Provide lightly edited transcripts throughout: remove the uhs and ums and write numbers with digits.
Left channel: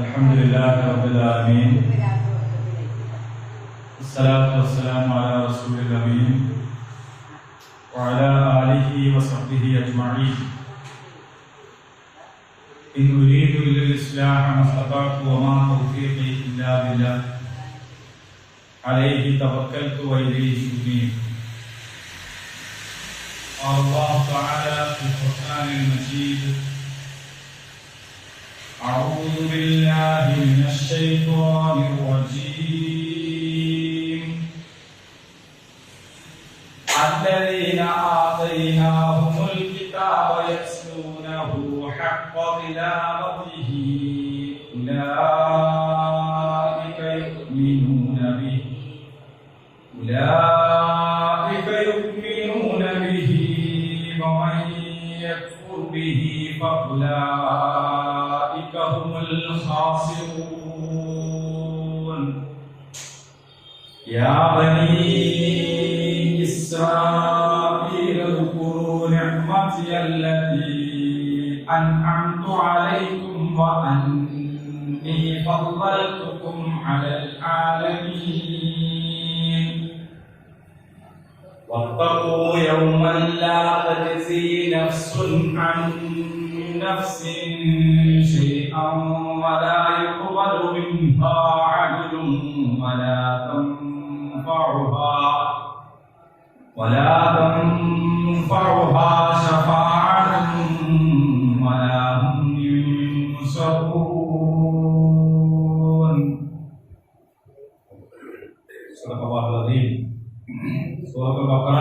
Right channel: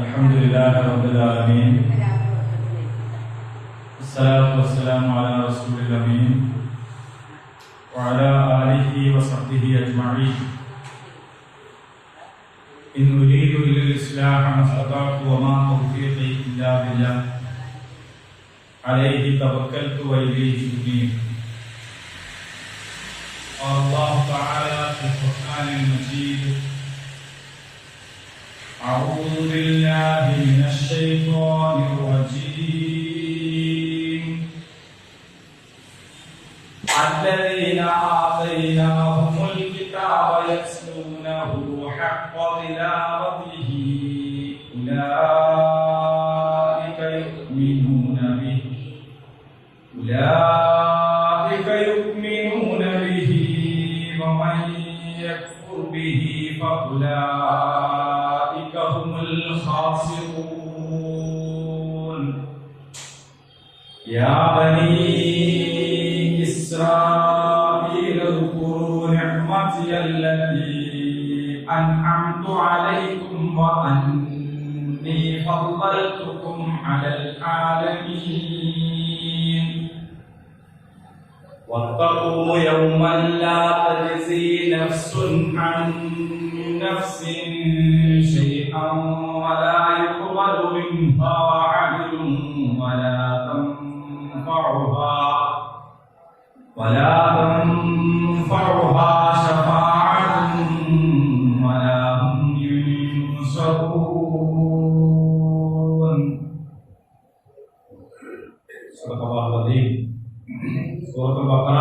الحمد لله رب العالمين الصلاة والسلام على رسول الأمين وعلى آله وصحبه أجمعين إن أريد إلا الإصلاح ما استطعت وما توفيقي إلا بالله عليه توكلت وإليه أنيب. قال الله تعالى في القرآن المجيد: أعوذ بالله من الشيطان الرجيم. الذين آتيناهم الكتاب يتلونه حق تلاوته أولئك يؤمنون به ومن يكفر به فأولئك هم الخاسرون. يا بني إسرائيل اذكروا نعمتي التي أنعمت عليكم وأني فضلتكم على العالمين. واتقوا يوما لا تجزي نفس عن نفس شيئا ولا يقبل منها عدل ولا تنفعها شفاعة ولا هم ينصرون. صدق الله العظيم. സൂറത്തുൽ ബഖറ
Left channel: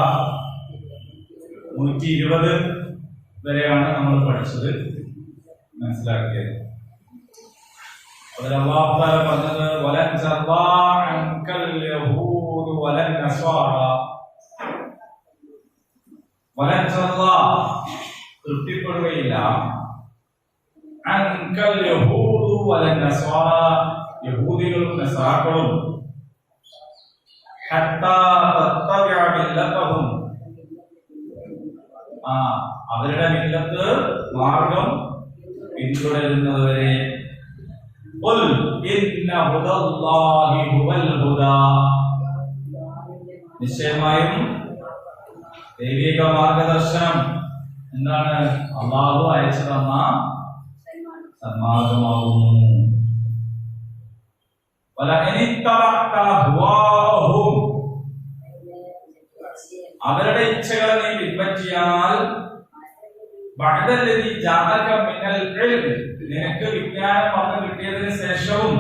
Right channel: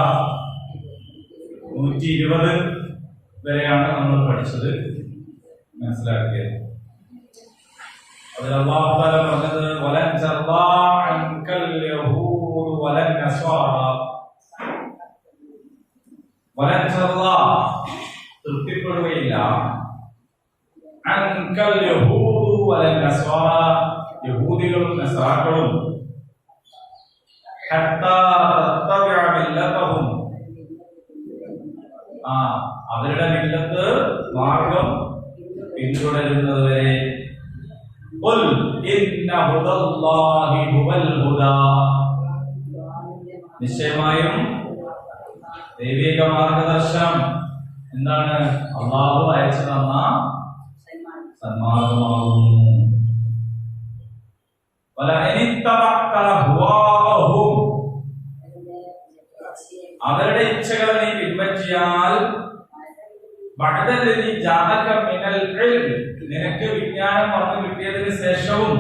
120 വരെയാണ് നമ്മൾ പഠിച്ചത്, മനസ്സിലാക്കിയത്. അതിൽ അല്ലാഹു തആല പറഞ്ഞത് വലൻ തർദാ അൻകൽ യഹൂദു വലൻ നസ്വാറ. വലൻ തർദാ തൃപ്തിപ്പെടുകയില്ല, അൻകൽ യഹൂദു വലൻ നസ്വാറ യഹൂദികളും നസ്രാക്കളും ഹത്താ തത്തബിഅ മില്ലതഹും അവരുടെ മില്ലത്ത് മാർഗം പിന്തുടരുന്നത് വരെ. ഖുൽ ഇന്ന ഹുദല്ലാഹി ഹുവൽ ഹുദാ. നിശ്ചയമായും ദൈവിക മാർഗദർശനം എന്താണ്? അല്ലാഹു അയച്ചു തന്ന സന്മാർഗമാകുന്നു. അവരുടെ ഇച്ഛകളെ നീ പിൻപറ്റിയാൽ നിനക്ക് വിജ്ഞാനം വന്നു കിട്ടിയതിന് ശേഷവും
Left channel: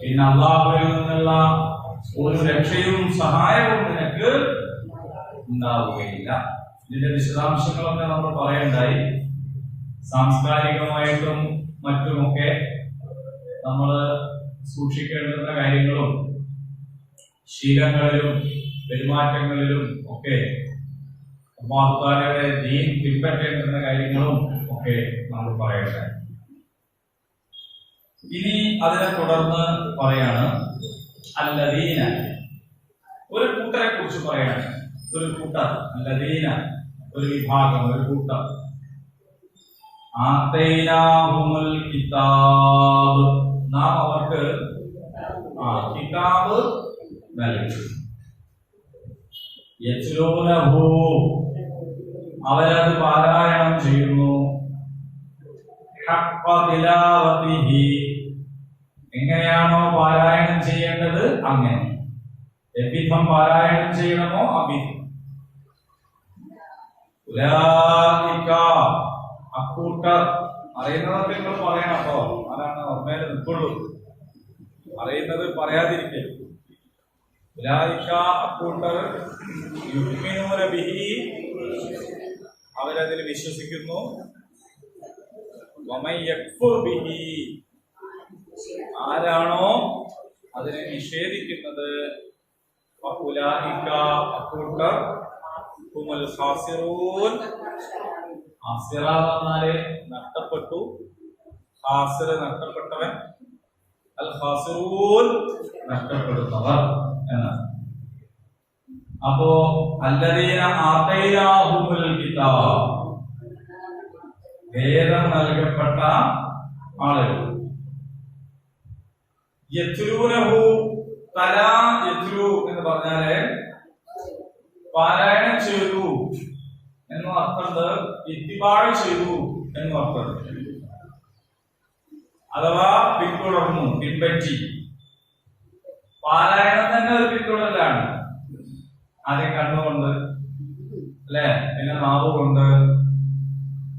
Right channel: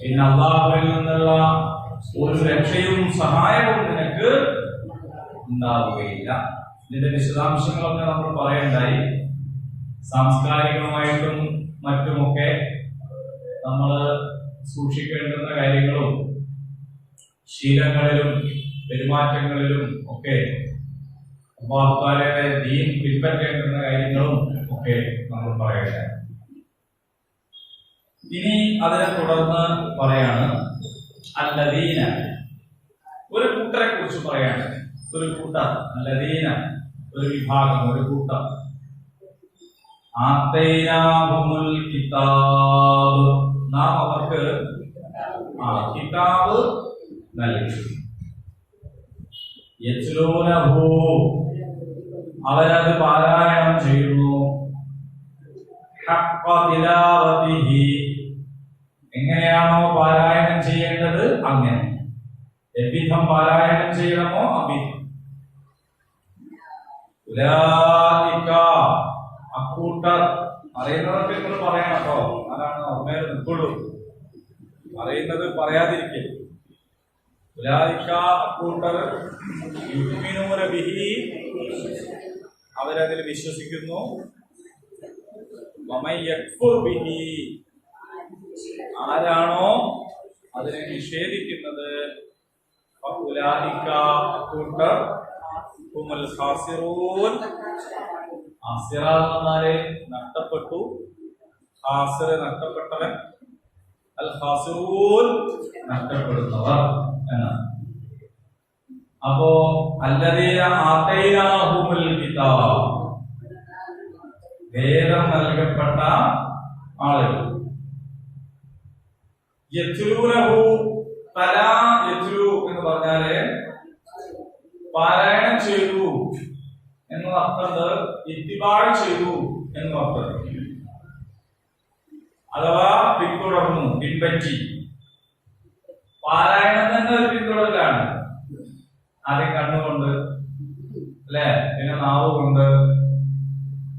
പിന്നെ അല്ലാഹുവിൽ നിന്നുള്ള ഒരു രക്ഷയും സഹായവും നിനക്ക് ഉണ്ടാവുകയില്ല. ഇതിന്റെ വിശദാംശങ്ങളൊക്കെ നമ്മൾ പറയണ്ടായി. സാംസ്കാരികമായിട്ടും മറ്റുമൊക്കെ നമ്മൾ സൂക്ഷിക്കേണ്ടുന്ന കാര്യങ്ങളും ശീലങ്ങളിലും പെരുമാറ്റങ്ങളിലും ഒക്കെ അല്ലാഹു തആലയുടെ ദീൻ പിൻപറ്റേണ്ടുന്ന കാര്യങ്ങളും ഒക്കെ നമ്മൾ പറയട്ടെ. ഇനി അതിനെ തുടർന്ന് പറയാണ് അല്ലദീന, ഒരു കൂട്ടരെ കുറിച്ച് പറയാണ്. ഒരു കൂട്ടർ, അല്ലദീന ഒരു വിഭാഗം, ഒരു കൂട്ടർ. ആതൈനാഹുമുൽ കിതാബ്, നാം അവർക്ക് കിതാബ് നൽകി. യത്ലൂനഹു, അവരത് പാരായണം ചെയ്യുന്നു. ഹഖ്ഖ തിലാവതിഹി, എങ്ങനെയാണോ പാരായണം ചെയ്യേണ്ടത് അങ്ങനെ, എവിധം പാരായണം ചെയ്യണമോ അവിധം. ഉലൈക, അക്കൂട്ടർ. അറിയുന്നതൊക്കെ നിങ്ങൾ പറയണം കേട്ടോ, ആരാണ് ഓർമ്മയിൽ നിൽക്കുള്ളൂ. അറിയുന്നത് പറയാതിരിക്കരുത്. ഉലൈക, അക്കൂട്ടർ. യുഅ്മിനൂന ബിഹി, അവരതിൽ വിശ്വസിക്കുന്നു. വമൻ യക്ഫുർ ബിഹി, ആരാണോ അതിനെ നിഷേധിക്കുന്നത്, ഫഉലൈക, അക്കൂട്ടർ ഹുമുൽ ഖാസിറൂൻ. ഖാസിറ എന്നാല് നഷ്ടപ്പെട്ടു, ഖാസിർ നഷ്ടപ്പെട്ടവൻ, അൽ ഖാസിറൂൻ നഷ്ടപ്പെടുന്നവർ എന്നാണ്. അപ്പോ അല്ലദീന ആതൈനാഹുമുൽ കിതാബ്, വേദം നൽകപ്പെട്ട ആളുകൾ. യത്ലൂനഹു, തലാ യത്ലു എന്ന് പറഞ്ഞാല് പാരായണം ചെയ്തു എന്നും അർത്ഥമുണ്ട്, ഇത്തിബാഴ് ചെയ്തു എന്നും അർത്ഥമുണ്ട്. അഥവാ പിന്തുടർന്നു, പിൻപറ്റി. പാരായണം തന്നെ ഒരു പിന്തുടരലാണ്. ആദ്യം കണ്ണുകൊണ്ട്, അല്ലെ, പിന്നെ നാവ് കൊണ്ട്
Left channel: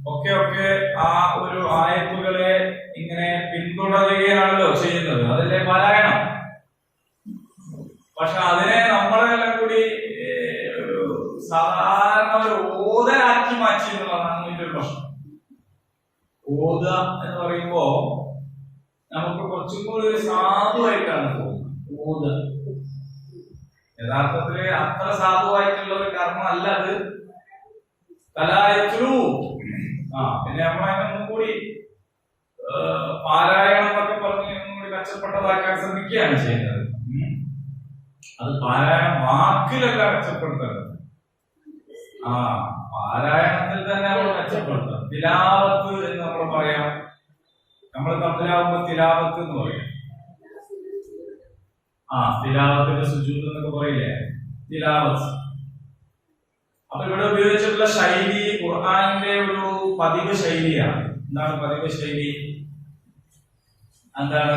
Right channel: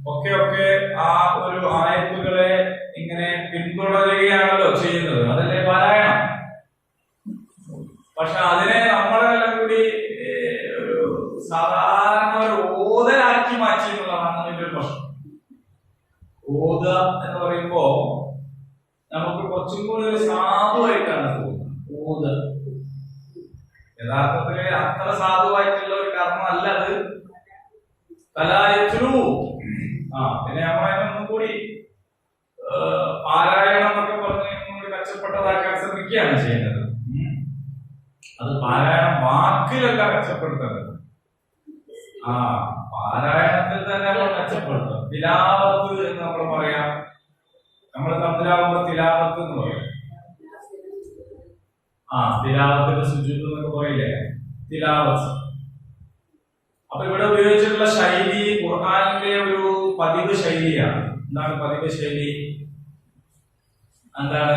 ഒക്കെ ആ ഒരു ആയത്തുകളെ ഇങ്ങനെ പിന്തുടരുകയാണല്ലോ ചെയ്യുന്നത്. അതല്ലേ പാരായണം. പക്ഷെ അതിനെ നമ്മളെല്ലാം കൂടി ഒരു സാധാരണ ഒരു ഓതലാക്കി മാറ്റി എന്നുള്ളതാണ് അതിന്റെ ഒരു പ്രശ്നം. ഓത എന്ന് പറയുമ്പോ നമുക്ക് കുറച്ചും കൂടി ഒരു സാധുവായിട്ടാണ് തോന്നുന്നത്. ഓത യഥാർത്ഥത്തില് അത്ര സാധുവായിട്ടുള്ള ഒരു കർമ്മം അല്ല അത്. തലായത്തിലു പിന്നെ നമ്മളതിനൊന്നും കൂടി പാരായണം എന്നൊക്കെ പറഞ്ഞ് കൂടി മെച്ചപ്പെട്ടതാക്കാൻ ശ്രമിക്കുകയാണ് ചെയ്യുന്നത്. അത് പാരായണം വാക്കിലല്ല മെച്ചപ്പെടുത്തുന്നത്, പാരായണത്തിൽ തന്നെ നമ്മൾ മെച്ചപ്പെടുത്തും. തിലാവത്ത് എന്ന് നമ്മൾ പറയാം. നമ്മൾ തമ്മിലാവുമ്പോ തിലാവത്ത് എന്ന് പറയും. തിലാവത്തിന്റെ സുജൂദ് എന്നൊക്കെ പറയില്ലേ, തിലാവത്ത്. അപ്പൊ ഇവിടെ ഉപയോഗിച്ചിട്ടുള്ള ശൈലി ഖുർആനിന്റെ ഒരു പതിവ് ശൈലിയാണ്. എന്താണ് പതിവ് ശൈലി? എന്താണ്?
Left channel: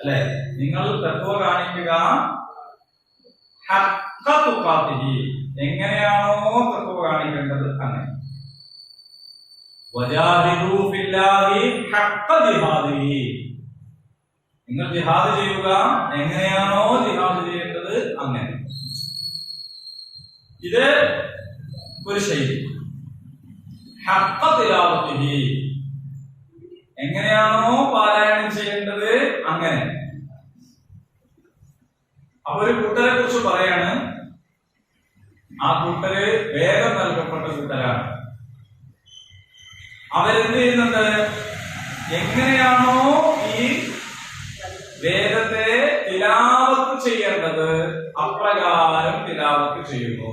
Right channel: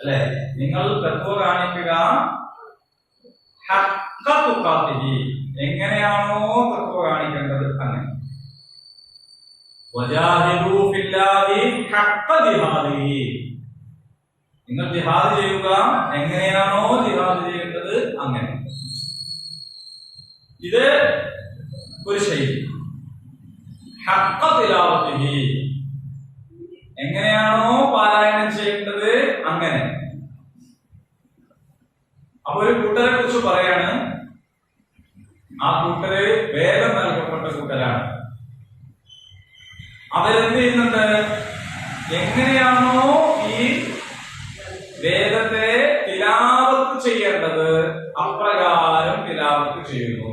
അല്ലെ, നിങ്ങൾ തഖ്വ കാണിക്കുക. എങ്ങനെയാണോ തഖ്വ കാണിക്കേണ്ടത് അങ്ങനെ. നിങ്ങൾ ജിഹാദ് ചെയ്യുക, എങ്ങനെയാണോ ജിഹാദ് ചെയ്യേണ്ടത് അങ്ങനെ. ഇത് ഒരു ശൈലി. ഹഖ്ഖ തിലാവത്തിഹി, എങ്ങനെയാണോ പാരായണം ചെയ്യേണ്ടത് അങ്ങനെ. അപ്പൊ ഒരു കൂട്ടരെ കുറിച്ച് പറയാണ്. ആ കൂട്ടര് വേദം നൽകപ്പെട്ട കൂട്ടരാണ്. അവരെന്ത് ചെയ്യുന്നുണ്ട്? എങ്ങനെയാണോ ഈ വേദത്തെ തിലാവത്ത് ചെയ്യേണ്ടത് അപ്രകാരം തിലാവത്ത് ചെയ്യുന്നു.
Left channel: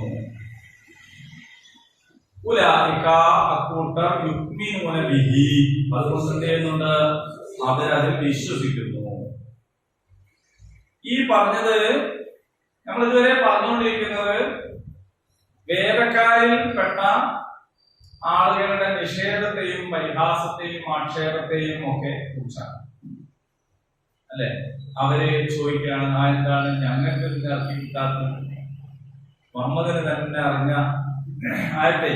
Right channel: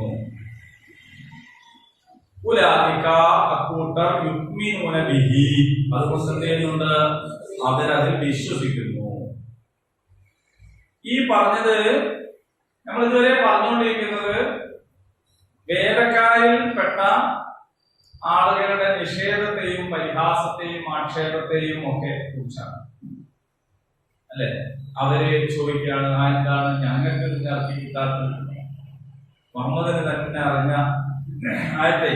ഉലൈക, അക്കൂട്ടർ, യുക്മിനൂന ബിഹി, അതുകൊണ്ട് എന്ത് ചെയ്യുന്നുണ്ട്? അവരതിൽ വിശ്വസിക്കുന്നു. ഈ പറഞ്ഞത് നമ്മൾ ഇതുവരെ പറഞ്ഞുകൊണ്ടിരിക്കുന്നത് വേദക്കാരിൽ പെട്ട ആളുകളുടെ നിഷേധത്തെയും പരിഹാസത്തെയും ആക്ഷേപത്തെയും ഒക്കെ കുറിച്ചാണ്. അല്ലെ, അവര് ചോദിക്കുകയാണ്, എന്താണ് ഞങ്ങൾക്ക് ഇറക്കി കിട്ടാത്തത്? മുഹമ്മദിന് തന്നെ അറിഞ്ഞ ആയത്തെ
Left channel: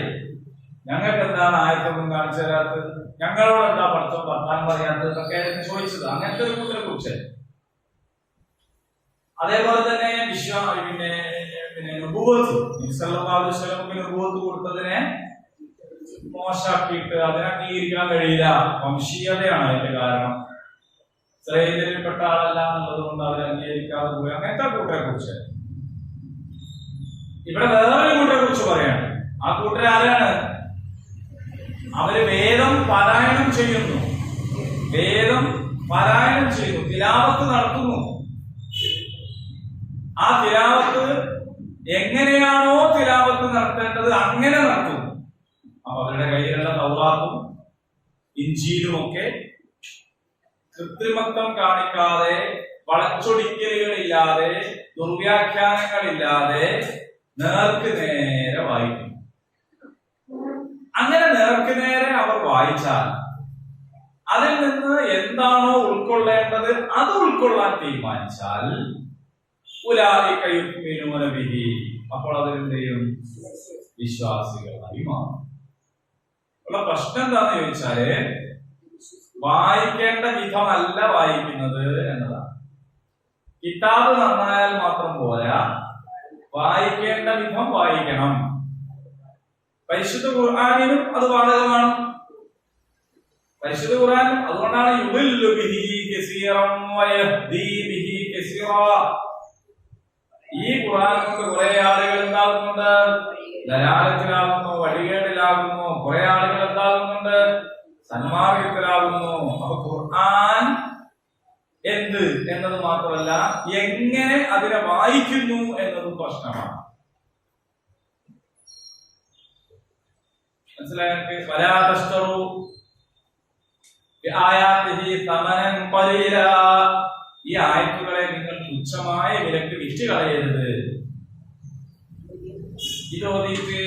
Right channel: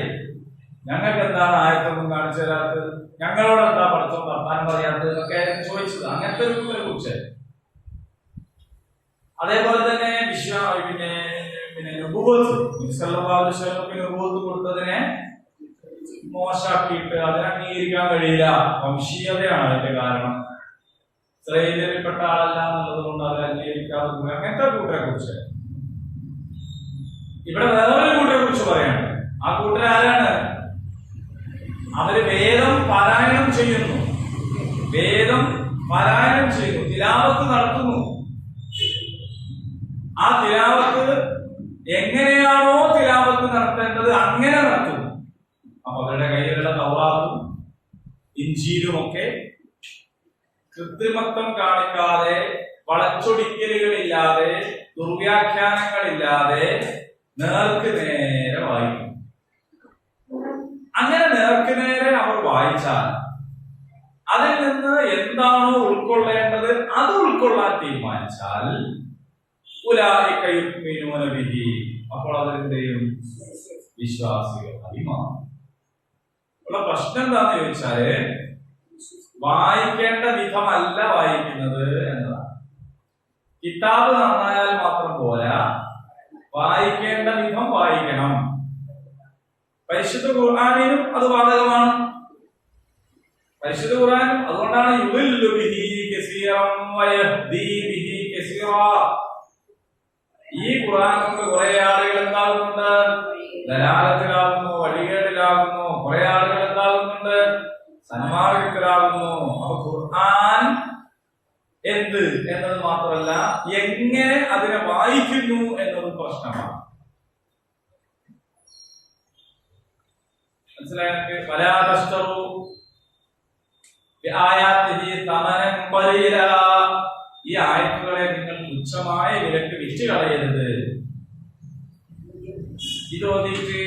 ഞങ്ങൾക്ക് എന്താണ് ആയത്തൊന്നും കാണിച്ചു തരാത്തത്? ഞങ്ങളോട് എന്താ പഠിത്തം വർത്താനം പറയാത്തത് എന്നൊക്കെ ചോദിച്ചത്. അങ്ങനത്തെ ഒരു കൂട്ടരെ കുറിച്ച്. അതേപോലെ തന്നെ പിന്നെ നുബുവത്ത്, സല്ലല്ലാഹു അലൈഹി വസല്ലമക്ക് നുബുവത്ത് കൊടുത്തതിനെ മോശാക്കിയിട്ട് അതിനെ അംഗീകരിക്കാൻ കഴിയില്ല. വംശീയതയാണ് അതിന്റെ കാരണം. ഇസ്രായേലിൽപ്പെട്ട ആളല്ല എന്നുള്ളത് കൊണ്ട് അവരെ അംഗീകരിക്കാതെ പോയി. അങ്ങനത്തെ കൂട്ടരെ കുറിച്ച്. ഇവിടെ വേറൊരു കൂട്ടരെ കുറിച്ച് പറയാണ്. ആ കൂട്ടർ ആരാണ്? അവര് വേദം പാരായണം ചെയ്യുന്നു, വേദം പാരായണം ചെയ്യുന്നു, തിലാവത്ത് നടത്തുന്നു. ആ തിലാവത്ത് എങ്ങനെയാണോ തിലാവത്ത് നടത്തേണ്ടത് അങ്ങനെ നടത്തുന്നു. അപ്പൊ അവരുടെ കയ്യിലുള്ള തൗറാത്തും ഇഞ്ചീലുമൊക്കെ കൃത്രിമത്വം കാണിക്കാതെ, വളച്ചൊടിക്കലുകളില്ലാതെ, ദുർവ്യാഖ്യാനങ്ങളില്ലാതെ നേർക്ക് നേരെ വായിക്കും. അങ്ങനെ നേർക്ക് നേരെ അവർ വായിച്ചാൽ അതിൽ നിന്ന് എന്താണോ ഉൾക്കൊള്ളേണ്ടത് അത് ഉൾക്കൊള്ളാൻ തീരുമാനിച്ചാൽ ഉലൈക യുക്മിനൂന ബിഹി, അപ്പോൾ അതിലെന്ത് ചെയ്യും? വിശ്വാസികളായി മാറും. ഉള്ള പ്രശ്നം എന്താന്ന് ചോദിച്ചാല് വായിക്കേണ്ട വിധമല്ല വായിക്കുന്നത് എന്നതാണ്. കിതാബ് നന്നായാൽ മാത്രം പോരാ, വായിക്കേണ്ട വിധം വായിക്കണം. പരിശുദ്ധ ഖുർആനിനും അത് ബാധകമാണ്. പരിശുദ്ധ ഖുർആനും അതുകൊണ്ടാണ് യുദില്ലു ബിഹി കസീറൻ വയഹ്ദി ബിഹി കസീറാ. ഈ ഖുർആൻ കൊണ്ട് കുറെ ആളുകൾ എന്താകുന്നുണ്ട്? ദലാലത്തിലാകുന്നു, വഴികേടിലാകുന്നു. കുറെ ആളുകൾ എന്താകുന്നുണ്ട്? സന്മാർഗത്തിലാകുന്നു. അപ്പൊ ഖുർആൻ എന്ത് എന്നത് മാത്രമല്ല എങ്ങനെ അതിനെ വായിക്കുന്നു എന്നതും പ്രശ്നമാണ്. മനസ്സിലായി? വലാതസ്തറു ബിആയാതിഹി തമനൻ ഖലീല. ഈ ആയത്തുകളെ നിങ്ങൾ തുച്ഛമായ വിലക്ക് വിറ്റ് കളയരുത്. ഇത് ഓതിയിട്ട്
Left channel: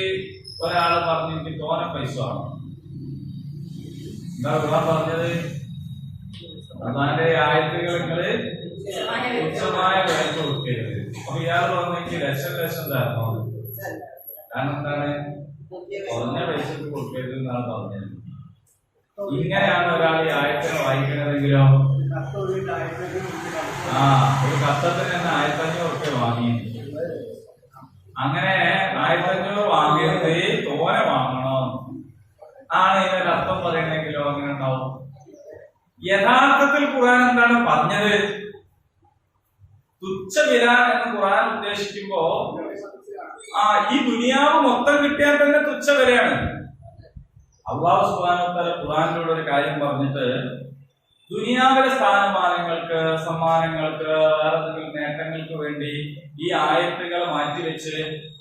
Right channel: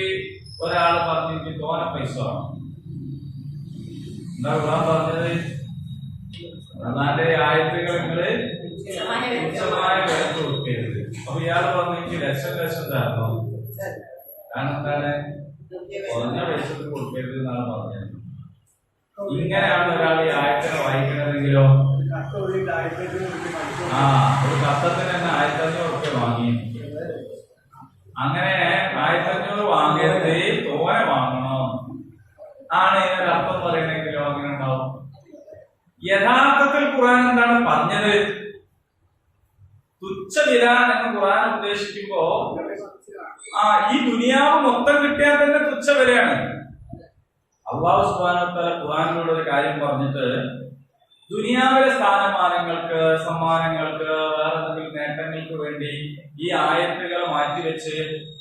ഒരാൾ പറഞ്ഞു എനിക്ക് തോനെ പൈസ ആണ്. എന്താ ഖുർആൻ പറഞ്ഞത്? ഖുർആന്റെ ആയത്തുകൾ നിങ്ങൾ തുച്ഛമായ വിലക്ക് കൊടുക്കരുത്. അപ്പൊ ഇയാൾ പറഞ്ഞു എനിക്ക് ലക്ഷം തരണം. കാരണം എന്താണ്? കുറഞ്ഞ പൈസക്ക് കൊടുക്കരുത് എന്നാണ് പറഞ്ഞത്. ഇങ്ങനെയാണ് ഒരാൾ ഈ ആയത്തിനെ വായിക്കണതെങ്കിലോ ഒരു കത്തത്തിന് തന്നെ 1500 വാങ്ങി. അങ്ങനെ 1500 വാങ്ങിയത് തോനെ വാങ്ങണം ആണ് ഇതിനൊരർത്ഥം പറയണെങ്കിലോ അങ്ങനെ ഉണ്ടാവും. യഥാർത്ഥത്തിൽ ഖുർആൻ എന്താണ് പറഞ്ഞത്? തുച്ഛവില എന്ന് ഖുർആൻ ഉദ്ദേശിക്കുമ്പോ ഈ ദുനിയാവ് മൊത്തം കിട്ടിയാൽ തന്നെ തുച്ഛവിലയാണ്. അല്ലാഹു സുബ്ഹാനഹു വ തആല ഖുർആനിലൂടെ ഒരു കാര്യം പറഞ്ഞിട്ട് ദുനിയാവിലെ സ്ഥാനമാനങ്ങൾക്ക്, സമ്മാനങ്ങൾക്ക്, വേറെ എന്തെങ്കിലും നേട്ടങ്ങൾക്ക് വേണ്ടി ഈ ആയത്തുകളെ മാറ്റിവെച്ച്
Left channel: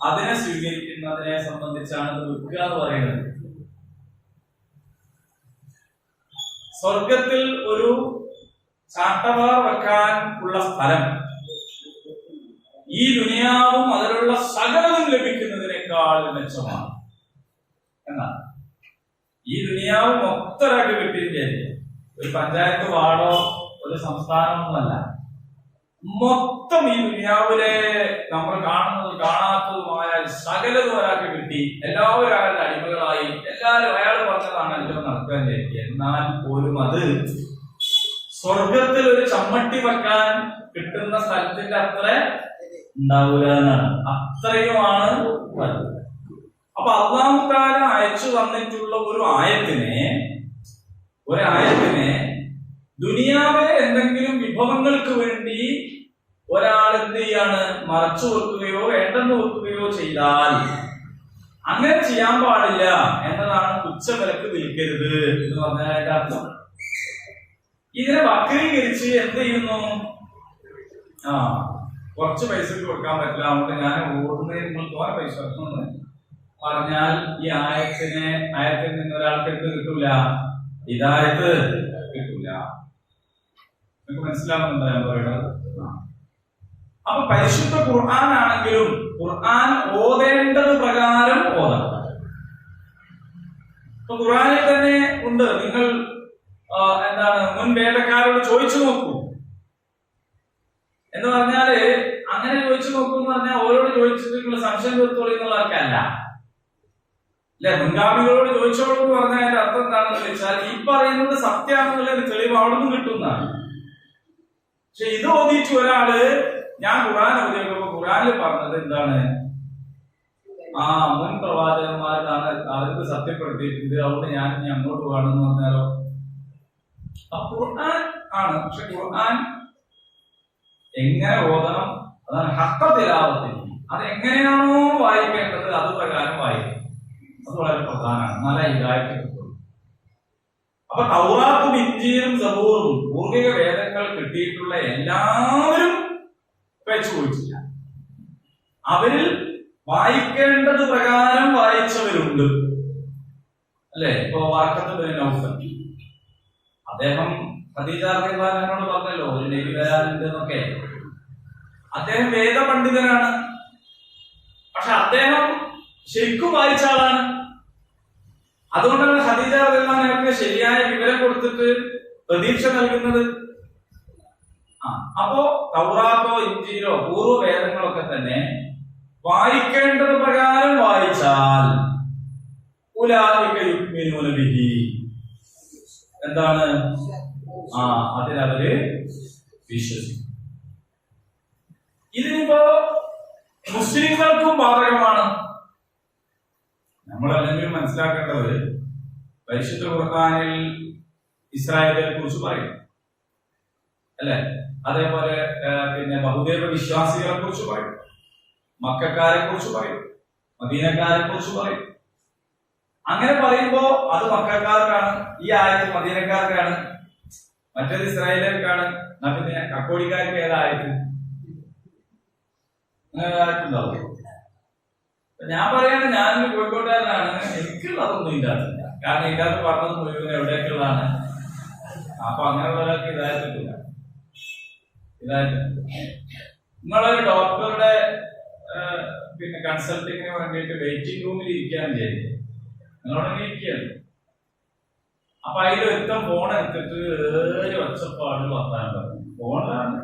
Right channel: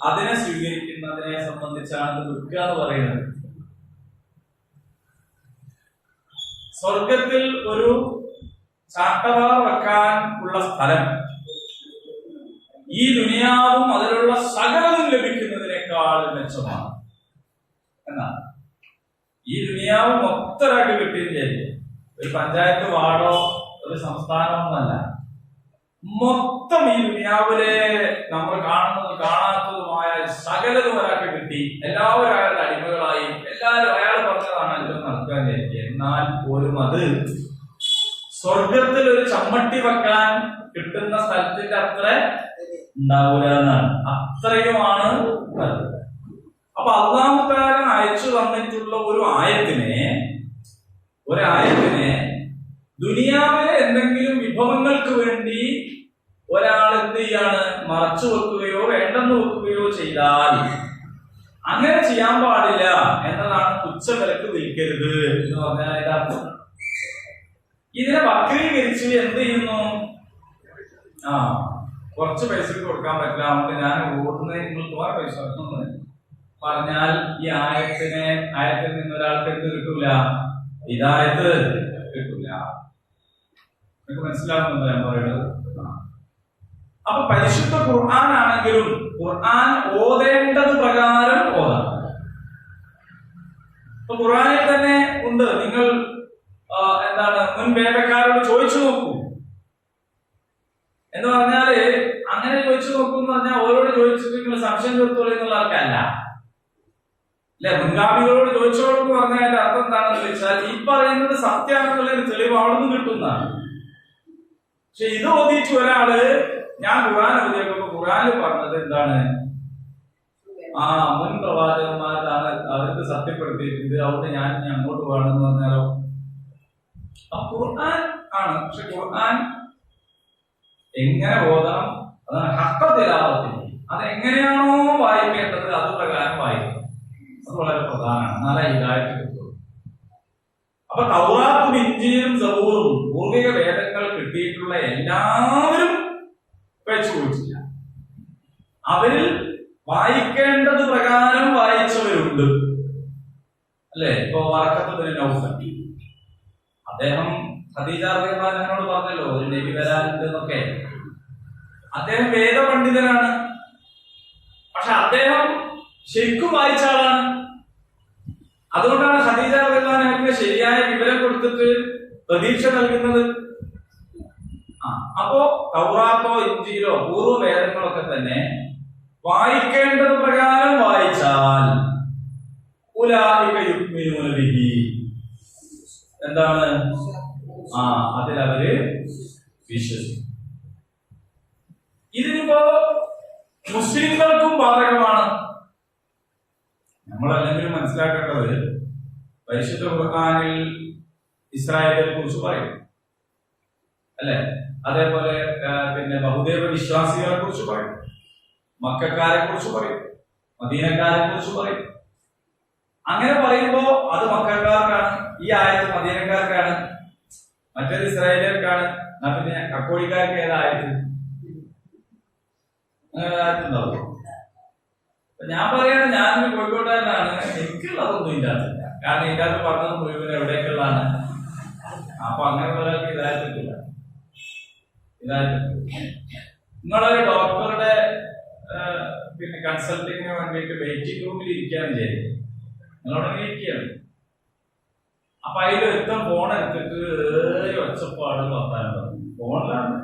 അതിനെ സ്വീകരിക്കുന്നതിനെ സംബന്ധിച്ചാണ് ഇത് വിൽക്കുക എന്ന് പറയുന്നത്. സ്വർഗത്തിൽ ഒരു ചാട്ടവാർ വെക്കാൻ ഉള്ള സ്ഥലം ഈ ദുനിയാവും അതിലുള്ള സകലതും ലഭിക്കുന്നതിനേക്കാൾ മെച്ചമാണ് എന്നാണ്. ഈ ദുനിയാവ് മൊത്തമായിട്ട് കിട്ടിയില്ലേ? ഒരു പഞ്ചായത്ത് വാർഡോ ഒരു സംസ്ഥാനമൊന്നുമല്ല, മൊത്തം ഈ ദുനിയാവിലെ നമ്മൾ കാണുന്നതും കാണാത്തതുമായ സകലതും ഒരാൾക്ക് കിട്ടി. എല്ലാവരും അയാളുടെ അടിമകളായി. എല്ലാവരും അയാൾ പറഞ്ഞതാണ് എല്ലാം നടക്കാൻ വിചാരിക്കുക. എന്നാൽ പോലും അത് സ്വർഗത്തിൽ ഒരു ചമ്മട്ടി വെക്കാൻ കിട്ടുന്ന സ്ഥലത്തിന്റെ അത്ര ഉണ്ടാവൂല എന്നാണ്. അത്രയുമാണ് അത്. അപ്പൊ അല്ലാഹു തആല അയച്ചു തന്നിട്ടുള്ള ഒരു ആയത്തിനെ ദുനിയാവിലെ എന്തെങ്കിലും വിഭവങ്ങൾക്ക് വേണ്ടി ഒരാൾ എന്ത് ചെയ്യാണ്? മറച്ചു വെക്കുകയോ വേണ്ടെന്ന് വെക്കുകയോ ചെയ്താൽ അങ്ങനെ ചെയ്യാൻ പാടില്ല എന്നതാണ് തുച്ഛവിലക്ക് വിൽക്കരുത് എന്ന് പറഞ്ഞാൽ അതിന്റെ അർത്ഥം. ഇതിനെ വക്രീകരിച്ച് എന്ത് ചെയ്യുന്നു? കുറച്ച് പൈസക്ക് കൊടുക്കാൻ പറ്റില്ല, അതുകൊണ്ട് ഞാൻ ഓടുന്നത് നിങ്ങൾ തോനെ പൈസ എന്ന് പറഞ്ഞാൽ ഈ ആയത്തിൽ നിന്ന് ഒരാൾക്ക് എന്ത് കിട്ടൂല? ഹിദായത്ത് കിട്ടൂല. നിങ്ങൾക്ക് മനസ്സിലാവുന്നുണ്ടോ ഞാൻ പറയുന്നത്? അപ്പൊ പരിശുദ്ധ ഖുർആൻ ആണെങ്കിലും ഖുർആൻ ഓതേണ്ടത് പ്രകാരം ഓതാം. ഇപ്പൊ ഖുർആനിൽ തന്നെ ഉണ്ട്, നിങ്ങൾ മുൻ വേദക്കാരോട് ചോദിച്ചു നോക്കൂ എന്ന് പറഞ്ഞാല്, അങ്ങനെ ചോദിച്ചു നോക്കൂ എന്ന് പറഞ്ഞാൽ ഓരോട് ചോദിച്ചിട്ട് നിങ്ങൾ സംശയം തീർത്തോളൂ എന്നുള്ള ആൾക്കല്ല. അല്ലെ, മുൻഗാമികളോട് ചോദിച്ചോളൂ എന്ന് പറഞ്ഞാൽ അതിന്റെ അർത്ഥം എന്താണെന്ന് വെച്ചാൽ ഈ പറയുന്നത് സത്യമാണെന്നുള്ളൊരു തെളിവ് അവിടെ നിന്ന് കിട്ടുന്നതാണ്. പക്ഷെ ഇത് ഓതിയിട്ട് ഒരാള് ഞാൻ ഖുർആൻ ഓതിയപ്പോ ഖുർആനിൽ പറഞ്ഞത് എന്താണ്? മുൻ പ്രവാചകന്മാരാണ് അവർക്ക് സത്യപ്പെടുത്തിയിട്ടുണ്ട്, അതുകൊണ്ട് ഞാൻ ഇനി അങ്ങോട്ട് വേണമെന്ന് പറഞ്ഞാലോ? ഖുർആൻ ആണ്, പക്ഷെ ഖുർആൻ എങ്ങനെ ഓതണം അതാണ് ഹഖ്ഖ തിലാവത്തി. അത് എങ്ങനെയാണോ വായിക്കേണ്ടത് അത് പ്രകാരം വായിക്കണം. അത് വളരെ പ്രധാനമാണ്. എന്നാലേ ഹിദായത്ത് കിട്ടുള്ളൂ. അപ്പൊ തൗറാത്തും ഇഞ്ചീലും സബൂറും പൂർവിക വേദങ്ങൾ കിട്ടിയിട്ടുള്ള എല്ലാവരും വെച്ചു പോയിട്ടില്ല. അവരിൽ വായിക്കേണ്ടത് പ്രകാരം വായിച്ചവരുണ്ട്. അല്ലെ, ഇപ്പൊ വറഖത്ത് ബിൻ നൗഫൽ, അദ്ദേഹം ഖദീജ റളിയല്ലാഹു അൻഹയോട് പറഞ്ഞല്ലോ ഒരു നബി വരാനുണ്ട് എന്നൊക്കെ. അദ്ദേഹം വേദപണ്ഡിതനാണ്, പക്ഷെ അദ്ദേഹം ശരിക്കും വായിച്ച ആളാണ്. അതുകൊണ്ടാണ് ഖദീജ റളിയല്ലാഹു അൻഹയ്ക്ക് ശരിയായ വിവരം കൊടുത്തിട്ട് പ്രതീക്ഷ നൽകുന്നത്. അപ്പോ തൗറാത്തോ ഇഞ്ചീലോ പൂർവ്വ വേദങ്ങളൊക്കെ തന്നെ വായിക്കേണ്ടത് പ്രകാരം വായിച്ചാൽ ഉലൈക യുഅ്മിനൂന ബിഹി, എന്താണ്? അതിലവര് വിശ്വസിക്കും. ഇതിനിപ്പോ മുസ്ലിങ്ങൾക്കും ബാധകമാണ്. നമ്മളല്ലെങ്കിലും മനസ്സിലാക്കേണ്ടത് പരിശുദ്ധ ഖുർആനിൽ ഇസ്രായേലിനെ കുറിച്ച് പറയും, അല്ലെ? അതേപോലെ പിന്നെ ബഹുദൈവ വിശ്വാസികളെ കുറിച്ച് പറയും, മക്കക്കാരെ കുറിച്ച് പറയും, മദീനക്കാരെ കുറിച്ച് പറയും. അങ്ങനെ പറയുമ്പോ അത് മക്കക്കാർക്കാണ്, ഈ ആയത്ത് മദീനക്കാർക്കാണ്. മറ്റേത് ഇസ്രായേലിയർക്കാണ്. എന്നാ പിന്നെ കക്കോടിക്കാർക്ക് ഏതായത് ആയിട്ടുണ്ടാവും. ഞാൻ പറയാണ്, ഞാനൊരു കോഴിക്കോട്ടുകാരനാണ്, എനിക്കുള്ളതൊന്നും ഇല്ലാത്തില്ല. കാരണം ഇതിൻ്റെ അകത്ത് പറഞ്ഞത് മുഴുവൻ എവിടേക്കുള്ളതാണ്. അപ്പൊ അങ്ങനെയുള്ള ഒരാൾക്ക് ഇതായിട്ടില്ല. നിങ്ങളൊരു ഡോക്ടറുടെ പിന്നെ കൺസൾട്ടിങ്ങിന് വേണ്ടിയിട്ട് വെയിറ്റിംഗ് റൂമിൽ ഇരിക്കുകയാണ് ചെയ്യുന്നത്. നിങ്ങളവിടെ ഇരിക്കുകയാണ്. അപ്പൊ അതിൽ ഒരുത്തം ഫോൺ എടുത്തിട്ട് ഒച്ചപ്പാട് വർത്താനം പറഞ്ഞു. ഫോണിലാണ്.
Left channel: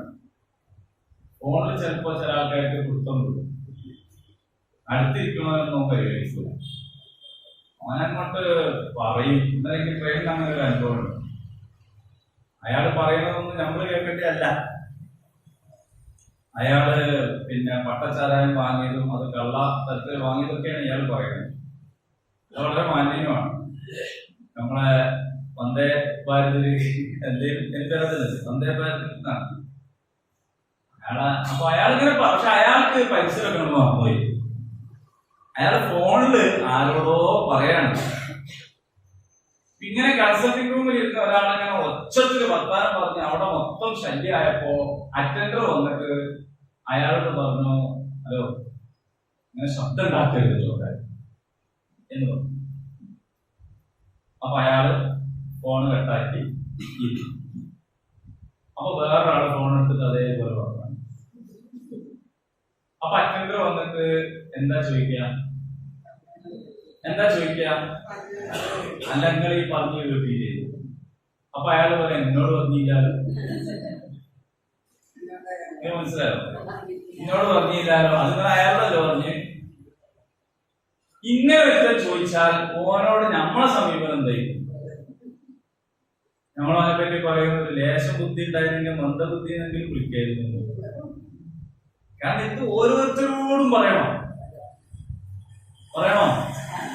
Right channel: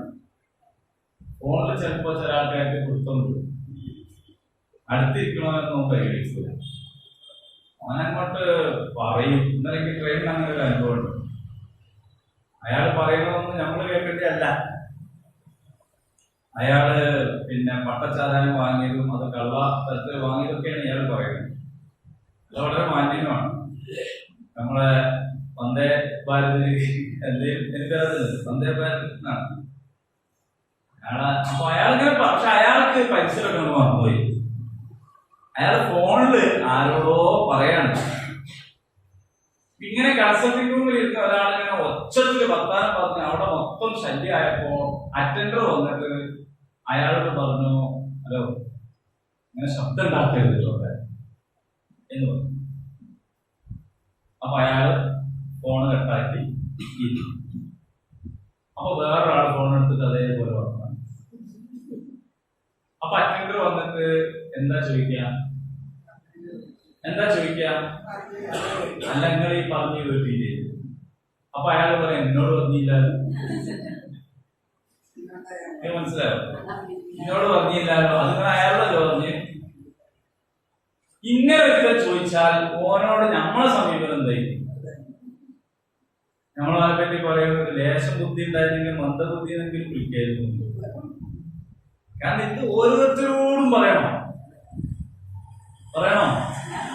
ഫോണിൽ ചിലപ്പോ ചില ആൾക്കാർക്ക് കൊടുത്തും അടുത്തിരിക്കണമെന്നൊന്നും പരിഗണിക്കില്ല. അവനങ്ങോട്ട് പറയും. ഇന്നലെ ട്രെയിനിൽ അങ്ങനെ ഒരു അനുഭവം ഉണ്ട്. അയാൾ പറയുന്നതൊന്നും നമ്മൾ കേൾക്കേണ്ടതല്ല. അയാള് പിന്നെ പട്ടച്ചാരായം വാങ്ങിയതും അത് കള്ള തരത്തിൽ വാങ്ങിയതൊക്കെയാണ് ഇയാൾ പറയുന്നത്. അത് വളരെ മാന്യനുമാണ്. നമ്മളെ വന്ദേ ഭാരതിൽ എനിക്കറിയത്തില്ല, വന്ദേ ഭാരതിൽ നിന്നാണ് അപ്പൊ അയാൾ ഇങ്ങനെ. പക്ഷെ അയാൾക്ക് പൈസയൊക്കെ നമ്മൾ മറന്നുപോയി. അയാൾ ഫോണില് ആരോടോ പറയാണ്. ഇങ്ങനെ കൺസൾട്ടിംഗ് റൂമിൽ ഇരുന്ന ഒരാളിങ്ങനെ ഒച്ചത്തില് വർത്താനം പറഞ്ഞ് അവിടെ മൊത്തം ശല്യമായപ്പോ അറ്റൻഡർ വന്നിട്ട് അയാളോട് പറഞ്ഞു, ഹലോ, ഇങ്ങനെ ശബ്ദം ഉണ്ടാക്കരുത് എന്ന് പറഞ്ഞു. അപ്പൊ അയാള് ഫോൺ കട്ടാക്കി. അപ്പൊ വേറൊരാൾ ഫോൺ എടുത്തിട്ട് അതേപോലെ പറഞ്ഞു. അപ്പൊ അറ്റൻഡർ വന്നിട്ട് എന്താ ചോദിക്കുക, അല്ല നിങ്ങൾ ഈ പറഞ്ഞു കേട്ടില്ലേ? അപ്പൊ അയാൾ പോലെ എന്നോട് പറഞ്ഞില്ല. മനസ്സിലായോ? എന്നോട് പറഞ്ഞില്ലാലോ. അതിങ്ങനെ അയാളോടല്ലോ പറഞ്ഞ്. ഇങ്ങനെ ഒരിക്കൽ ചോദിച്ചാൽ ഓനോട് നമ്മളെ സമീപനം എന്തായിരിക്കും? നമ്മളതിനെ പറ്റി പറയുന്നത് ലേശം ബുദ്ധി ഉണ്ടായിരുന്നെങ്കിൽ മന്ദബുദ്ധി എന്നെങ്കിലും വിളിക്കായിരുന്നു. കാരണം ഇത് ഓരോരുത്തരോടും പറയണോ?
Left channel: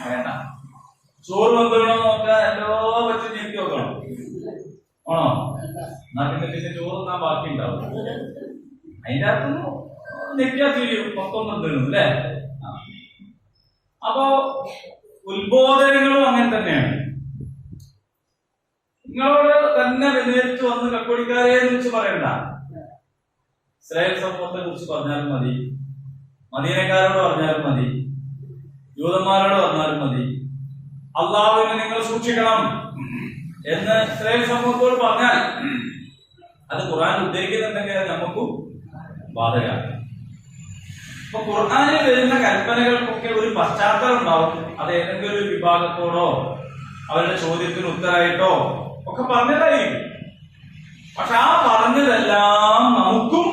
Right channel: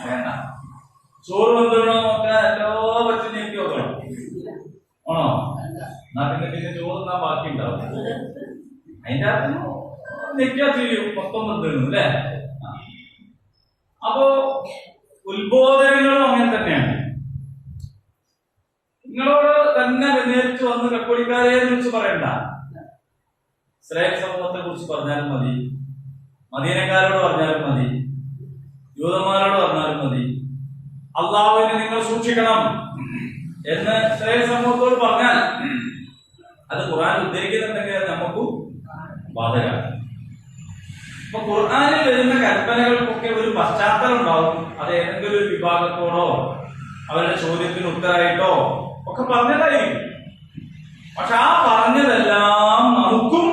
വേണ്ട. ചോറ് വന്നിടണോ നോക്കാൻ എല്ലോ പറ്റും ഞെക്കി നോക്കണം. ആണോ? എന്നാ പിന്നെ ചോറ് തിന്നാൻ ബാക്കി ഉണ്ടാവും. അതിന്റെ അകത്തൊന്നും നെറ്റിയാ തീരും, മൊത്തം വന്നിടുന്നു അല്ലേ? അപ്പോ ഉത്ബോധനങ്ങളും അങ്ങനെ തന്നെയാണ്. നിങ്ങളോട് തന്നെ നേരിട്ട് വന്ന് കക്കോടിക്കാരെ കുറിച്ച് പറയണ്ട. ഇസ്രായേൽ സമൂഹത്തെ കുറിച്ച് പറഞ്ഞാലും മതി, മദീനക്കാരോട് പറഞ്ഞാലും മതി, യൂതന്മാരോട് പറഞ്ഞാലും മതി. അള്ളാഹുവിനെ നിങ്ങൾ സൂക്ഷിക്കണം എന്ന് ഇസ്രായേൽ സമൂഹത്തോട് പറഞ്ഞാൽ അത് ഖുർആൻ ഉദ്ധരിക്കുന്നുണ്ടെങ്കിൽ അത് നമുക്കും ബാധകമാണ്. അപ്പൊ ഖുർആനിൽ വരുന്ന കൽപ്പനകൾക്കൊക്കെ ഒരു പശ്ചാത്തലം ഉണ്ടാവും. അത് ഏതെങ്കിലും ഒരു വിഭാഗത്തോടോ അവരുടെ ചോദ്യത്തിന് ഉത്തരമായിട്ടോ ഒക്കെ പറഞ്ഞതായിരിക്കും. പക്ഷെ ആ പറഞ്ഞതെല്ലാം നമുക്കും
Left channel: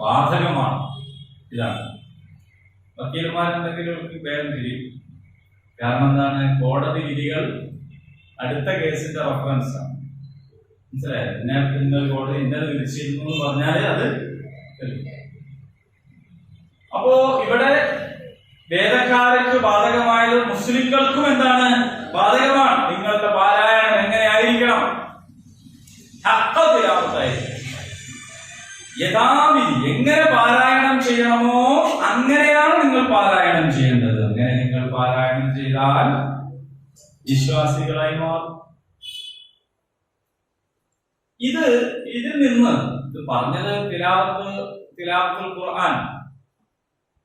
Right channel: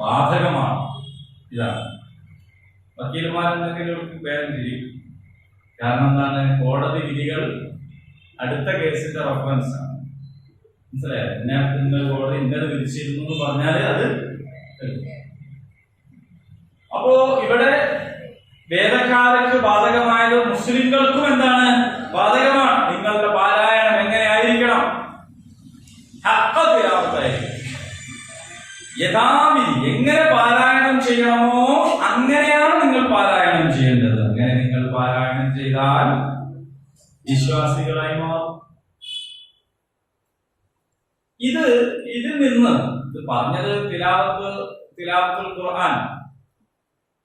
ബാധകമാണ്. ഇതാണ് വക്കീലന്മാരുണ്ടെങ്കിൽ വേഗം തിരിയും. കാരണം എന്താണ്? കോടതി വിധികൾ അടുത്ത കേസിന്റെ റെഫറൻസ് ആണ്. മനസ്സിലായത്? ഇന്ന കോടതി ഇന്നത് വിധിച്ചിരുന്നു എന്ന് പറഞ്ഞാല് അത്. അപ്പോ ഇവിടെ വേദക്കാർക്ക് ബാധകമായത് മുസ്ലിംകൾക്കും എന്താണ്? ബാധകമാണ്. നിങ്ങളുടെ പാരായണം എങ്ങനെ ആയിരിക്കണം? യഥാവിധി എങ്ങനെ പാരായണം ചെയ്യണമോ അങ്ങനെയാണ് നിങ്ങൾ പാരായണം ചെയ്യേണ്ടത്. അങ്ങനെ നിങ്ങൾ പാരായണം ചെയ്താൽ വിശ്വാസികളായി മാറും. ഇതിൽ നിന്ന് ഇത് പറഞ്ഞത് തിലാവത്തുൽ ഖുർആൻ,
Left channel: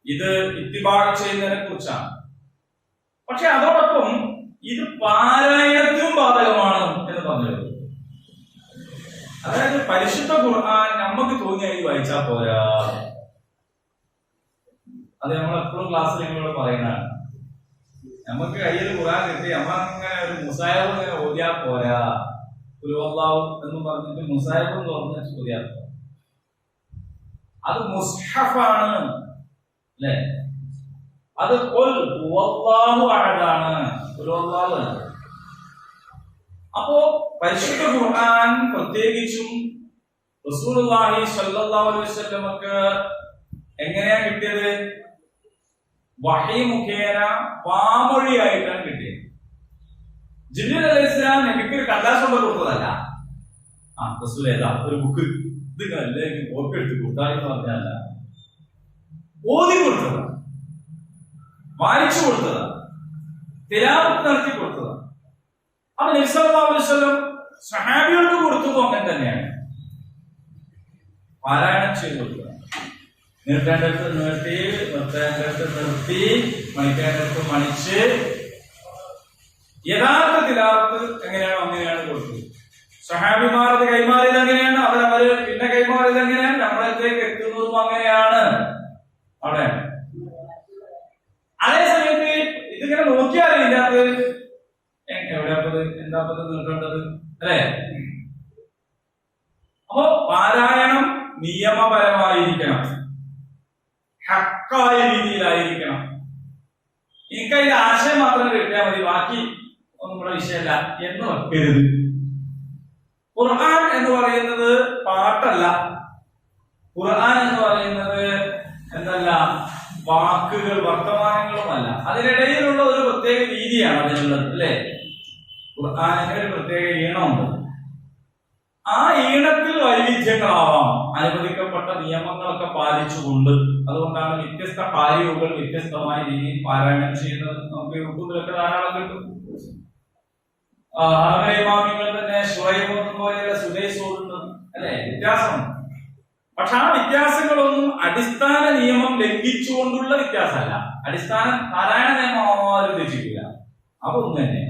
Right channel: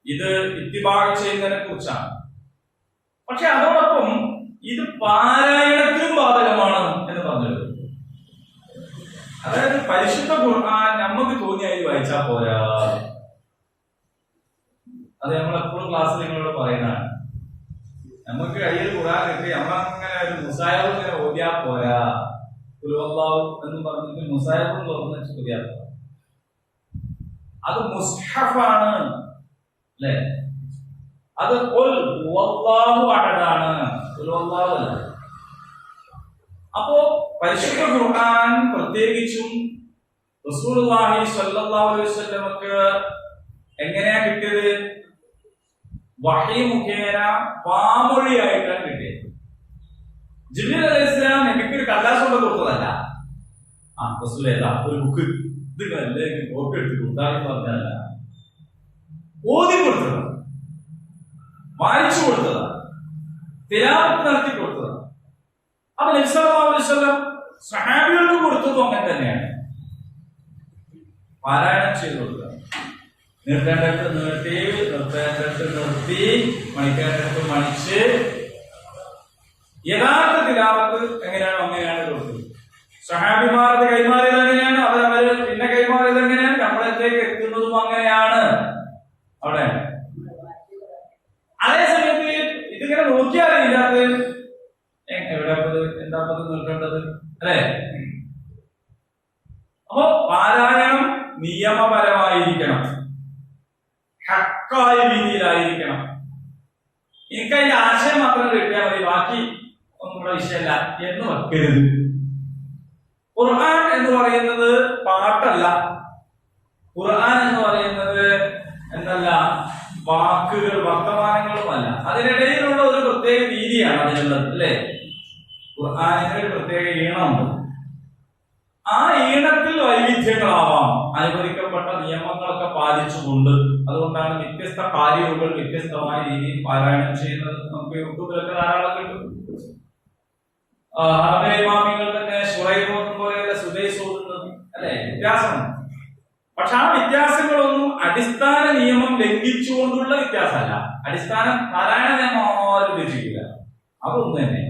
ഇത് ഇത്തിബാഅ് ചെയ്യുന്നതിനെ കുറിച്ചാണ്. പക്ഷെ അതോടൊപ്പം ഇത് പാരായണത്തിനും ബാധകമാണ് എന്ന് പറഞ്ഞു. അതായത് പരിശുദ്ധ ഖുർആൻ നമുക്ക് തോന്നിയായി വായിച്ചാൽ പോരാ. അത് നമ്മൾ എപ്പോഴും ക്ലാസ്സിൽ നിങ്ങളോട് പറയുന്നതാണ്. നമുക്ക് കയ്യിൽ ഖുർആൻ കിട്ടി നമ്മളങ്ങനെ ഒരു മുസായബ് ഇങ്ങനെ ഓതിയാ പോരാ. ഖുൽഹുവല്ലാഹു എന്ന് പറഞ്ഞിട്ട് മുസായബ് തുറന്ന് ഓതിയാ പോരാ. അത് മുസ്ഹഫാണ് അല്ലേ? അത് ഖുൽ ഹുവല്ലാഹു അഹദാണ്, ഖുൽഹുവല്ലാഹു അല്ല. അപ്പോ പരിശുദ്ധ ഖുർആൻ പ്രത്യേകിച്ചും റസൂലുള്ളാഹി സ്വല്ലല്ലാഹു അലൈഹി വസല്ലമക്ക് എങ്ങനെയാ കിട്ടിയത്? വഹി മുഖേന വാമൊഴിയായിട്ടാണ് കിട്ടിയത്. ജിബ്രീൽ അലൈഹിസ്സലാം നബിക്ക് ഒരു കടലാസ് കൊണ്ട് കൊടുത്തതല്ല. റസൂൽ ഏതാ ഒരു ബുക്ക് ഇത് അല്ലെങ്കിൽ കോപ്പി എടുത്ത് കൊടുത്താലും പറഞ്ഞല്ല, ഓതി കൊടുത്തതാണ്, വായിച്ചു കൊടുത്തതാണ്, തിലാവത്ത് നടത്തി കൊടുത്തതാണ്. അപ്പൊ നബി സല്ലല്ലാഹു അലൈഹി വസല്ലം സഹാബികൾക്ക് കൊടുത്തതും അങ്ങനെ തന്നെയാണ്. പാരായണം ചെയ്തു കൊടുക്കുക. നിർത്തേണ്ടടുത്ത് നിർത്തി, നിർത്തേണ്ടടുത്ത് നിർത്തി, മണിക്കേണ്ടടുത്ത് മണിച്ച് യഥാർത്ഥ തിലാവത്ത് എങ്ങനെയാണോ അങ്ങനെയാണ് കൊടുത്തത്. സഹാബിമാർ അത് കൈമാറിയത് എങ്ങനെയാണ്, അവരവര് പിന്നെ കൈമാറിയത് എങ്ങനെയാണ്, നമ്മളെത്തേക്ക് എത്തുന്നതും അങ്ങനെയാണ്. അവിടെ അതേ സമയത്ത് ഇതിങ്ങനെ നോക്കിയാൽ ഇതിനകത്ത് എവിടെയാപ്പത് എന്താപ്പത് നിർത്തേണ്ടത് അല്ലെ? അപ്പോ പാരായണം നിയമപരമായിരിക്കണം, ഹക്കായ രീതിയിലായിരിക്കണം. എനിക്കതിന്റെ ആശയം മാത്രം കിട്ടിയാൽ മതി, ബാക്കി ഒന്നും ഇവിടെ വിഷയമല്ല എന്ന് വെക്കരുത്. ഖുർആൻ എന്ന് പറയുന്നത് പാട്ടല്ല. ഖുർആൻ എന്ന് പറയുന്നത് എന്തല്ല, വാക്കുകൾ വർത്തമാനങ്ങളുമല്ല. അതിനിടയിലുള്ള ഒരു പ്രത്യേക രീതിയാണ് അതിനുള്ളത് അല്ലെ? ഖുർആനിന് ഒരു പ്രത്യേക ഈണമുണ്ട്. ആ ഈണത്തിൽ വൈവിധ്യങ്ങളാവാം, അനുവദിക്കപ്പെട്ട നിയമങ്ങളൊക്കെ പാലിച്ചുകൊണ്ട്. അതുകൊണ്ടാണ് വ്യത്യസ്ത കാര്യങ്ങൾ വ്യത്യസ്തമായ രീതിയിൽ പാരായണം ചെയ്യുന്നത്. നമുക്ക് യൂട്യൂബിലൊക്കെ ധാരാളം കിട്ടും. ഇമാമിങ്ങൾ തന്നെ ശുറൈബ് പോലെയല്ല സുദൈസ് ഓതുന്നത് അല്ലെ? വ്യത്യാസമുണ്ട്. പക്ഷെ ആ വ്യത്യാസങ്ങളൊന്നും അടിസ്ഥാന നിയമം ലംഘിച്ചുകൊണ്ടുള്ള വ്യത്യാസമല്ല. അടിസ്ഥാന പാരായണ നിയമം ആരും ലംഘിക്കില്ല, അതൊന്നും തന്നെ.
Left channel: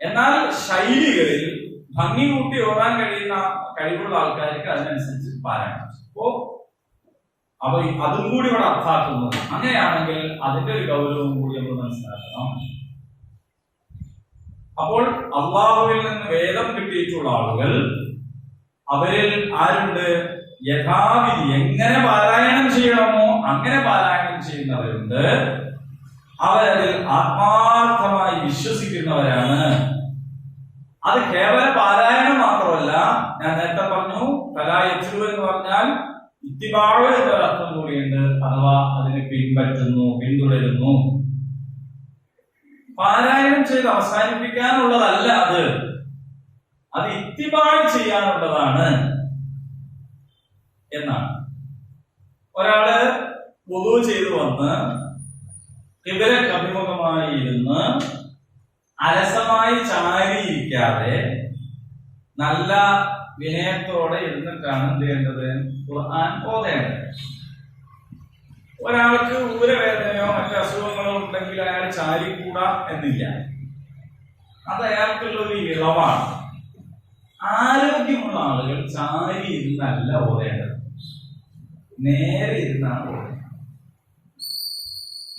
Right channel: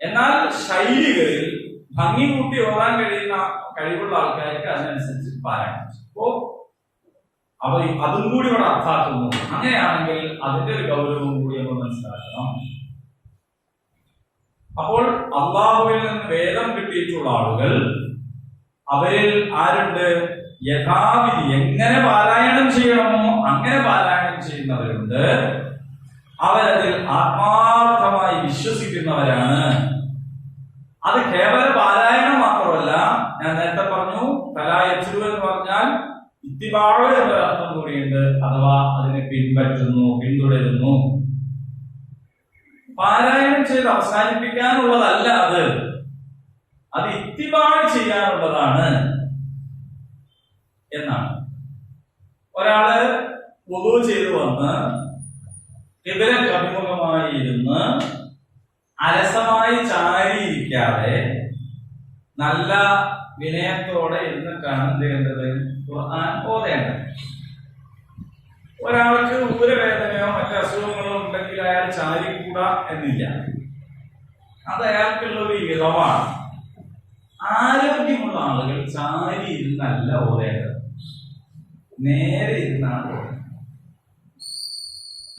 എന്നാൽ ശൈലികളിൽ ഭംഗി കൂട്ടി ഓടാൻ കഴിയുന്ന കഴിവുള്ള ആൾക്കാർക്ക് അതിനനുസരിച്ച് പാരായണം. അപ്പൊ അതും കൂടി ഇവിടെ അർത്ഥാക്കുന്നു. അങ്ങനെയാണെങ്കിൽ അതിന്റെ ഒരു ഗൗരവം കൂടി നമ്മൾ മനസ്സിലാക്കണം. അപ്പോൾ അള്ളാഹുവിൽ നിന്ന് വേദം കിട്ടിയിട്ടുള്ള ആളുകൾ, അവരിൽ ആരുണ്ട്? യഥാവിധി എങ്ങനെ പാരായണം ചെയ്യണമോ അങ്ങനെ പാരായണം ചെയ്യുന്നവരുണ്ട്. അവരതിൽ ആത്മാർത്ഥമായി വിശ്വസിക്കുന്നവരാണ്. അത് കേവല പാരായണം മാത്രമല്ല, ഞാൻ നേരത്തെ പറഞ്ഞു തലായത്തു എന്ന് പറഞ്ഞാൽ ഇത്തിബാഴ് എന്നൊരർത്ഥം കൂടിയുണ്ട്. അഥവാ അതിനെ പിൻപറ്റുന്നു, പിന്തുടരുന്നു. പാരായണം ചെയ്ത് അവസാനിപ്പിക്കാനുള്ളതല്ല അത് ഇത്തിബാഴ് ചെയ്യാനുള്ളതാണ് എന്നാണ്. ഒരാള് വുളൂ ചെയ്തു വന്ന് ഖിബ്ലക്ക് അഭിമുഖമായി ഇരുന്ന് അലസമായി ചാരിയിരിക്കാതെ നല്ല വിനയത്തോടെ ഇരുന്നിട്ടാണ് എന്ത് ചെയ്യേണ്ടത്? ഖുർആൻ ഓതേണ്ടത്. ഒരാൾക്ക് ഊരവേദനയോ മറ്റു അസുഖങ്ങളോ ഉണ്ടെങ്കിൽ അയാൾ ചാരിക്കൂടാ എന്നില്ല. അത് അയാൾക്കുള്ള ഒരു ഇളവാണ്. ആരോഗ്യമുള്ള ആളുകൾ ചാരി ഇരുന്നല്ല ഓതേണ്ടത്, നേരെ ഇരുന്നാണ് ഓതേണ്ടത്.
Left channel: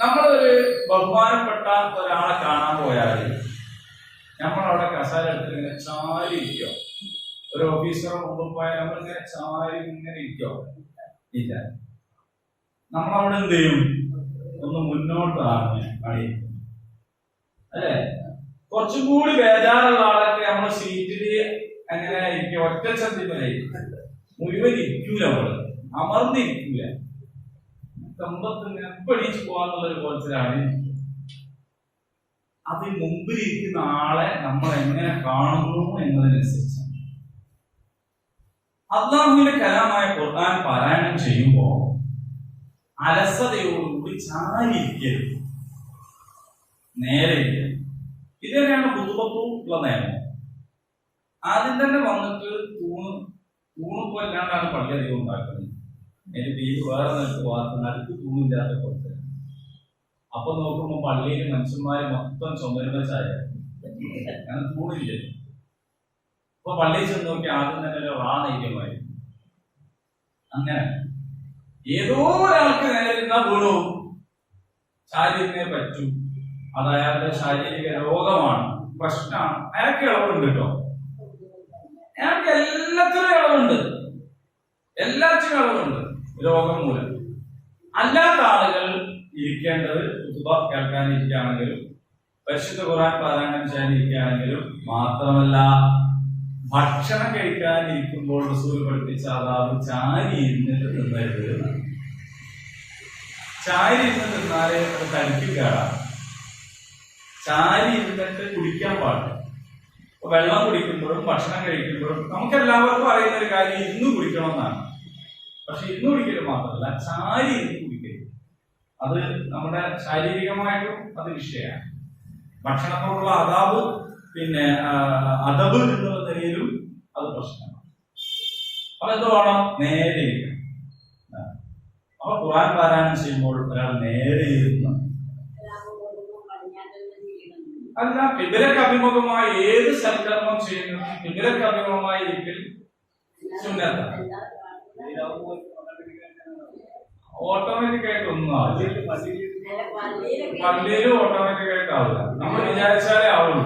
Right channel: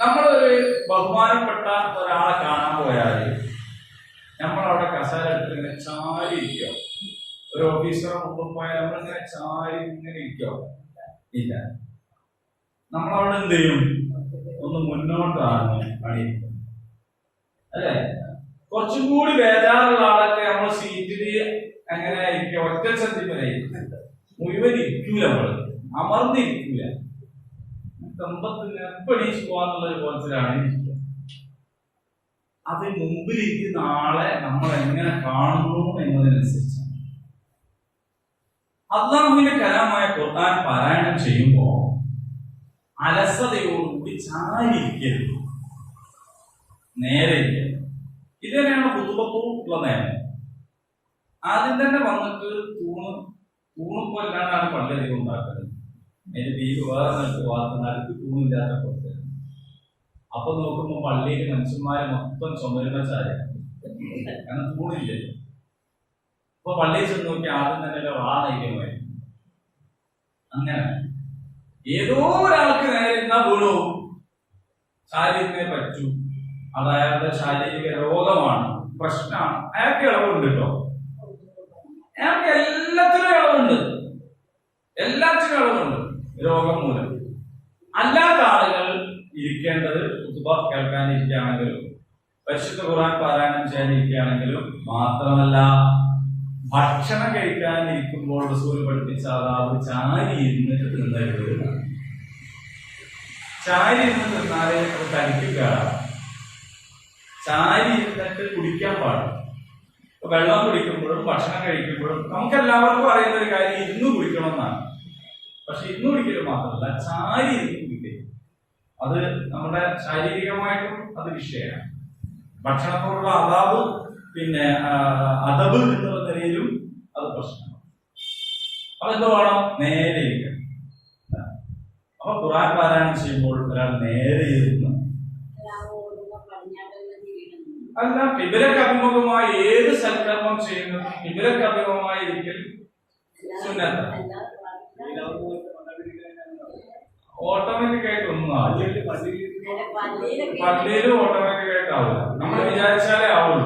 നമ്മളൊരു ബഹുമാനപ്പെട്ട ഒരാളെ കാണാൻ പോയാൽ നമ്മളവിടെ കസാര എടുത്തിട്ട് ഇങ്ങനെ ചാരി ഇരിക്കോ? ഒരു ഓഫീസറെ മുമ്പ് പോയാൽ നമ്മളിങ്ങനെ ചാരി ഇങ്ങനെ ഇരിക്കോ? ഇല്ല. നമ്മളവിടെ എന്ത് ചെയ്യും? ഒന്ന് മുന്നോട്ടാണ് പണിയിരിക്കും അല്ലെ? കുറച്ചും കൂടി ബേജാറുള്ള ആളൊക്കെ നമ്മൾ സീറ്റിൽ എങ്ങനെ ഇരിക്കുക? ഒറ്റ ചന്തിമനെ മുഴുവൻ ഇരിക്കൂല, നമ്മള് അമർന്നിരിക്കൂല. കമ്പത്തിന് എപ്പണീച്ച് പോവാന്നുള്ളൊരു കോലത്തിലാണ് ഇരിക്കുക. അത് മുമ്പിലിരിക്കുന്ന ആളെ നമ്മൾ എങ്ങനെ കാണുന്നു എന്നതിനനുസരിച്ച് അല്ലാഹുവിന്റെ കലാമായ ഖുർആൻ പാരായണം ചെയ്യുമ്പോൾ അലസതയോടുകൂടി ചാരിയിരിക്കരുത്, നേരെ ഇരിക്കരുത്. ഇത് തന്നെയാണ് ഖുതുബത്തുള്ള നിയമം. ആദ്യം തന്നെ വന്നിട്ട് തൂണിപ്പോ ഇല്ലാണ്ടാണ് പള്ളി അധികം ഉണ്ടാക്കുന്നത്. അതിന്റെ ബീഫ് വേറെ നടുക്ക് തൂണില്ലാത്ത പുറത്ത്. അപ്പൊ നോക്കുമ്പോ പള്ളിയിൽ മനുഷ്യന്മാര് മൊത്തം ചുമരുന്ന ചായ, കാരണം തൂണില്ലല്ലോ. അപ്പൊ പള്ളിയിൽ ചെന്ന് നോക്കി ആദ്യം തന്നെ റാനൈര്യമായി. അങ്ങനെ ഏതോ ഒരാൾക്ക് നേരെ ഇരുന്നാ വീണു, ചാരിയിരുന്നേ പറ്റൂ. അത് അയാളുടെ ശാരീരിക രോഗമാണ്, പ്രശ്നമാണ്. അയാൾക്ക് ഇളവുണ്ട് കേട്ടോ, അയാൾക്ക് എല്ലാത്തിനും ഇളവുണ്ട്, എല്ലാത്തിനും ഇളവുണ്ട് രോഗം മൂലം. അല്ലാത്ത ആളുകൾ ഇരിക്കേണ്ടത് ഖുതുബ കേൾക്കാനിരിക്കുകയാണെങ്കിലും പരിശുദ്ധ ഖുർആൻ പാരായണം ചെയ്യാനിരിക്കുകയാണെങ്കിലും മാത്രമല്ല, ഭക്ഷണം കഴിക്കാനിരിക്കുമ്പോൾ റസൂൽ പഠിപ്പിച്ച അതാവ് ചാരി ഇരുന്നിട്ട് തിന്നരുത്. ചാരി ഇരുന്ന് തിന്നാലേ അത് തനിക്ക് കേടാണ്. ചാരി ഇരുന്നിട്ട് കുടിക്കാൻ പാടില്ല. വെള്ളം കുടിക്കുമ്പോഴും ഭക്ഷണം കഴിക്കുമ്പോഴും നമുക്ക് എല്ലാവർക്കും അറിയുന്ന ഒരു കാര്യം ഇരുന്ന് കുടിക്കണം എന്നാണ്. പക്ഷെ ഇരുന്ന് കുടിക്കല് മാത്രമല്ല, ചാരി ഇരുന്ന് കുടിക്കരുത്. അത് നമ്മുടെ ശാരീരികമായിട്ടും അത് വിഷയമാണ്. ഭക്ഷണത്തോടുള്ള അതാവ് പിന്നെ അദബ് എന്നുള്ള നിലയിലും അത് പ്രശ്നമാണ്. അപ്പൊ എന്ത് വേണം? നേരെ ഇരിക്കണം. അപ്പൊ ഖുർആൻ പാരായണം ചെയ്യുമ്പോൾ ഒരാൾ നേരെ ഇരുന്ന്, അല്ല കിബിലക്ക് അഭിമുഖമായി ഏത് സൽക്കർമ്മം ചെയ്യുന്നു കിബിലക്ക് അഭിമുഖമായി ഇരിക്കൽ സുന്നത്താണ്. ഓട്ടോമാറ്റിക് ആയിട്ട് ഒന്നും ആവില്ല. പള്ളിയിൽ ഓട്ടോമാറ്റിക് ആയിട്ട് ആവില്ല. നമ്മൾ വിചാരിച്ചാലേ ആവുള്ളൂ.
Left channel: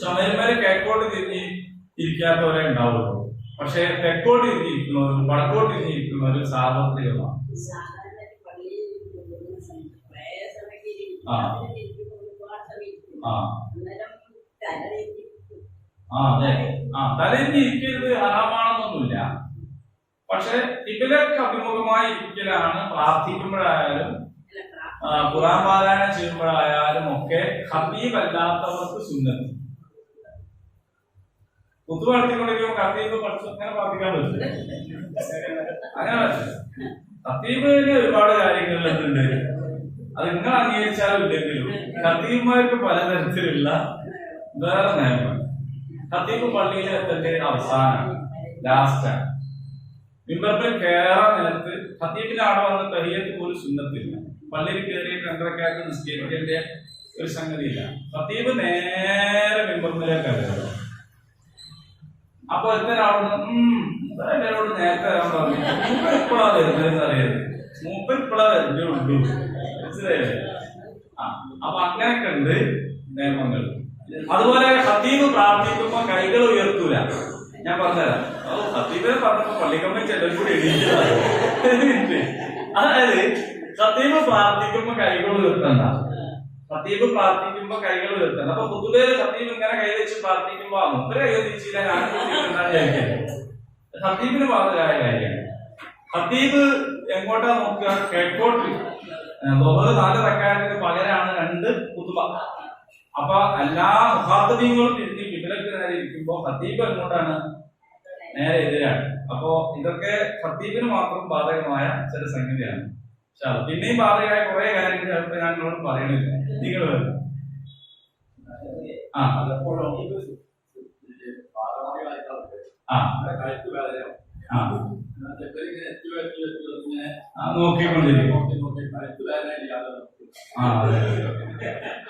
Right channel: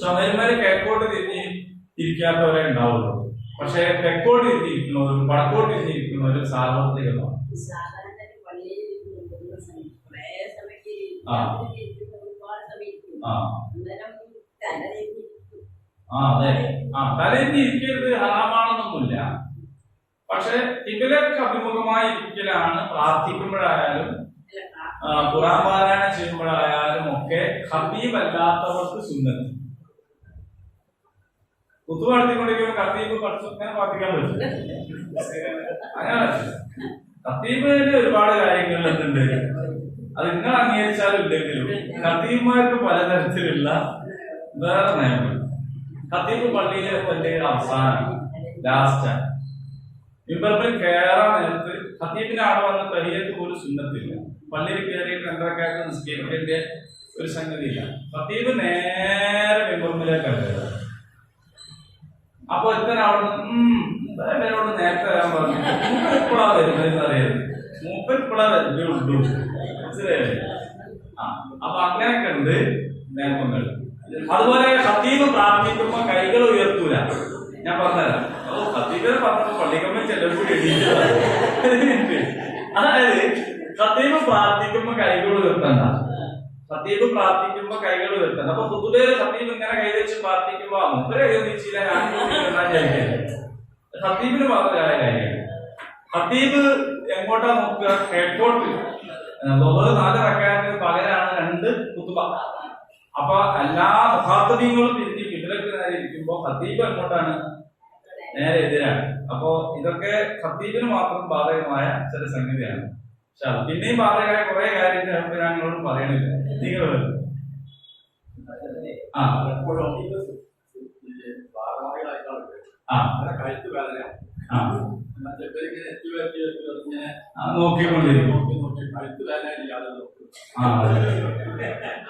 ചുമരുമേല് കിഴക്കോട്ട് തിരിഞ്ഞ് ഇരിക്കാത്തവരെ ഉണ്ടാവുള്ളൂ. പക്ഷെ തെക്കോട്ട് തിരിഞ്ഞിരിക്കുന്നവരും വടക്കോട്ട് തിരിഞ്ഞിരിക്കുന്നവരും സാർവത്രികമാണ്. അതെ, തലയിഞ്ഞ് ഇരിക്കരുത് ഹറാമാണെന്നൊന്നുമില്ല. പക്ഷെ കിബിലക്ക് അഭിമുഖമായി ഇരിക്കലാണ് പ്രാർത്ഥിക്കുമ്പോഴായാലും ഖുർആൻ പാരായണം ചെയ്യുമ്പോഴായാലും ഒക്കെ ഖതീബ് അല്ലാത്തവർക്ക് സുന്നത്ത്. കുത്തു നടത്തിക്കൊണ്ടിരിക്കുമ്പോൾ ഖതീബ് അങ്ങനെ പ്രാർത്ഥിക്കാൻ പറ്റില്ല. അങ്ങനെ പറ്റില്ല. ഖതീബിന് ഒരുപാട് കാര്യങ്ങളിൽ എന്തുണ്ട്, അത് നിങ്ങൾ അംഗീകരിച്ചാലും ഇല്ലെങ്കിലും ഖതീബുമാർക്ക് പലതരത്തിലുള്ള വേറെ നിയമങ്ങൾ. ഖതീബ് പള്ളിയിൽ എത്തേണ്ട അവസാനം ലാസ്റ്റാണ്. മിമ്പറിൽ കയറാൻ നേരത്ത് ഖതീബിന് അവിടെ വന്ന് തഹിയ്യത്ത് പോലും സുന്നത്തില്ല. പള്ളിയിൽ കയറിയിട്ട് 2 നിസ്കരിക്കേണ്ട ഒരു സംഗതിയില്ല. ഖതീബ് നേരെ മിമ്പറിലേക്കാണ് കയറുക. അപ്പൊ ഒരുത്തൻ അവിടെ ഇവരോട് നേരത്തെ വരാൻ പറഞ്ഞു. മൂപ്പൻ ഇപ്പോഴാ വരുന്നതെന്ന് അറിയരുത്. മൂപ്പൻ ഇപ്പോഴാ വരുന്നേ ഉള്ളൂ. മനസ്സിലായല്ലേ? അപ്പൊ അങ്ങനെയൊക്കെ ഉണ്ട് നിയമങ്ങൾ. അതുപോലെ ഖതീബ് പ്രാർത്ഥിക്കുമ്പോ കൈകൾ ഉയർത്തൂല. ഞാൻ പറഞ്ഞുതരാം. ഖതീബിനെ പറഞ്ഞപ്പോ പള്ളിക്കമ്മ ചെല്ലം കൂടി എണീക്കുന്നത്. അതായത് ഖതീബ് പ്രാർത്ഥിക്കുമ്പോ കൈകൾ ഉയർത്തണ്ട. ഖതീബ് പ്രാർത്ഥിക്കുമ്പോ കൈകൾ ഉയർത്തണ്ട. അപ്പൊ പൊതുവേ ഖതീബ് ഇങ്ങനെ കൈവച്ച് പ്രാർത്ഥിക്കുമ്പോ മുമ്പ് കൈ വെച്ചില്ല, ഞാൻ വിചാരിക്കല്ലേ. ഖതീബിന് പറഞ്ഞ കാര്യമാണ്. ഖതീബ് എങ്ങോട്ടാ നോക്കുക? കിഴക്കോട്ട്. 4 റക്അത്തിന് പകരമാണ് 2 ഖുതുബ. അപ്പൊ എല്ലാ മുഖാത്തബീങ്ങളും തിരിഞ്ഞ് കിബിലക്ക് നേരെ ഇരിക്കുമ്പോ ഖതീബ് എങ്ങോട്ടാണ്? നേരെ എതിരാണ്. അപ്പോ ഇതൊക്കെ ഖതീബിന് മാത്രം ബാധകമായ ചില സംഗതിയാണ്. പക്ഷെ അത് പിന്നെയും ബാധകമായ കുറെ കാര്യങ്ങൾ ഞങ്ങളോട് പറയണില്ല. നിങ്ങൾ നോക്കിക്കൊണ്ടിരിക്കും.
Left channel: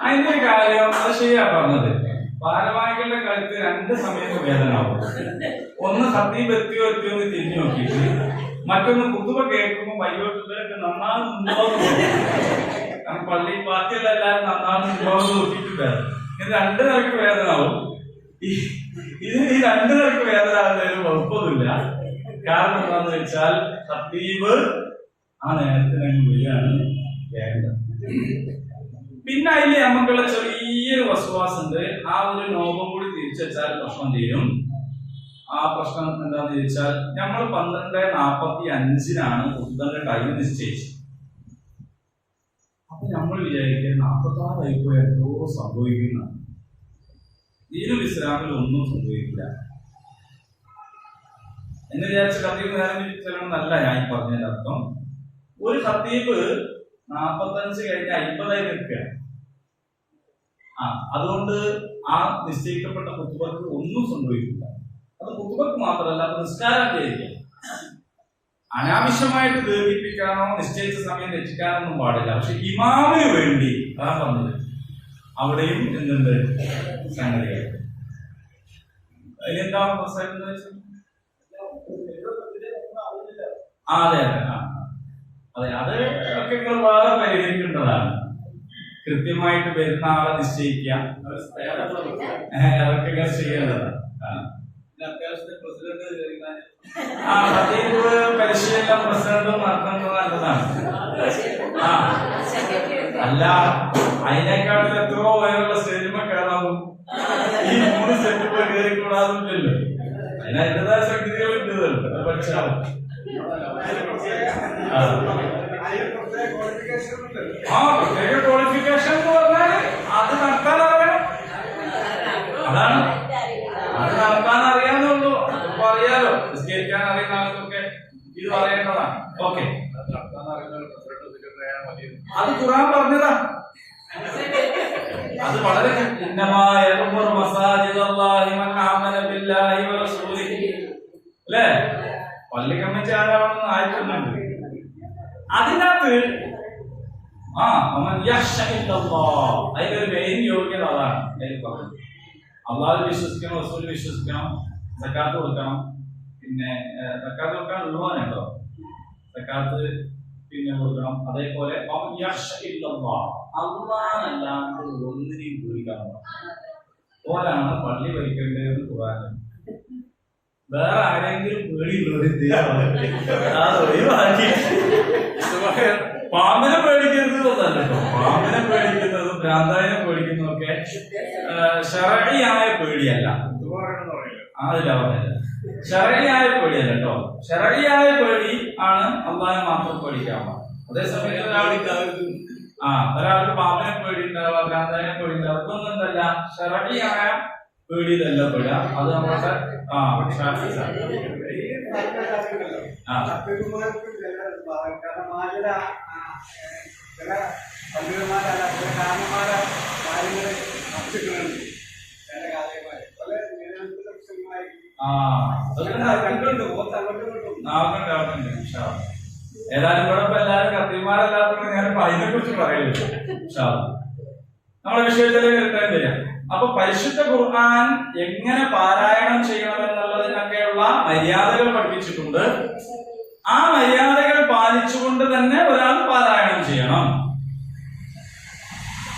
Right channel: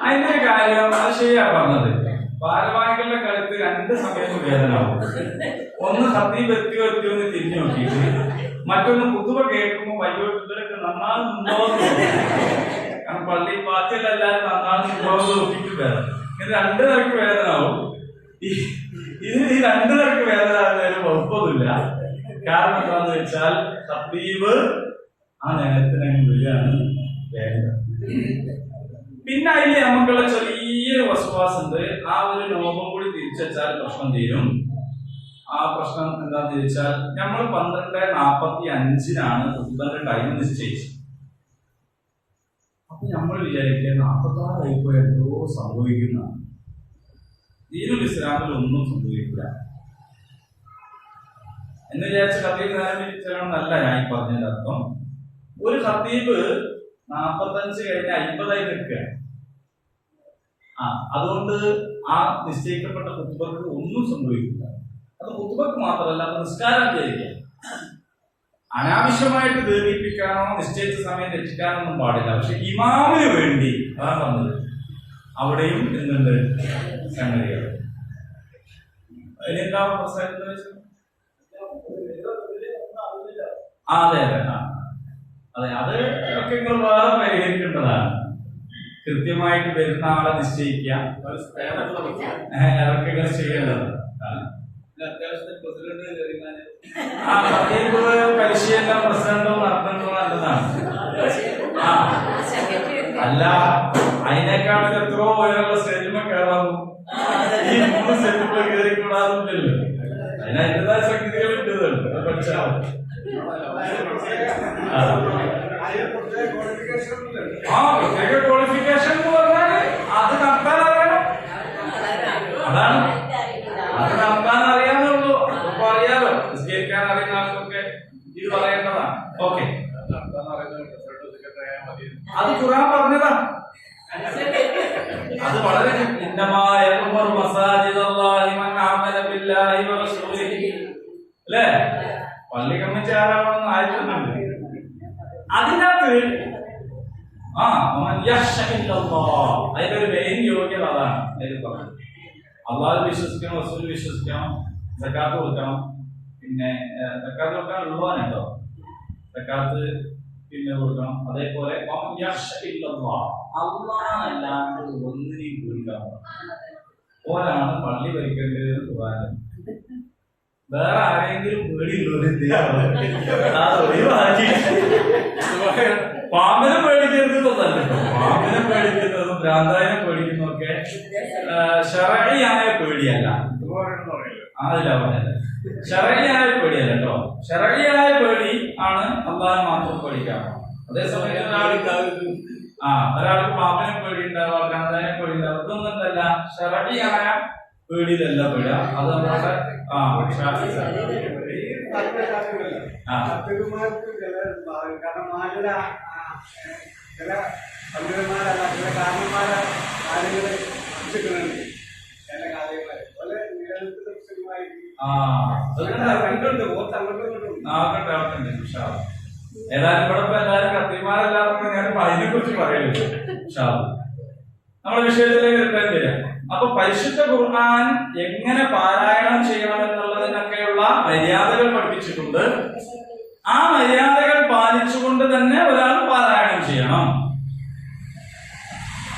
അതിന്റെ കാര്യം അത് ശരിയാ പറഞ്ഞത്. ഭാരവാഹികളുടെ കഴുത്ത് 2 സമയത്ത് വേദനയാവും. ഒന്ന് ഖതീബ് എത്തിയോ എന്ന് തിരിഞ്ഞു നോക്കിയിട്ട്, മറ്റൊന്ന് ഖുതുബ കേൾക്കുമ്പോൾ വയ്യോട്ട് ഇവരൊക്കെ നന്നാകുന്നുണ്ടോ എന്ന് നോക്കി. കാരണം പള്ളി ബാക്കിയെല്ലാവരും നന്നാകുന്നുണ്ടോ എന്ന് നോക്കിയിട്ട് വേദന. ഇത് 2 നിലക്ക് വേദനയാവും. ഇതിന് ഈ 2 നിലക്ക് വേദന ആകുന്നതിന് കുഴപ്പമൊന്നുമില്ല. കാരണം എന്താന്ന് വെച്ചാൽ ഖതീബ് ആ നേരത്തിന് വരികയാണ് വേണ്ടത്. പിന്നെ അതിൽ നമുക്കുള്ള ചെറിയൊരു വസ്വാസം ഉണ്ട്. ആ ഒരു നോബം കൂടി തിരിച്ചു വെച്ചാൽ പ്രശ്നം തീരും. ആ പ്രശ്നം എന്താന്ന് ചോദിച്ചാൽ, നമ്മൾ 12:45 ഖുതുബയുടെ ടൈം നിശ്ചയിച്ചത്. അപ്പൊ നമ്മൾ വിചാരിക്കുക 46 ആയിപ്പോയി, എന്തോ സംഭവിക്കുന്ന. ദീനുൽ ഇസ്ലാമിൽ ഒന്നും സംഭവിക്കില്ല എന്ന് വിചാരിച്ച ഖതീബ് നേരം തിരിച്ചല്ല ഞാൻ ഈ പറഞ്ഞതിന്റെ അർത്ഥം. ഒരു ഖതീബ് 45 കഴിഞ്ഞ് 50 നിൽക്കുക. അതുകൊണ്ട് ആ നിശ്ചയിക്കപ്പെട്ട ഖുതുബക്ക് ഒന്നും സംഭവിക്കില്ല. അത് ഖുതുബക്ക് മാത്രമല്ല, അത് നിസ്കാരം വിചാരിക്കുക. അനാവശ്യമായിട്ട് ദീർഘിപ്പിക്കാനോ നിശ്ചയിച്ച സമയം രക്ഷിക്കാനോ ഒന്നും പാടില്ല. പക്ഷെ ഇമാമിന് വേണ്ടി അതാണ് പറഞ്ഞത്. അവിടെയും എന്തുണ്ട് സംഗതികൾ. അതിനെന്താ പ്രശ്നം? അതെ അതെ അതെ, അത് ഒക്കെ നിങ്ങൾ വേറെ പരിഹരിക്കേണ്ടതാണ്. കൃത്യമായിട്ട് വരുന്ന ആളെ നിശ്ചയിക്കുക, അതൊക്കെ നിങ്ങൾ ചെയ്യേണ്ടതാണ്. ഖതീബ് പരിശീലനം പ്രസിഡന്റും നടത്തുന്നത് നല്ലതാണ്. അല്ല, അതിനേക്കാട്ടിൽ എത്രയോ ഉയരമുള്ള സ്റ്റേജിൽ കയറാവും. ഈ 3 സ്റ്റെപ്പ് കയറിക്കൂടാതില്ലല്ലോ. അതിനതിൻ്റെതായ സംഗതികളുണ്ട്. അത് പഠിച്ചാൽ പ്രത്യേക ക്വാളിഫിക്കേഷൻ എന്ന് പറഞ്ഞാല് അത് നടത്താൻ അറിയണം. അതാണ്, അത് നടത്താൻ അറിയാമേ ഉള്ളൂ. ഇപ്പൊ അറിയാലോ, നിസ്കരിക്കാൻ അറിയുന്ന ആൾക്കൊക്കെ ഇത് പറയേണ്ടതാണ്. ഓക്കെ, അത് ഖുർആൻ പറഞ്ഞതാ. അത് വളരെ അല്ലേ? പള്ളി കമ്മിറ്റി ആരാണെന്ന് ആയിട്ടുണ്ട്. അതിനകത്ത് അതിന്റെ ഒരു മെയിൻ യോഗ്യത അതാണ്. അതിൽ പറഞ്ഞത് അള്ളാഹു വിശ്വസിക്കണം, റസൂൽ വിശ്വസിക്കണം, സക്കാത്ത് കൊടുക്കണം. പിന്നെ സക്കാത്ത് കൊടുക്കാൻ ഉള്ളവാനുണ്ടോ? സക്കാത്ത് പിന്നെ കൊടുക്കണം. അതേപോലെ അള്ളാഹല്ലാണ്ട് ഒന്നിനെയും പേടിക്കാൻ ഓലാണ് പള്ളി ഭരിക്കേണ്ടത്. ഖുർആനിൽ വേറെ ആരെങ്കിലും പേടിയുള്ളവർ അത് ഒഴിവാക്കി. പാമ്പിനെ പേടിക്കരുത് തോന്നല്ലോ കേട്ടോ. പാമ്പിനെ പേടിക്കുന്നതും ഭ്രാന്താവിനെ പേടിക്കുന്നതും ഒക്കെ ശർഈയായ പേടിയല്ല. അതില്ല പറഞ്ഞത് ശർഈയായ പേടിയല്ല കേട്ടോ. ശർഈയായ പേടി ആണ് അള്ളാഹനെ മാത്രം പേടിക്കാമോ. അതേസമയം ഒരാൾക്ക് പാമ്പിനെ പേടി ഉണ്ടാവുക, ഭ്രാന്താവിനെ പേടി ഉണ്ടാവുക, ഇതൊന്നും എന്തല്ല ശർഈയായ പേടിയതല്ല പേട. അത് നമ്മളുടെ ഏതായാലും ഇവിടെ ഇപ്പൊ എല്ലാവരും കത്തിമാരല്ലാത്തത് ഞാൻ അതിനെ കുറിച്ച് പറയുള്ളൂ. നമ്മുടെ വിഷയത്തിലേക്ക് റിട്ടേൺ വരാം. അപ്പൊ പരിശുദ്ധ ഖുർആൻ എങ്ങനെ പാരായണം ചെയ്യണം എന്നുള്ളതിനൊക്കെയുള്ള മര്യാദകൾ പഠിപ്പിച്ചിട്ടുണ്ട്. ആ മര്യാദകൾ പാലിച്ചുകൊണ്ട് തന്നെ ഒരാൾ പാരായണം ചെയ്യണം.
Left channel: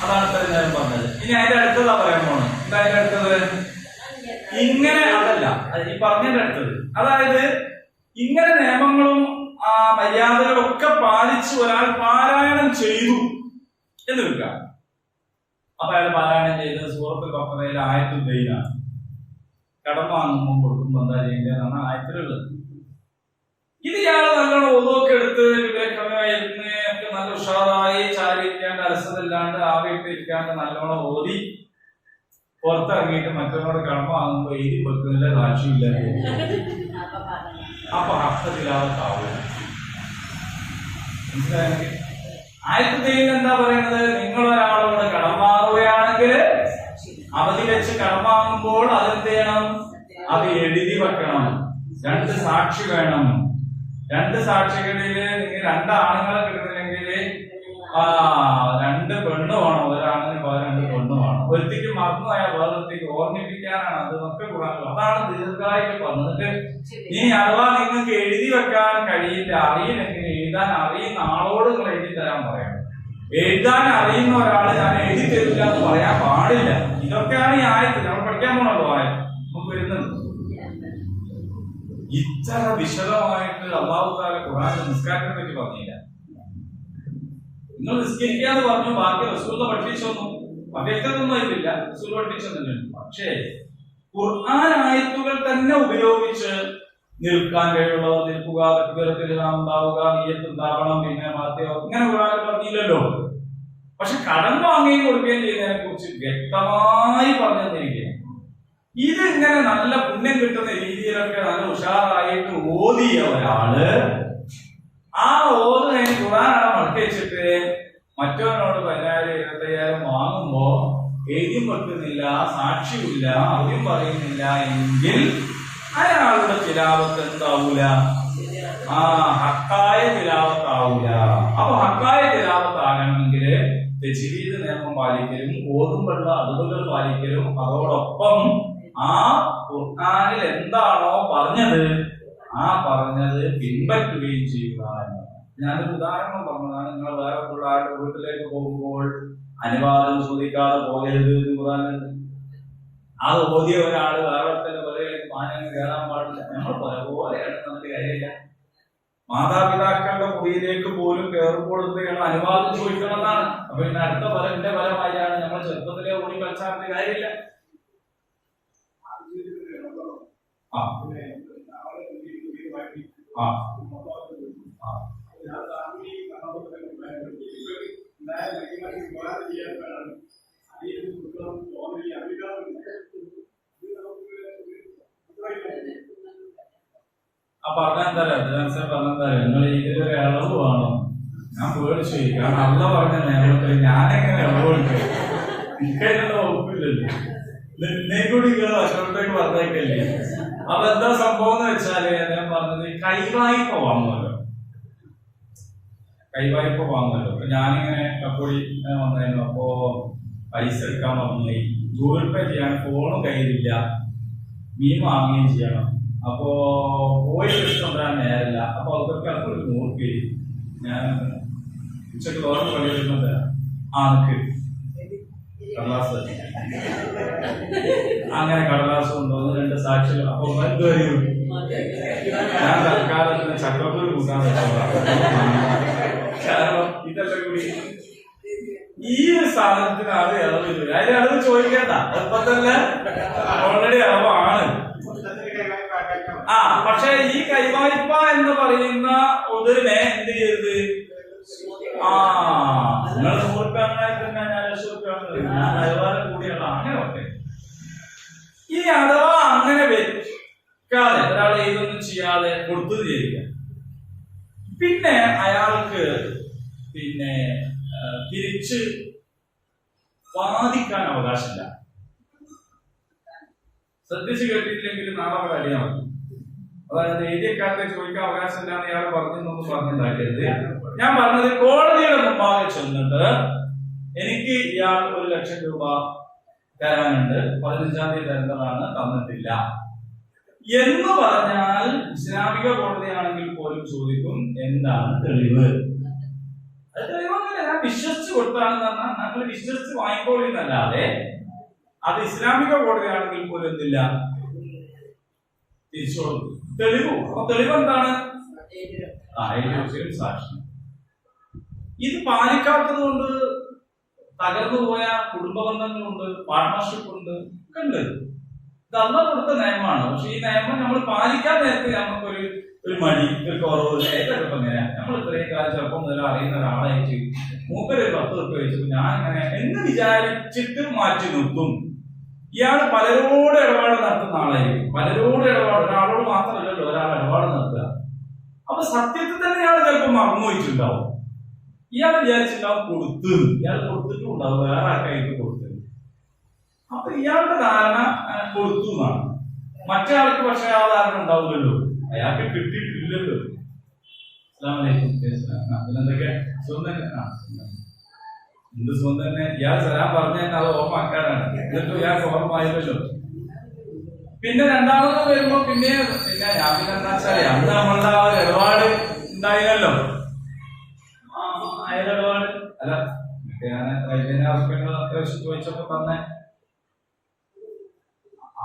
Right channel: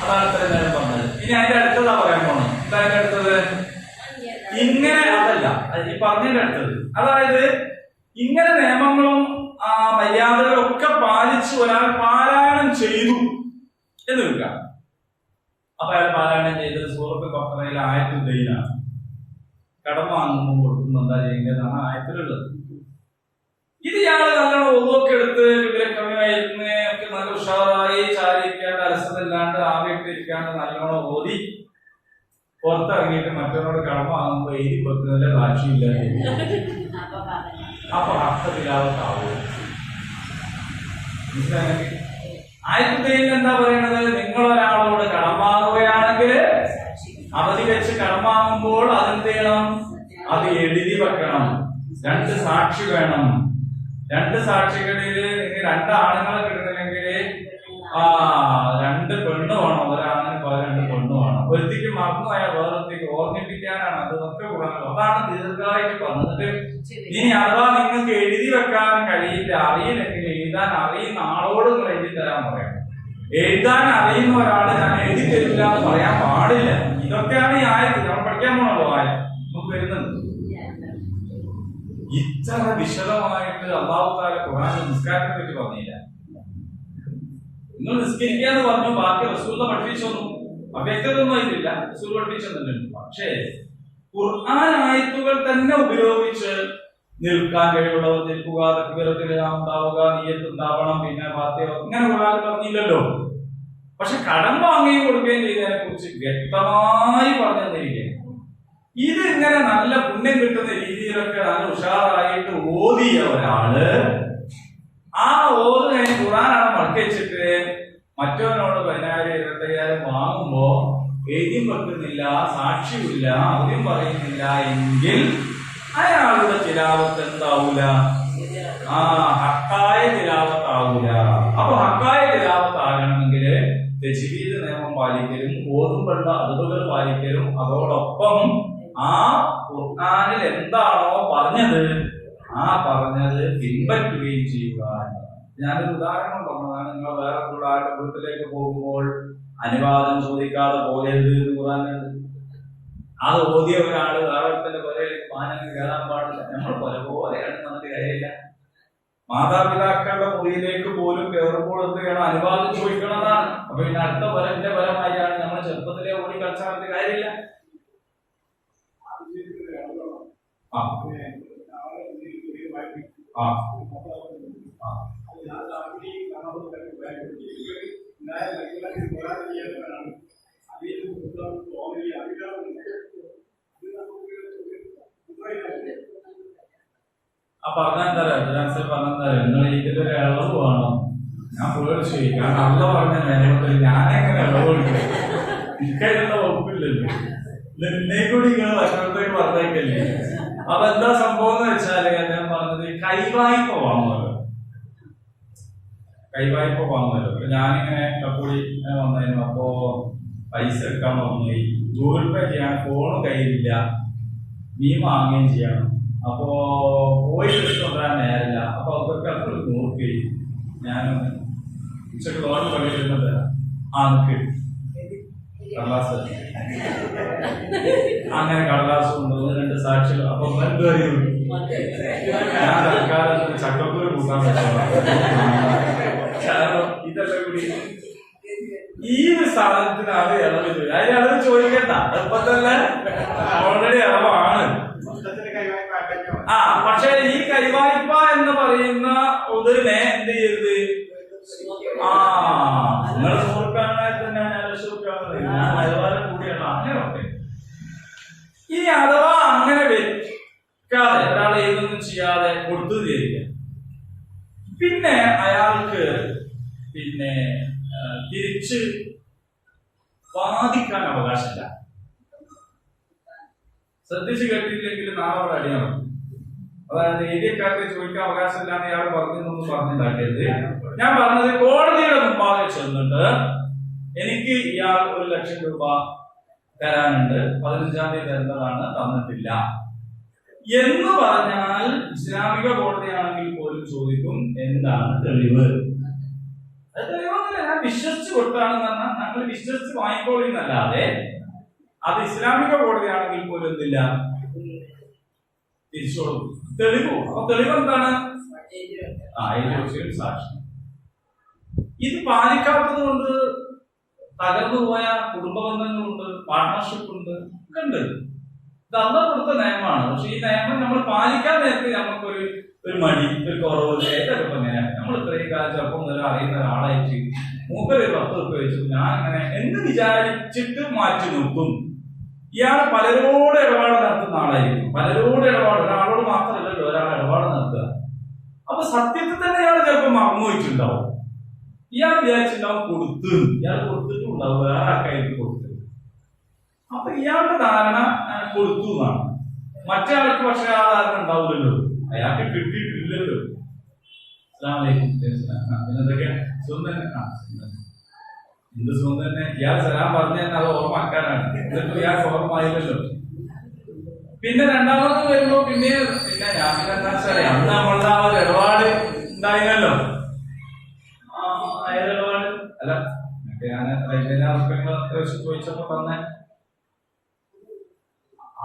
അതാണ് ഇത്രയും നേരം പറഞ്ഞത്. ഇനി അതിന്റെ അടുത്തതാ പറയാൻ പോണത്. എന്താ അതിന്റെ അടുത്തത്? ഇങ്ങനെ അതല്ല, ഈ പറഞ്ഞതിന്റെ അടുത്തത്. അതായത് ഇങ്ങനെ നിയമങ്ങളും മര്യാദകളൊക്കെ പാലിച്ച് ഒരാൾ പാരായണം ചെയ്തു എന്ന് വെക്കാം. അപ്പൊ അയാൾ പാരായണം ചെയ്തത് സൂറത്തുൽ ബഖറയിലെ ആയത്തുൽ ദൈനാണ്. കടം വാങ്ങുമ്പോൾ കൊടുക്കുമ്പോൾ എന്താ ചെയ്യേണ്ടതെന്നാണ് ആയത്തിലുള്ളത്. ഇത് ഇയാള് നല്ലോണം ഒതുവൊക്കെ എടുത്ത് വിവരക്രമമായിരുന്ന് ഒക്കെ നല്ല ഉഷാറായി ചാരിയിരിക്കാണ്ട് അലസതല്ലാണ്ട് ആവിയിട്ട് ഇരിക്കാണ്ട് നല്ലോണം ഓതി പുറത്തിറങ്ങിയിട്ട് മറ്റവരോട് കടം വാങ്ങുമ്പോ എഴുതി കൊടുക്കുന്നതിന്റെ കാഴ്ചയില്ല. അപ്പൊ അർത്ഥത്തിലാവത്താവൂ. മനസ്സിലായെങ്കിൽ ആയത്തിൽ എന്താ പറയണത്? നിങ്ങൾ ഒരാളോട് കടം വാങ്ങുകയാണെങ്കിൽ അവധി വെച്ച് കടം വാങ്ങുമ്പോൾ അതെന്ത് ചെയ്യണം? അത് എഴുതി വെക്കണം. 2 സാക്ഷി വേണം. 2 സാക്ഷികളില് നിങ്ങൾ 2 ആണുങ്ങളെ കിട്ടുന്നില്ലെങ്കിൽ 2 പെണ്ണ് വേണം. ഒരാണിന് 2 പെണ്ണ് വേണം. ഒരുത്തിക്ക് മറന്നുപോയ വേറൊരുത്തിക്ക് ഓർമ്മിപ്പിക്കാനാണ് അത് ഒക്കെ കൂടാനുള്ളത്. അതാണ് ദീർഘമായിട്ട് പറഞ്ഞിട്ട്. ഇനി അഥവാ നിങ്ങൾക്ക് എഴുതി വെക്കാൻ കഴിയില്ല, അറിയില്ലെങ്കിൽ എഴുതാൻ അറിയുന്ന ആളോട് നിങ്ങൾ എഴുതി തരാൻ പറയണം. എഴുതാൻ അറിയുന്ന ഒരാൾ ഞാൻ എഴുതി തരില്ല എന്ന് പറയാൻ പാടില്ല. ഇതൊക്കെയാണ് ഈ ആയത്ത്. നമ്മൾ പഠിക്കാൻ പോണല്ലോ ആയത്ത് നമുക്ക് വരുന്നുണ്ട്. ഇത്ര വിശദമായിട്ട് അല്ലാഹു തആല ഖുർആനിൽ നിസ്കാരത്തെ പറ്റി പറഞ്ഞില്ല. നിങ്ങൾ നിസ്കരിക്കാന്ന് പറഞ്ഞു, ബാക്കി റസൂൽ പഠിപ്പിച്ചൊന്നും അവ്യക്തതൊന്നും ആയിട്ടില്ല. റസൂൽ പഠിപ്പിച്ചൊന്നുമില്ല. പക്ഷേ ഖുർആൻ ആയത്തുകൾ തന്നെ ഉപയോഗിച്ച് നിൽക്കാൻ കഴിവുള്ളവർ നിൽക്കുക, തക്ബീറത്തിൽ ഉണ്ടാവുക, നിയ്യത്ത് ഉണ്ടാവണം, പിന്നെ ഫാത്തിഹ, ഇങ്ങനെ ഖുർആൻ പറഞ്ഞില്ലല്ലോ. പക്ഷെ കടം വാങ്ങുകയും കൊടുക്കുകയും ചെയ്യുന്നതിനെ കുറിച്ച് വ്യക്തമായി പറഞ്ഞു തന്നിരിക്കുകയാണ്. ഇത് ഇങ്ങനെ നല്ല പുണ്യം കിട്ടുന്ന രീതിയിലൊക്കെ നല്ല ഉഷാറായിട്ട് ഓതിയ ഒരാള് ആ ഓത് കഴിഞ്ഞ് ഖുർആനാണ് മടക്കി വെച്ചിട്ട് മറ്റവനോട് 10,000 25,000 വാങ്ങുമ്പോ എഴുതിയും വെക്കുന്നില്ല, സാക്ഷിയില്ല, അവരും പറയുന്നില്ല എങ്കിൽ അയാളുടെ തിലാവത്ത് എന്താവൂല? ഹക്കായ തിലാവത്താവൂല. അപ്പൊ ഹക്കായ തിലാവത്താകണമെങ്കിൽ തജ്വീദ് നിയമം പാലിക്കലും ഓതുമ്പോഴുള്ള അതുകൾ പാലിക്കലും അതോടൊപ്പം ആ ഖുർആനിൽ എന്താണോ പറഞ്ഞത് ആ പറഞ്ഞത് പിൻപറ്റുകയും ചെയ്യുക എന്നതാണ്. ഞാനൊരു ഉദാഹരണം പറഞ്ഞതാണ്. നിങ്ങൾ വേറെ ആരുടെ വീട്ടിലേക്ക് പോകുമ്പോൾ അനുവാദം ചോദിക്കാതെ പോകരുത് എന്ന് ഖുർആനിലുണ്ട്. അത് ഓതിയ ഒരാള് വേറെ പുരയിലേക്ക് മാനങ്ങൾ കയറാൻ പാടില്ല. നമ്മൾ പോലെയാണ് നമുക്ക് കാര്യമില്ല. മാതാപിതാക്കളുടെ മുറിയിലേക്ക് പോലും കയറുമ്പോൾ എന്ത് ചെയ്യണം? അനുവാദം ചോദിക്കണം എന്നാണ്. അപ്പൊ പിന്നെ അടുത്ത എന്റെ ഫലമായാണ് നമ്മൾ ചെറുപ്പത്തിലെ ഓടി കളിച്ചാൽ കാര്യമില്ല. പറഞ്ഞാൽ തരാം. നിങ്ങൾ എനിക്കൊരു ഇളവ് വേണം. ഞാൻ പേടിച്ചു പോയി. കാരണം അള്ള പറഞ്ഞ നിയമത്തിൽ ഞാനെങ്ങനെ ഇളവ് കൊടുക്കും? എനിക്കതിനുള്ള വകുപ്പില്ലല്ലോ. നിന്നെ കൂടി നിങ്ങൾ ഭക്ഷണത്തേക്ക് പറഞ്ഞേക്കല്ലേ. അപ്പൊ എന്താ സംഭവം എന്ന് വെച്ചാല് ഞാൻ പറഞ്ഞത് കൈവായ്പ വാങ്ങുമല്ലോ. കൈവായ്പ വാങ്ങുമല്ലോ. അപ്പൊ ഞാനിങ്ങനെ കപ്പൂടി വന്നായിരുന്നു. അപ്പോ പൈസ എടുക്കാൻ പറഞ്ഞു. ഗൂഗിൾ പേ ചെയ്യാൻ ഫോണും കയ്യിലില്ല, മീൻ വാങ്ങുകയും ചെയ്യണം. അപ്പോ പോയി കൊണ്ടുവരാൻ നേരില്ല. അപ്പൊ അതൊക്കെ ഒരു നോക്കി ഞാൻ ഉച്ചക്ക് തോന്നുന്നു പണി വരുന്നത് നിക്ക് കടലാസ്, അങ്ങനെ കടലാസ് കൊണ്ടുവന്ന് 2 സാക്ഷികൾ. അപ്പൊ ഞാൻ തൽക്കാലം ചക്കപ്പൂര് കൂട്ടാൻ പറ്റുന്നതാണ്. കാരണം ഇതെല്ലാം കൂടി ഈ ഒരു സാധനത്തിനാണ് ഇളവ് വരിക. അതിന് ഇളവ് ചോദിക്കണ്ട, ഇപ്പൊ തന്നെ ഓൾറെഡി ഇളവാണ്. പക്ഷെ ഈ കൈവായ്പ എന്ന് പറയുന്ന ഒതിരിനെ എന്ത് ചെയ്യരുത്? നിങ്ങൾ 100 രൂപയാണെങ്കിൽ തന്നെ ഞാൻ 1,00,000 ഞാൻ വരുമാനം കൂടിയാണ് അങ്ങനെ ഒക്കെ. ഇനി അഥവാ അങ്ങനെ വെക്കാതെ ഒരാളെ ഇതൊന്നും ചെയ്യാതെ കൊടുത്തു തീരുക, പിന്നെ അയാൾക്ക് തിരിച്ച് വാദിക്കാൻ അവകാശമില്ല. ശ്രദ്ധിച്ച് കേട്ടിട്ടില്ലെങ്കിൽ നാളെ അവിടെ അടി നടക്കും. അതായത് ഏരിയക്കാർക്ക് ചോദിക്കാൻ അവകാശമില്ല എന്ന് ഇയാൾ പറഞ്ഞൊന്നും പറഞ്ഞിട്ടുണ്ടാക്കരുത്. ഞാൻ പറഞ്ഞത് കോടതിയുടെ മുമ്പാകെ ചെന്നിട്ട് എനിക്ക് ഇയാൾ 1,00,000 രൂപ തരാനുണ്ട്, 15-ാം തീയതി തരേണ്ടതാണ്, തന്നിട്ടില്ല എന്ന് പറഞ്ഞാൽ ഇസ്ലാമിക കോടതിയാണെങ്കിൽ പോലും ചോദിക്കും എന്താണ് തെളിവ്. അത് തെളിവൊന്നുമില്ല, ഞാൻ വിശ്വസിച്ച് കൊടുത്താണെന്ന് പറഞ്ഞാൽ ഞങ്ങൾ വിശ്വസിച്ച് വാങ്ങിക്കോളിന്നല്ലാതെ അത് ഇസ്ലാമിക കോടതിയാണെങ്കിൽ പോലും എന്തില്ല, തിരിച്ചു കൊടുക്കും. തെളിവ്. അപ്പൊ തെളിവ് എന്താണ്? സാക്ഷി. ഇത് പാലിക്കാത്തത് കൊണ്ട് തകർന്നു പോയ കുടുംബ ബന്ധങ്ങളുണ്ട്, പാർട്ട്ണർഷിപ്പ് ഉണ്ട്, ഒക്കെ ഉണ്ട്. ഇത് അല്ലാഹ് കൊടുത്ത നിയമമാണ്. പക്ഷെ ഈ നിയമം നമ്മൾ പാലിക്കാൻ നേരത്തെ നമുക്കൊരു മടി, ഒരു കുറവ്. ഏതൊക്കെ എങ്ങനെയാണ് നമ്മൾ ഇത്രയും കാലം ചെറുപ്പം മുതൽ അറിയുന്ന ഒരാളായിട്ട് മൂപ്പര് 10 രൂപ വെച്ചു ഞാൻ ഇങ്ങനെ എന്ന് വിചാരിച്ചിട്ട് മാറ്റി നിർത്തും. ഇയാൾ പലരോട് ഇടപാട് നടത്തുന്ന ആളായിരിക്കും. പലരോട് ഇടപാട്, ഒരാളോട് മാത്രമല്ലല്ലോ ഒരാൾ ഇടപാട് നടത്തുക. അപ്പൊ സത്യത്തിൽ തന്നെ ഇയാൾ ചിലപ്പോൾ മറന്നു വെച്ചിട്ടുണ്ടാവും. ഇയാൾ വിചാരിച്ചിട്ടുണ്ടാവും കൊടുത്തു, ഇയാൾ കൊടുത്തിട്ടും ഉണ്ടാവും, വേറെ ആൾക്കായിട്ട് കൊടുത്തു. അപ്പൊ ഇയാളുടെ ധാരണ കൊടുത്തു എന്നാണ്. മറ്റേ ആൾക്ക് പക്ഷെ ആ ധാരണ ഉണ്ടാവില്ലല്ലോ, അയാൾക്ക് കിട്ടിയിട്ടില്ലല്ലോ. പിന്നെന്തൊക്കെ എന്ത് സുഖം തന്നെ. ഇയാൾ സലാം പറഞ്ഞു തന്നെ അത് ഓർമ്മക്കാരാണ്. എന്നിട്ട് ഇയാൾക്ക് ഓർമ്മയില്ലല്ലോ. പിന്നെ രണ്ടാമത് വരുമ്പോ പിന്നെ ഞാൻ പിന്നെ എന്താ വെച്ചാല് അന്ന് നമ്മളുടെ ആ ഒരു ഇടപാട് ഉണ്ടായിരുന്നല്ലോ. ഏതിടപാട് അല്ല, ഞാൻ റെയിൽവേന്റെ ആവശ്യങ്ങൾ അത്യാവശ്യം ചോദിച്ചപ്പോ തന്നെ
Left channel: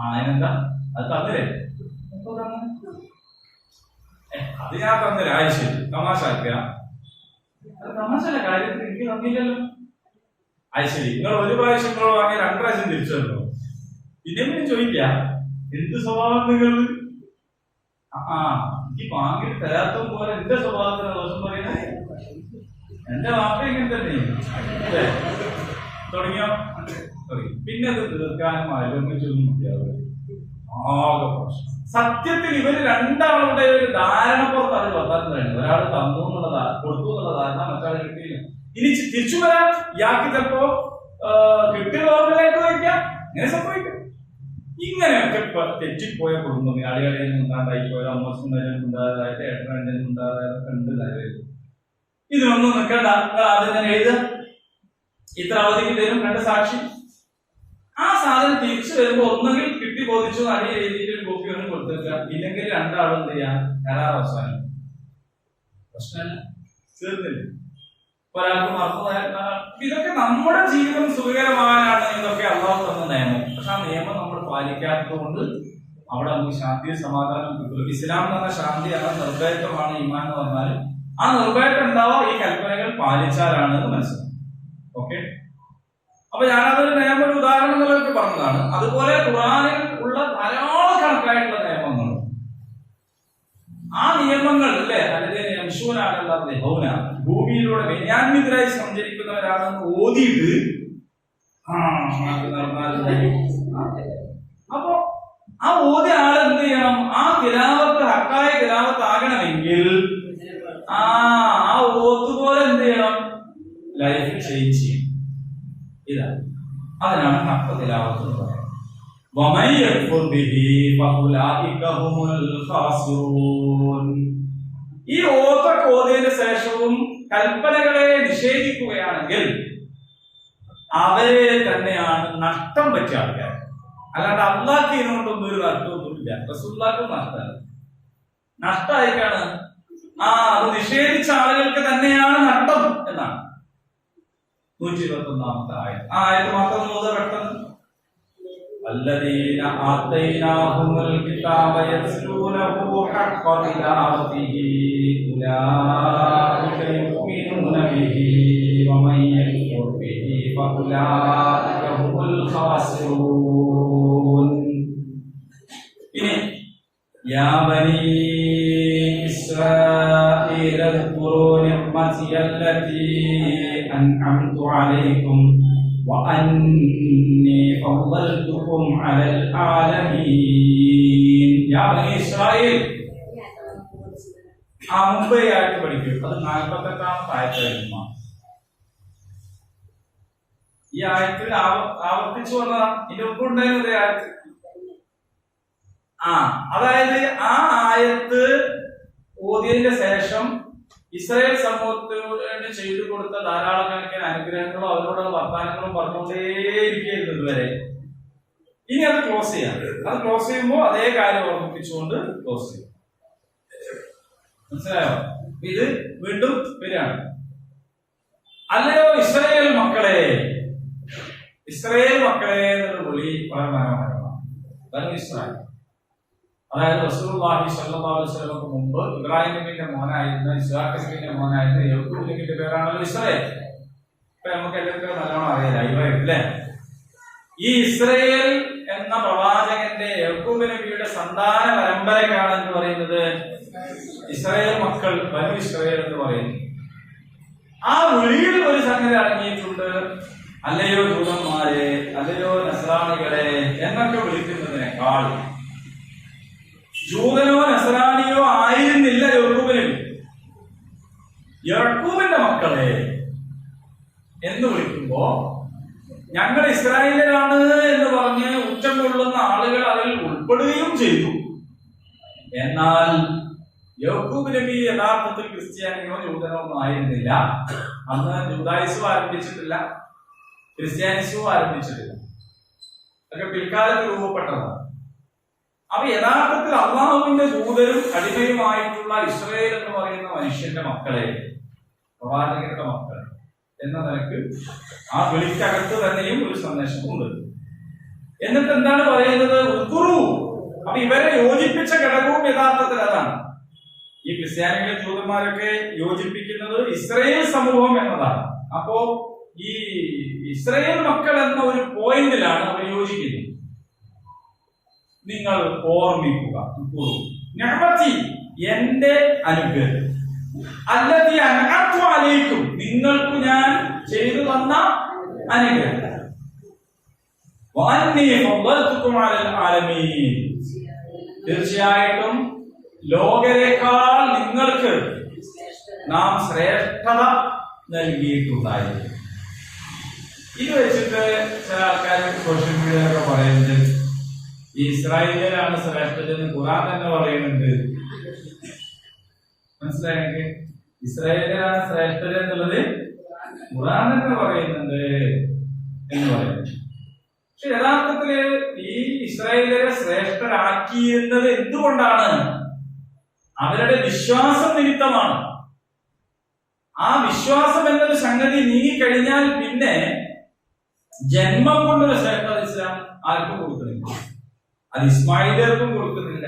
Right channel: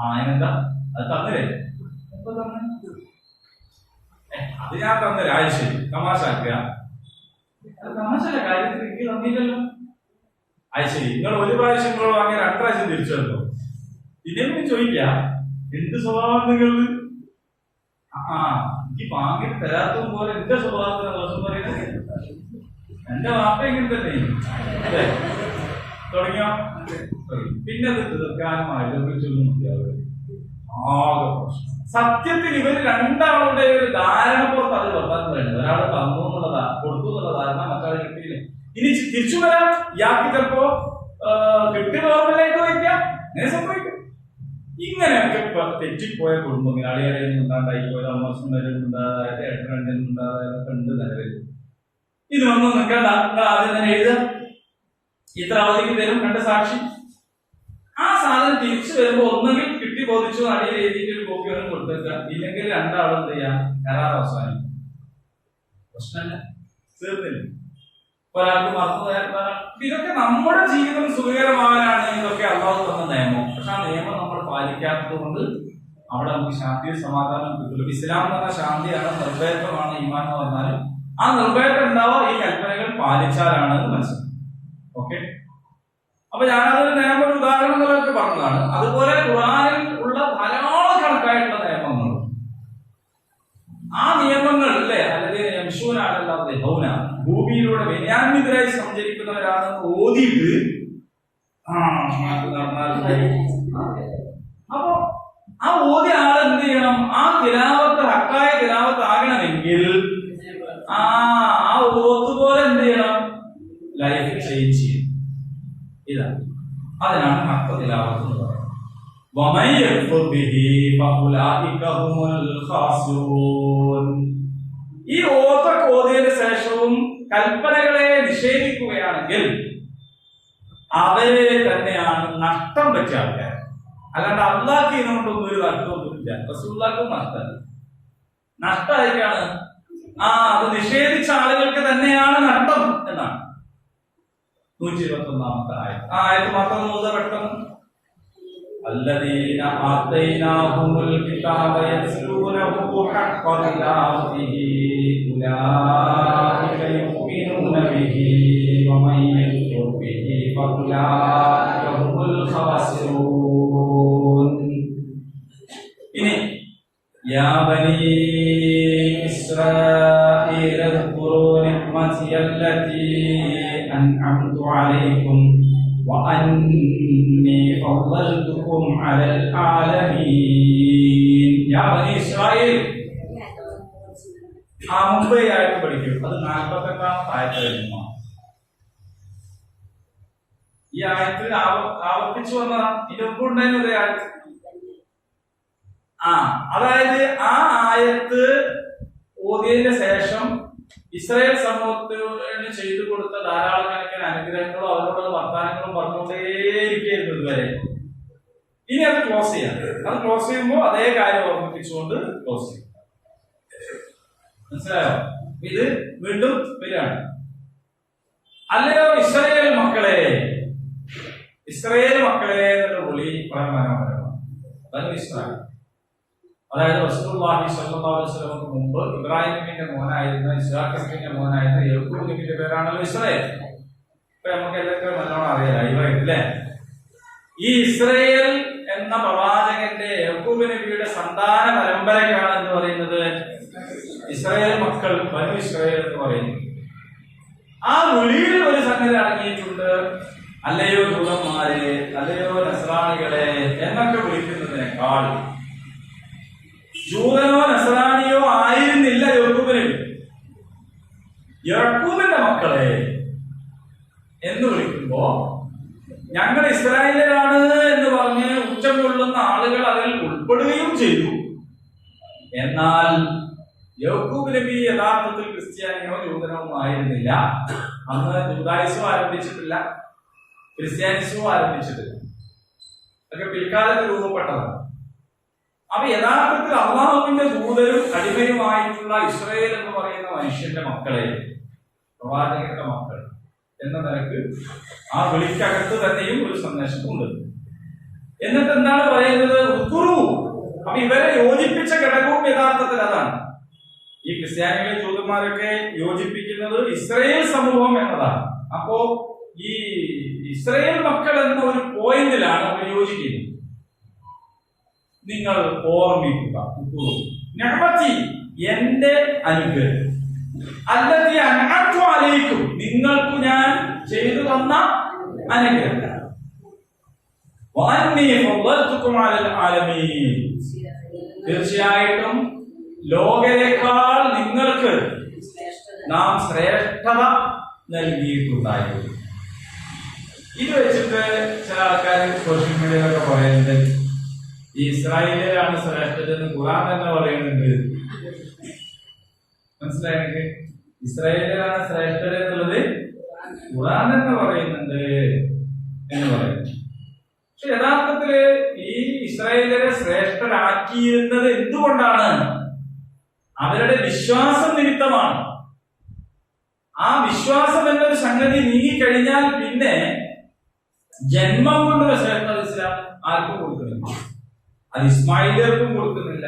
അതിനെന്താ അത് തന്നില്ലേ? അത് ഞാൻ തന്നില്ല. ശരി, തമാശ ആക്കുക. അത് തമാശല്ല, കാര്യത്തിൽ എനിക്ക് തന്നില്ലല്ലോ. ശരി, നിങ്ങൾ 1 പ്രാവശ്യം നിങ്ങൾ വാങ്ങിയ 2 പ്രാവശ്യം തിരിച്ചു തരല്ലോ. പിന്നെ ചോദിക്ക എന്ത് സ്വഭാവം നിങ്ങൾ? എനിക്ക് വാങ്ങിയിട്ട് തരാത്തതും പോലെ എന്റെ സ്വഭാവത്തിന് ദോഷം പറയുന്നത്. എന്റെ വാപ്പ ഇങ്ങനെ തന്നെ അല്ലേ തുടങ്ങിയോ? പിന്നെ അത് തീർക്കാനും ആലോചിച്ചൊന്നും മതിയാവില്ല. ആകെ പ്രശ്നം. സത്യത്തിൽ ഇവര് രണ്ടാളുടെ ഒരു ധാരണ പുറത്ത് അത് വെക്കാൻ പറയുന്നത്. ഒരാൾ തന്നു എന്നുള്ളതാ, കൊടുത്തു എന്നുള്ള ധാരണ, മറ്റാൾ കിട്ടിയില്ല. ഇനി തിരിച്ചു വരാം, ഇയാൾക്ക് ചിലപ്പോ കിട്ടിയ ഓർമ്മയിലായിട്ട് വയ്ക്കാം. ഇങ്ങനെ സംഭവിക്കും. ഇങ്ങനെയൊക്കെ തെറ്റിപ്പോയ കുടുംബങ്ങൾ, അടികളിൽ നിന്നുണ്ടായി പോയത്, അമ്മസുണ്ടായത്, ഏട്ടനുണ്ടായതൊക്കെ ഉണ്ട് നിലവിൽ. ഇതിനൊന്നും നിൽക്കണ്ട, ആദ്യം തന്നെ എഴുതുക. ഇത്ര അവധിക്ക് തരും 2 സാക്ഷി. ആ സാധനം തിരിച്ചു വരുമ്പോ ഒന്നെങ്കിൽ കിട്ടി ബോധിച്ചു അടിയിൽ എഴുതിയിട്ട് ഒരു കോപ്പി ഒന്നും കൊടുത്തേക്കുക. ഇല്ലെങ്കിൽ 2 ആളും എന്ത് ചെയ്യാം, കരാർ അവസാനം. പ്രശ്നമല്ല, തീർന്നില്ല. ഒരാൾക്ക് മറന്നു. ഇതൊക്കെ നമ്മുടെ ജീവിതം സുഖകരമാകാനാണ് ഇതൊക്കെ അള്ളാഹു തന്ന നിയമം. പക്ഷെ ആ നിയമം നമ്മൾ പാലിക്കാത്തത് കൊണ്ട് അവിടെ നമുക്ക് ശാന്തിയും സമാധാനം കിട്ടുള്ളൂ. ഇസ്ലാം എന്ന് പറഞ്ഞ ശാന്തിയാണ്, നിർഭയത്വമാണ് ഈമാൻ എന്ന് പറഞ്ഞാൽ. ആ നിർഭയത്വം ഉണ്ടാവുക ഈ കൽപ്പനകൾ പാലിച്ചാലാണ് എന്ന് മനസ്സിലാക്കും. ഓക്കെ, അപ്പൊ ഞാനതൊരു നിയമം, ഒരു ഉദാഹരണം നിലനിൽക്ക് പറഞ്ഞതാണ്. അതുപോലെ ഖുർആനിൽ ഉള്ള ധാരാളം കണക്കായിട്ടുള്ള നിയമങ്ങൾ, ആ നിയമങ്ങൾ അല്ലേ ഭൂമിയിലൂടെ വിനയാന്വിതരായി സഞ്ചരിക്കുന്നവരാണെന്ന് ഓതിയിട്ട് അപ്പോ ആ ഓതിയ ആൾ എന്ത് ചെയ്യണം? ആ തിലാവത്ത് ഹക്കായ തിലാവത്ത് ആകണമെങ്കിൽ ആ ഓത്ത് പോലെ എന്ത് ചെയ്യണം? ലൈഫ് ചേഞ്ച് ചെയ്യണം. ഇതാണ് അതിനാണ് ഹഖ തിലാവത്ത് എന്ന് പറയുന്നത്. വമൻ യക്ഫുർ ബിഹി ഫഉലൈക ഹുമുൽ ഖാസിറൂൻ. ഈ ഓത്തൊക്കെ ഓതിയതിനു ശേഷവും കൽപ്പനകളെ നിഷേധിക്കുകയാണെങ്കിൽ അവരെ തന്നെയാണ് നഷ്ടം പറ്റിയ ആൾക്കാർ. അല്ലാണ്ട് അള്ളാഹ്ക്ക് ഇതിനോട്ടൊന്നും ഒരു നഷ്ടമൊന്നുമില്ല. റസൂലുള്ളാഹിക്കും നഷ്ടമല്ല. നഷ്ടമായിക്കാണ് അത് നിഷേധിച്ച ആളുകൾക്ക് തന്നെയാണ് നഷ്ടം എന്നാണ് 121 ആയത്ത് മാത്രം പെട്ടെന്ന് الذين آتيناهم الكتاب يتلونه حق تلاوته أولئك يؤمنون به ومن يكفر به فأولئك هم الخاسرون. يا بني إسرائيل اذكروا نعمتي التي أنعمت عليكم وأني فضلتكم على العالمين. يا بني إسرائيل മുമ്പേ ആയിട്ട് പഠിക്കും. അത് 48 ആയത്തായിരുന്നു. ഈ ആയത്തിൽ ആവർത്തിച്ചു വന്നതാണ്. ഇതിന്റെ ഒപ്പം ഉണ്ടായിരുന്നത് ആയത്ത്. അതായത് ആ ആയത്ത് ഓതിയതിന് ശേഷം ഇസ്രായേൽ സമൂഹത്തിന് ചെയ്തു കൊടുത്ത ധാരാളം കണക്കിന് അനുഗ്രഹങ്ങളും അവരോടുള്ള വർത്താനങ്ങളും പറഞ്ഞുകൊണ്ടേയിരിക്കുന്നു ഇതുവരെ. ഇനി അത് ക്ലോസ് ചെയ്യാം. അത് ക്ലോസ് ചെയ്യുമ്പോൾ അതേ കാര്യം ഓർമ്മിപ്പിച്ചുകൊണ്ട് ക്ലോസ് ചെയ്യും. മനസ്സിലായോ? ഇത് വീണ്ടും വരികയാണ്. അല്ലയോ ഇസ്രായേൽ മക്കളെ, ഇസ്രായേൽ മക്കളെ എന്നുള്ള വിളി വളരെ മനോഹരമാണ്. ബനു ഇസ്രായേൽ, അതായത് റസൂലുള്ളാഹി സ്വല്ലല്ലാഹു അലൈഹി വസല്ലമക്ക് മുമ്പ് ഇബ്രാഹിം നബിയുടെ മോനായിരുന്ന ഇസ്ഹാഖ് നബിയുടെ മോനായിരുന്ന യാക്കൂബ് നബിയുടെ പേരാണല്ലോ ഇസ്രായേൽ. ഇപ്പൊ നമുക്ക് എല്ലാവർക്കും നല്ലോണം അറിയാം, ലൈവായിട്ട് അല്ലേ? ഈ ഇസ്രായേൽ എന്ന പ്രവാചകന്റെ യാക്കൂബ് നബിയുടെ സന്താന പരമ്പരക്കാണ് എന്ന് പറയുന്നത് ഇസ്രായേൽ മക്കൾ, ബനു ഇസ്രായേൽ എന്ന് പറയുന്നത്. ആ വിളിയിൽ ഒരു സംഗതി അടങ്ങിയിട്ടുണ്ട്. അല്ലയോ ജൂതന്മാരെ, അല്ലയോ നസ്രാണികളെ എന്നൊക്കെ വിളിക്കുന്നതിനേക്കാൾ ജൂതനോ നസ്രാണിയോ ആയിരുന്നില്ല യാക്കൂബ് നബി. യാക്കൂബിന്റെ മക്കളെ എന്ന് വിളിക്കുമ്പോ ഞങ്ങൾ ഇസ്രായേലരാണ് എന്ന് പറഞ്ഞ് ഉച്ചം കൊള്ളുന്ന ആളുകൾ അതിൽ ഉൾപ്പെടുകയും ചെയ്തു. എന്നാൽ യാക്കൂബ് നബി യഥാർത്ഥത്തിൽ ക്രിസ്ത്യാനിയോ ജൂതനോ ഒന്നും ആയിരുന്നില്ല. അന്ന് ജൂദായിസവും ആരംഭിച്ചിട്ടില്ല, ക്രിസ്ത്യാനിസവും ആരംഭിച്ചിട്ടില്ല. അതൊക്കെ പിൽക്കാലത്ത് രൂപപ്പെട്ടതാണ്. അപ്പൊ യഥാർത്ഥത്തിൽ അള്ളാഹുവിന്റെ ദൂതരും അടിമയുമായിട്ടുള്ള ഇസ്രായേൽ എന്ന് പറയുന്ന മനുഷ്യന്റെ മക്കളെ, പ്രവാചകന്റെ മക്കളെ എന്ന നിലക്ക് ആ വിളിക്കകത്ത് തന്നെയും ഒരു സന്ദേശം ഉണ്ട്. എന്നിട്ട് എന്താണ് പറയുന്നത്? ഉക്കുറു. അപ്പൊ ഇവരെ യോജിപ്പിച്ച ഘടകവും യഥാർത്ഥത്തിൽ അതാണ്. ഈ ക്രിസ്ത്യാനികളെ ജൂതന്മാരൊക്കെ യോജിപ്പിക്കുന്നത് ഇസ്രായേൽ സമൂഹം എന്നതാണ്. അപ്പോ ഈ ഇസ്രായേൽ മക്കൾ എന്ന ഒരു പോയിന്റിലാണ് അവർ യോജിക്കുന്നത്. നിങ്ങൾ ഓർമ്മിക്കുക, നിഅമതി എന്റെ അനുഗ്രഹം, അല്ലതി അൻഅംതു അലൈക്കും നിങ്ങൾക്ക് ഞാൻ ചെയ്തു തന്ന അനുഗ്രഹം, വഅന്നി ഫളൽതുകും അലൽ ആലമീൻ തീർച്ചയായിട്ടും ലോകരെക്കാൾ നിങ്ങൾക്ക് നാം ശ്രേഷ്ഠത നൽകിയിട്ടുണ്ടായിരുന്നു. ഇത് വെച്ചിട്ട് ചില ആൾക്കാർ സോഷ്യൽ മീഡിയയിലൊക്കെ പറയുന്നത് ഈ ഇസ്രായേലിലാണ് ശ്രേഷ്ഠത എന്ന് ഖുർആൻ തന്നെ പറയുന്നുണ്ട്. മനസ്സിലായെങ്കിൽ ഇസ്രായേലിലാണ് ശ്രേഷ്ഠത എന്നുള്ളത് ഖുർആൻ തന്നെ പറയുന്നുണ്ട് എന്ന് പറയുന്നു. പക്ഷെ യഥാർത്ഥത്തില് ഈ ഇസ്രായേലിനെ ശ്രേഷ്ഠരാക്കിയിരുന്നത് എന്തുകൊണ്ടാണ്? അവരുടെ വിശ്വാസം നിമിത്തമാണ്. ആ വിശ്വാസം എന്നൊരു സംഗതി നീങ്ങിക്കഴിഞ്ഞാൽ പിന്നെ ജന്മം കൊണ്ടൊരു ശ്രേഷ്ഠത ഇസ്ലാം ആർക്കും കൊടുക്കുന്നില്ല. അത് ഇസ്മായിലർക്കും കൊടുക്കുന്നില്ല,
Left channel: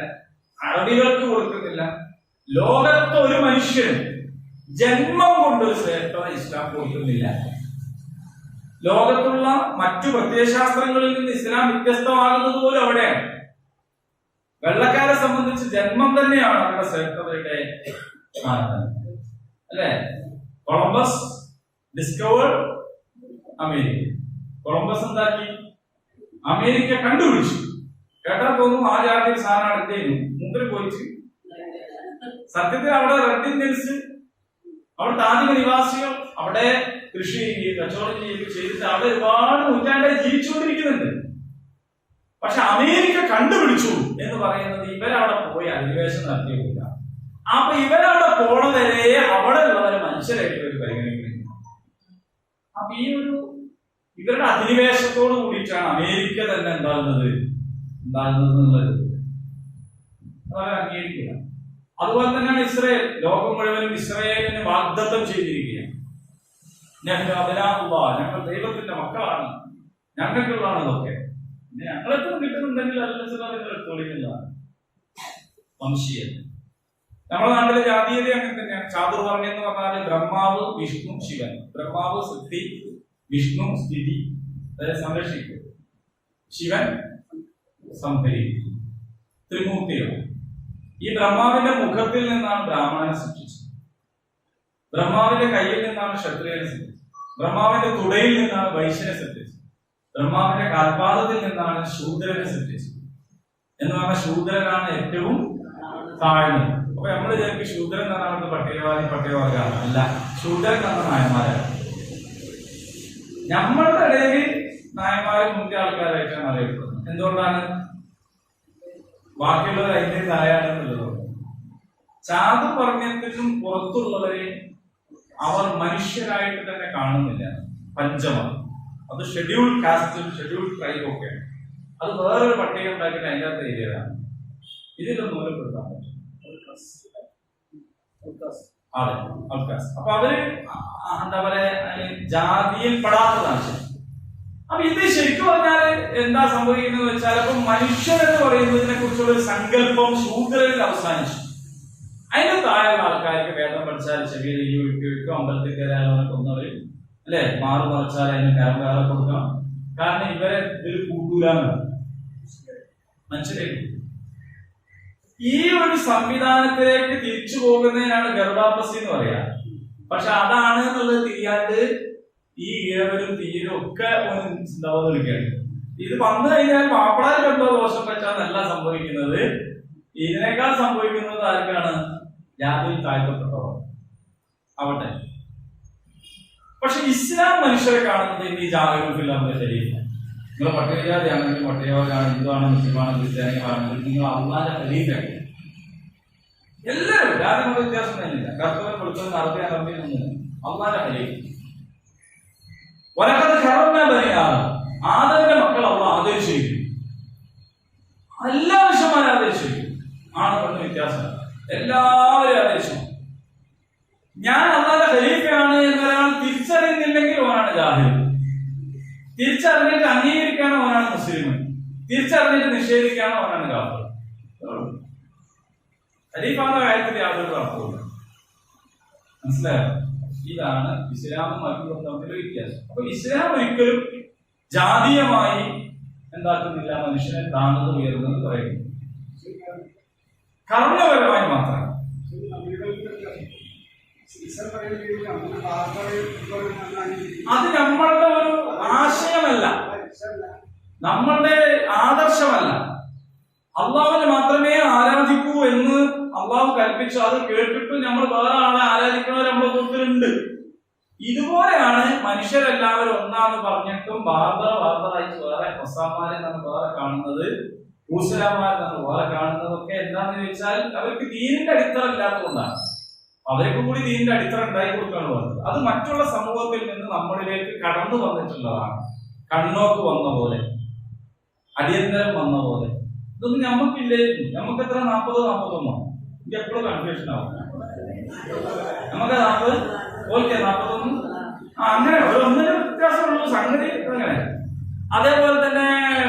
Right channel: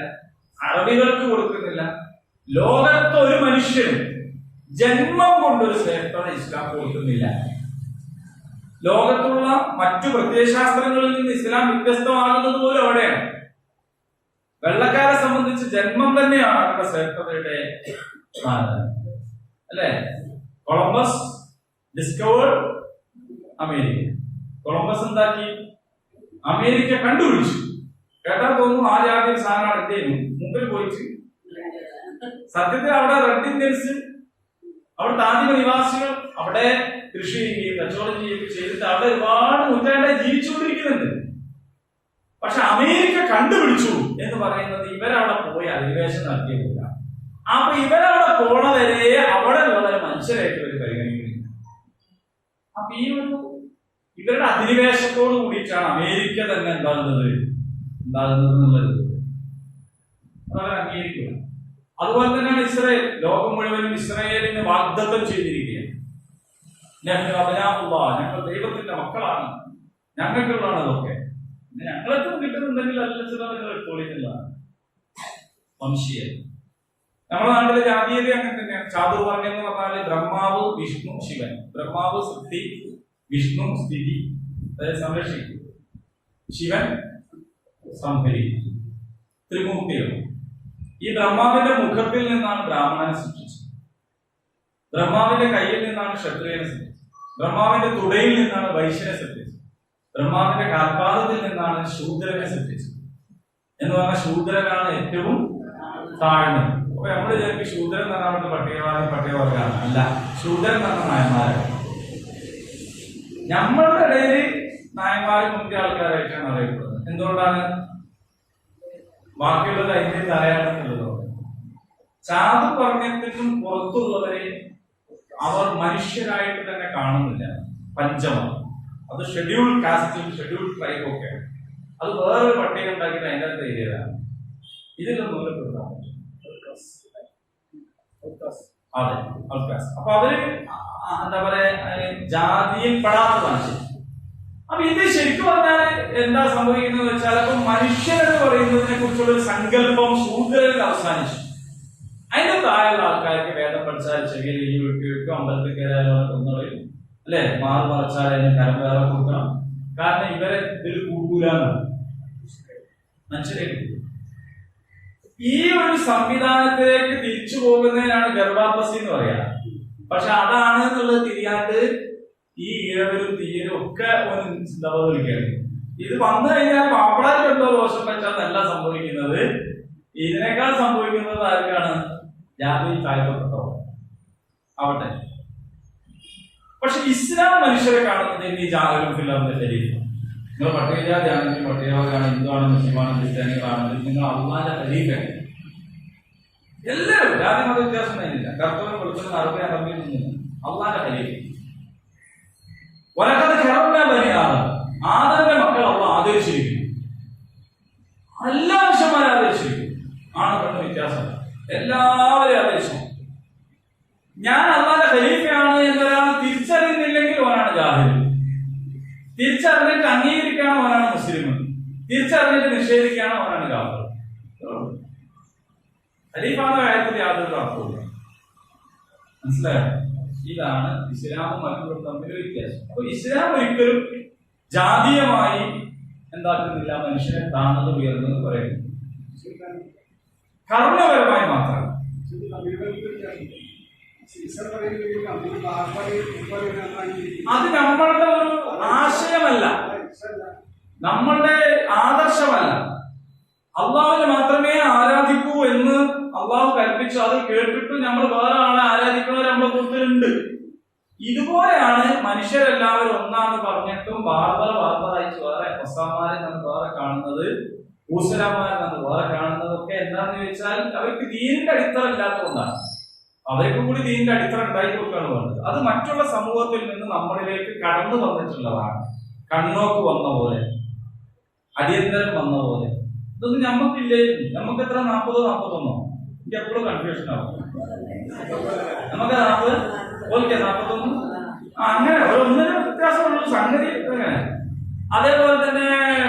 അറബികൾക്ക് കൊടുക്കുന്നില്ല. ലോകത്തെ ഒരു മനുഷ്യനും ജന്മം കൊണ്ടൊരു ശ്രേഷ്ഠത ഇസ്ലാം കൊടുക്കുന്നില്ല. ലോകത്തുള്ള മറ്റു പ്രത്യയശാസ്ത്രങ്ങളിൽ നിന്ന് ഇസ്ലാം വ്യത്യസ്തമാകുന്നത് പോലും അവിടെയാണ്. വെള്ളക്കാരെ സംബന്ധിച്ച് ജന്മം തന്നെയാണ് അവരുടെ ശ്രേഷ്ഠതയുടെ മാനദണ്ഡം, അല്ലെ? Columbus discovered America. കൊളംബസ് എന്താക്കി? അമേരിക്ക കണ്ടുപിടിച്ചു. കേട്ടാ തോന്നും ആ ജാതി ഒരു സാധനമാണ് ഇന്ത്യയിൽ മുമ്പിൽ പോയിട്ട്. സത്യത്തിൽ അവിടെ റെഡ് ഇന്ത്യൻസ്, അവിടുത്തെ ആദിമ നിവാസികൾ, അവിടെ കൃഷി ചെയ്യുകയും കച്ചവടം ചെയ്യുകയും ചെയ്തിട്ട് അവിടെ ഒരുപാട് നൂറ്റാണ്ടായി ജീവിച്ചുകൊണ്ടിരിക്കുന്നുണ്ട്. പക്ഷെ അമേരിക്ക കണ്ടുപിടിച്ചു എന്ന് പറയുന്നത് ഇവരവിടെ പോയി അധിനിവേശം നടത്തിയില്ല. അപ്പൊ ഇവരവിടെ പോണവരെ അവിടെ ഉള്ളവരെ മനുഷ്യരായിട്ട് ഒരു പരിഗണിക്കുന്നില്ല. അപ്പൊ ഈ ഒരു ഇവരുടെ അധിനിവേശത്തോട് കൂടിയിട്ടാണ് അമേരിക്ക തന്നെ ഉണ്ടാകുന്നത് എന്നുള്ളത് അതവർ അംഗീകരിക്കുക. അതുപോലെ തന്നെയാണ് ഇസ്രയേൽ. ലോകം മുഴുവനും ഇസ്രയേലിന് വാഗ്ദത്തം ചെയ്തിരിക്കുകയാണ്. ഞങ്ങൾ ദൈവത്തിന്റെ മക്കളാണ്, ഞങ്ങൾക്കുള്ളതാണ് ഇതൊക്കെ. ഞങ്ങൾക്ക് കിട്ടുന്നുണ്ടെങ്കിൽ അല്ല ചില നിങ്ങൾ എടുത്തോളിക്കുന്നില്ല. വംശീയ നമ്മുടെ നാട്ടിലെ ജാതീയത അങ്ങനെ തന്നെയാണ്. ചാതുർവർണ്ണ്യം എന്ന് പറഞ്ഞാൽ ബ്രഹ്മാവ്, വിഷ്ണു, ശിവൻ. ബ്രഹ്മാവ് സൃഷ്ടി, വിഷ്ണു സ്ഥിതി, അതായത് സംരക്ഷിക്കും, ശിവൻ സംഭരിക്കും. ത്രിമൂർത്തികൾ. ഈ ബ്രഹ്മാവിന്റെ മുഖത്തിൽ നിന്നാണ് ബ്രാഹ്മണനെ സൃഷ്ടിച്ചത്. ബ്രഹ്മാവിന്റെ കയ്യിൽ നിന്നാണ് ക്ഷത്രിയനെ സൃഷ്ടിച്ചത്. ബ്രഹ്മാവിന്റെ തുടയിൽ നിന്നാണ് വൈശ്യനെ സൃഷ്ടിച്ചത്. ബ്രഹ്മാവിന്റെ കാൽപാദത്തിൽ നിന്നാണ് ശൂദ്രനെ സൃഷ്ടിച്ചത്. എന്ന് പറഞ്ഞാൽ ശൂദ്രനാണ് ഏറ്റവും താഴ്ന്നത്. അപ്പൊ നമ്മൾ വിചാരിക്കും ശൂദ്രൻ എന്ന് പറഞ്ഞാൽ അവിടുത്തെ പട്ടികവർഗമാണ്. അല്ല, ശൂദ്രൻ എന്ന് പറഞ്ഞ നായന്മാരാണ്. നമ്മളുടെ ഇടയിൽ നായന്മാരെ മുന്തിയ ആൾക്കാരായിട്ടാണ് അറിയപ്പെടുന്നത്. എന്തുകൊണ്ടാണ്? ബാക്കിയുള്ളത് അതിന്റെ തലയാണെന്നുള്ളതുകൊണ്ട്. ചാതുർവർണ്ണ്യത്തിനും പുറത്തുള്ളവരെ അവർ മനുഷ്യരായിട്ട് തന്നെ കാണുന്നില്ല. പഞ്ചമം, അത് ഷെഡ്യൂൾഡ് കാസ്റ്റും ഷെഡ്യൂൾഡ് ട്രൈബും ഒക്കെയാണ്. അത് വേറൊരു പട്ടിക ഉണ്ടാക്കിയിട്ട് അതിൻ്റെ അകത്ത് ഏരിയതാണ്. ഇതിലൊന്നും മൂലപ്പെടുത്താൻ പറ്റും. അതെ, അൽക്കാസ്. അപ്പൊ അവര് എന്താ പറയാ, ജാതിയിൽ പെടാത്തതാണ് ശരി. അപ്പൊ ഇത് ശരിക്കും പറഞ്ഞാല് എന്താ സംഭവിക്കുന്നത് വെച്ചാൽ, അപ്പൊ മനുഷ്യൻ എന്ന് പറയുന്നതിനെ കുറിച്ചുള്ള ഒരു സങ്കല്പം ശൂദ്രയിൽ അവസാനിച്ചു. അതിന്റെ താഴെയുള്ള ആൾക്കാർക്ക് വേദം പഠിച്ചാൽ ചെറിയ രീതി വിട്ടുവെക്കും, അമ്പലത്തിൽ കയറാനുള്ള കൊന്നവര് അല്ലെ, മാറി മറിച്ചാൽ അതിന് കരം വേറെ കൊടുക്കണം. കാരണം ഇവരെ ഇതിൽ കൂട്ടൂലെന്നാണ് മനസ്സിലാക്കി. ഈ ഒരു സംവിധാനത്തിലേക്ക് തിരിച്ചു പോകുന്നതിനാണ് ഗർഭാപ്പസി എന്ന് പറയാ. പക്ഷെ അതാണ് എന്നുള്ളത് തിരിയാണ്ട് ഈ ഇഴവരും തീയരും ഒക്കെ വിളിക്കുകയാണ്. ഇത് വന്നു കഴിഞ്ഞാൽ മാപ്പിളാർക്കുണ്ടോ ദോഷം പറ്റാന്നല്ല സംഭവിക്കുന്നത്. ഇതിനേക്കാൾ സംഭവിക്കുന്നത് ആർക്കാണ്? ജാതിയിൽ താഴ്ത്തപ്പെട്ടവർ ആവട്ടെ. പക്ഷെ ഇസ്ലാം മനുഷ്യരെ കാണുന്നത് ഇനി ജാതികളും ഫില്ലറിന്റെ ശരീരം. നിങ്ങൾ പട്ടികജാതി ആണെങ്കിലും പട്ടികവർഗമാണ്, ഹിന്ദുവാണ്, മുസ്ലിമാണ്, ക്രിസ്ത്യാനികളാണെങ്കിലും നിങ്ങൾ അള്ളാന്റെ ഖലീഫയാണ്. എല്ലാവരും ജാതി മത വ്യത്യാസം തന്നെയില്ല. കർത്തവ്യം കൊടുത്തവൻ അറബിയൊന്നുമില്ല. അള്ളാന്റെ ഖലീഫ. വലക്കത് കറന്ന ബനിയാണ് ആദരന്റെ മക്കൾ അള്ള ആദരിച്ചിരിക്കും. എല്ലാ മനുഷ്യന്മാരും ആദരിച്ചിരിക്കും. ആണ് പെണ്ണ് വ്യത്യാസം, എല്ലാവരും ആദരിച്ചു. ഞാൻ അള്ളാന്റെ ഖലീഫയാണ് എന്നൊരാൾ തിരിച്ചറിയുന്നില്ലെങ്കിൽ അവനാണ് ജാഹിൽ. തിരിച്ചറിഞ്ഞിട്ട് അംഗീകരിക്കാനോ അവനാണ് മുസ്ലിം. തിരിച്ചറിഞ്ഞിട്ട് നിഷേധിക്കാനോ അവനാണ് കാഫിർ. ഖലീഫാന്ന കാര്യത്തിൽ യാതൊരു അർത്ഥവുമില്ല. മനസ്സിലായോ? ഇതാണ് ഇസ്ലാമും മറ്റും തമ്മിലുള്ള വ്യത്യാസം. അപ്പൊ ഇസ്ലാം ഒരിക്കലും ജാതീയമായി എന്താക്കുന്നില്ല, മനുഷ്യനെ താഴ്ന്നത് ഉയർന്നത് പറയുന്നു. കർമ്മപരമായി മാത്രം. അത് നമ്മളുടെ ഒരു ആശയമല്ല, നമ്മളുടെ ആദർശമല്ല. അള്ളാഹുവിനെ മാത്രമേ ആരാധിക്കൂ എന്ന് അള്ളാഹു കൽപ്പിച്ചു. അത് കേട്ടിട്ട് നമ്മൾ വേറെ ആളെ ആരാധിക്കുന്നവർ നമ്മളെ കൂട്ടത്തിലുണ്ട്. ഇതുപോലെയാണ് മനുഷ്യരെല്ലാവരും ഒന്നാന്ന് പറഞ്ഞിട്ടും ബാർബറായിട്ട് വേറെ ഒസാമാരെ നമ്മൾ വേറെ കാണുന്നത്, ഊസലാമാരെ നമ്മൾ വേറെ കാണുന്നതൊക്കെ എന്താണെന്ന് ചോദിച്ചാൽ അവർക്ക് ദീനിന്റെ അടിത്തറ ഇല്ലാത്തതുകൊണ്ടാണ്. അവർക്ക് കൂടി ദീനിന്റെ അടിത്തറ ഉണ്ടായി കൊടുക്കുകയാണ് വേണ്ടത്. അത് മറ്റുള്ള സമൂഹത്തിൽ നിന്ന് നമ്മളിലേക്ക് കടന്നു വന്നിട്ടുള്ളതാണ്. കണ്ണോക്ക് വന്ന പോലെ, അടിയന്തരം വന്ന പോലെ. ഇതൊന്നും ഞമ്മക്കില്ലായിരുന്നു. നമുക്ക് എത്ര 40-41? എനിക്ക് എപ്പോഴും കൺഫ്യൂഷൻ ആവും. നമുക്ക് 40, ഓക്കെ 41, അങ്ങനെ ഒന്നിനും വ്യത്യാസമുള്ള സംഗതി അങ്ങനെ. അതേപോലെ തന്നെ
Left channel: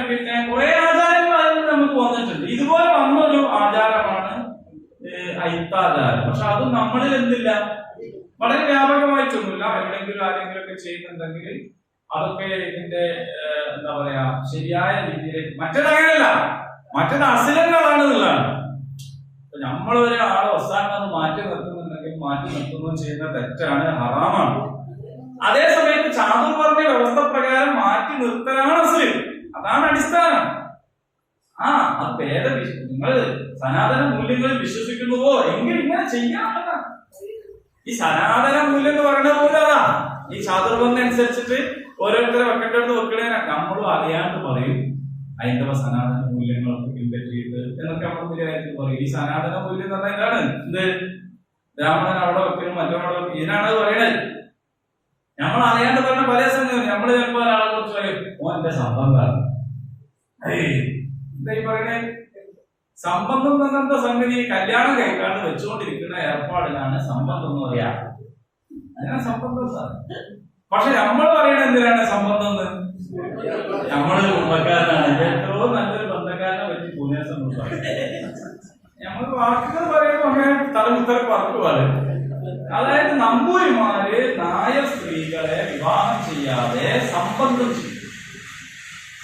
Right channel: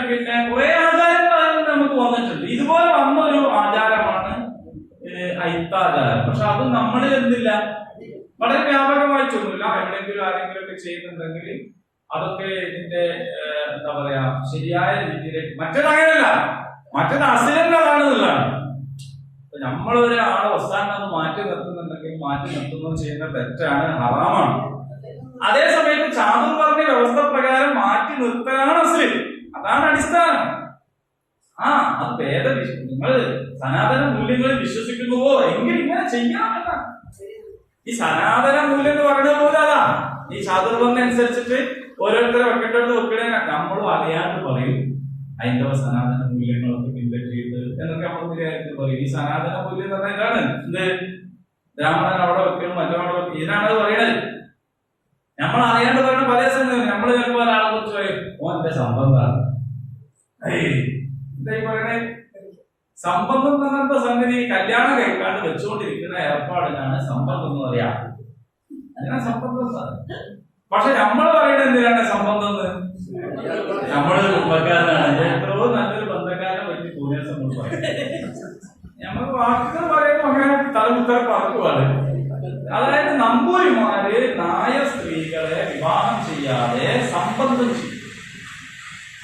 പിന്നെ കുറെ ആചാരങ്ങൾ അതിൽ നമുക്ക് വന്നിട്ടുണ്ട്. ഇതുപോലെ വന്നൊരു ആചാരമാണ് ഐത്താചാരം. പക്ഷെ അത് നമ്മളിൽ എന്തില്ല, വളരെ വ്യാപകമായിട്ടൊന്നുമില്ല. എവിടെയെങ്കിലും ആരെങ്കിലും ഒക്കെ ചെയ്യുന്നുണ്ടെങ്കിൽ അതൊക്കെ ഇതിന്റെ എന്താ പറയാ ശരിയായ രീതിയിലേക്ക്. മറ്റേതങ്ങനല്ല, മറ്റേത് അസിലങ്ങളാണെന്നുള്ളതാണ്. നമ്മളൊരു ആളെ അവസാനം മാറ്റി നിർത്തുന്നുണ്ടെങ്കിൽ മാറ്റി നിർത്തുന്നത് ചെയ്യുന്ന തെറ്റാണ്, ഹറാമാണ്. അതേ സമയത്ത് ചാതുർവർണ്ണ വ്യവസ്ഥ പ്രകാരം മാറ്റി നിർത്തലാണ് അസിൽ. അതാണ് അടിസ്ഥാനം. അത് നിങ്ങൾ സനാതന മൂല്യങ്ങളിൽ വിശ്വസിക്കുന്നുവോ എങ്കിൽ ഇങ്ങനെ ചെയ്യാമെന്നാണ്. ഈ സനാതന മൂല്യം എന്ന് പറഞ്ഞ പോലെ അതാ ഈ ചാതുർവർണ്ണ അനുസരിച്ചിട്ട് ഓരോരുത്തരെ വെക്കേണ്ടടുത്ത് വെക്കണേ നമ്മളും അറിയാണ്ട് പറയും ഹൈന്ദവ സനാതന മൂല്യങ്ങളൊക്കെ പിൻപറ്റിയിട്ട് എന്നൊക്കെ നമ്മൾ നിലയായിട്ട് പറയും. ഈ സനാതന മൂല്യം എന്ന് പറഞ്ഞാൽ ഇതാണ്, എന്ത് ബ്രാഹ്മണൻ അവിടെ വെക്കണം മറ്റവിടെ വെക്കണം, ഇതിനാണ് അത് പറയണത്. നമ്മൾ അറിയാണ്ട് പറയുന്ന പല സംഗതി നമ്മൾ ചിലപ്പോൾ ഒരാളെ കുറിച്ച് പറയും ഓന്റെ സംബന്ധമാണ്. എന്താ ഈ പറയണേ? സംബന്ധം എന്ന സംഗതി കല്യാണം കഴിക്കാണ്ട് വെച്ചുകൊണ്ടിരിക്കുന്ന ഏർപ്പാടിനാണ് സംബന്ധം എന്ന് പറയാ. അതിനാ സംബന്ധം സാർ. പക്ഷെ നമ്മൾ പറയുന്നത് എന്തിനാണ് സംബന്ധം എന്ന്? നമ്മള് കുടുംബക്കാരനാണ്, എത്രയോ നല്ലൊരു ബന്ധക്കാരനെ പറ്റി പൂർണ്ണസം പറയും. നമ്മൾ വാക്കുകൾ പറയുമ്പോൾ അങ്ങനെ തലമുത്തര പറക്കുവാണ്. അതായത് നമ്പൂരിമാര് നായർ സ്ത്രീകളെ വിവാഹം ചെയ്യാതെ സംബന്ധം ചെയ്യും.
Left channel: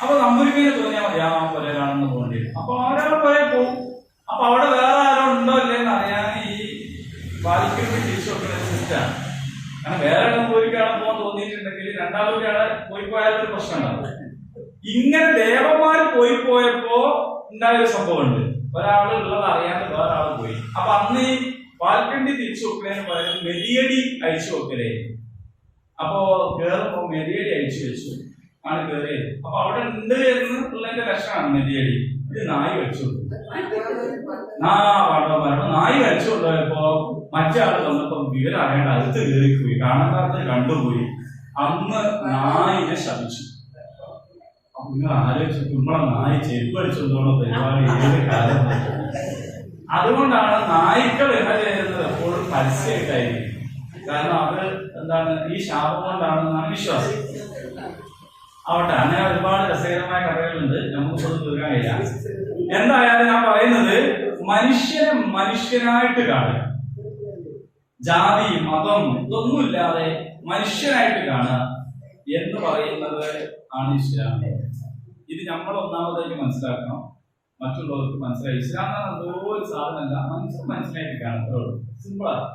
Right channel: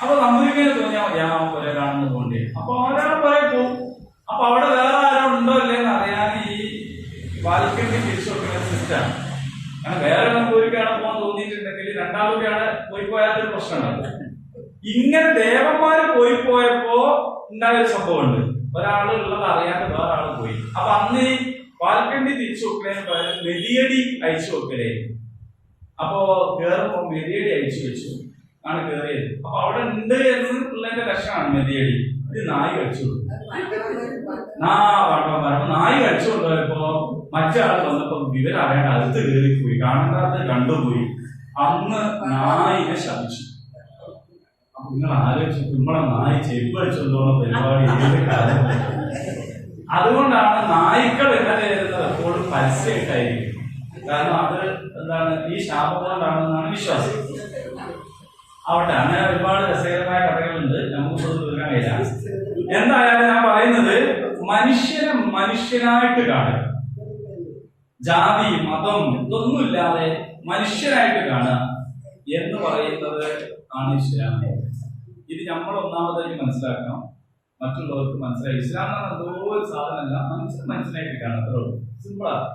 അപ്പൊ നമ്പൂരിക്കന് തോന്നിയാൽ മതി ആ പോലെ കാണുന്ന പോകേണ്ടി. അപ്പൊ ഒരാൾ പറയാൻ പോകും. അപ്പൊ അവിടെ വേറെ ആരോ ഉണ്ടോ ഇല്ലെന്ന് അറിയാൻ ഈ വാൽക്കണ്ടി തിരിച്ചു വെക്കുന്ന സിസ്റ്റമാണ്. കാരണം വേറെ നമ്പൂരിക്കാണ് പോകാൻ തോന്നിയിട്ടുണ്ടെങ്കിൽ രണ്ടാമൂരിയാണ് പോയാലൊരു പ്രശ്നം ഉണ്ടാവും. ഇങ്ങനെ ദേവന്മാര് പോയപ്പോ ഉണ്ടായ ഒരു സംഭവമുണ്ട്. ഒരാള് ഉള്ളത് അറിയാണ്ട് വേറെ ആള് പോയി. അപ്പൊ അന്ന് ഈ വാൽക്കണ്ടി തിരിച്ചു വെക്കുന്നതിന് പകരം മെതിയടി അയച്ചു വെക്കലേ. അപ്പോ കേറുമ്പോ മെതിയടി അയച്ചു വെച്ചു ആണ് കേറിയത്. അപ്പൊ അവിടെ ഉണ്ട് എന്നുള്ളതിന്റെ ലക്ഷണമാണ് മെതിയടി. ഇത് നായി കഴിച്ചു പാട്ടന്മാരപ്പോ നായി കഴിച്ചു കൊണ്ടുപോയപ്പോ മറ്റാൾ വന്നപ്പോ വിവരം അറിയാണ്ട് അടുത്ത് കയറിപ്പോയി, കാണാത്ത കണ്ടുപോയി. അന്ന് നായിനെ ശപിച്ചു. അപ്പൊ നിങ്ങൾ ആലോചിച്ചു, നമ്മളെ നായി ചെരുപ്പ് അടിച്ചോണ്ടോളം പരിപാടി ഏത് കാലം. അതുകൊണ്ടാണ് നായ്ക്കൾ ഇണ ചേരുന്നത് എപ്പോഴും പരസ്യമായിട്ടായിരിക്കും. കാരണം അത് എന്താണ്, ഈ ശാപം കൊണ്ടാണെന്നാണ് വിശ്വാസം. ആവട്ടെ, അങ്ങനെ ഒരുപാട് രസകരമായ കഥകളുണ്ട്, നമുക്ക് തീർക്കാൻ കഴിയില്ല. എന്തായാലും ഞാൻ പറയുന്നത് മനുഷ്യനെ മനുഷ്യനായിട്ട് കാണുക, ജാതി മതം ഇതൊന്നുമില്ലാതെ മനുഷ്യനായിട്ട് കാണുക എന്ന് പറയുന്നത് ആണ് ഇസ്ലാം. ഇത് നമ്മൾ ഒന്നാമതായിട്ട് മനസ്സിലാക്കണം, മറ്റുള്ളവർക്ക് മനസ്സിലായി. ഇസ്ലാം എന്ന് പറഞ്ഞാൽ എന്തോ ഒരു സാധനമല്ല, മനുഷ്യനായിട്ട് കാണുക, അത്രേ ഉള്ളൂ, സിമ്പിളാണ്.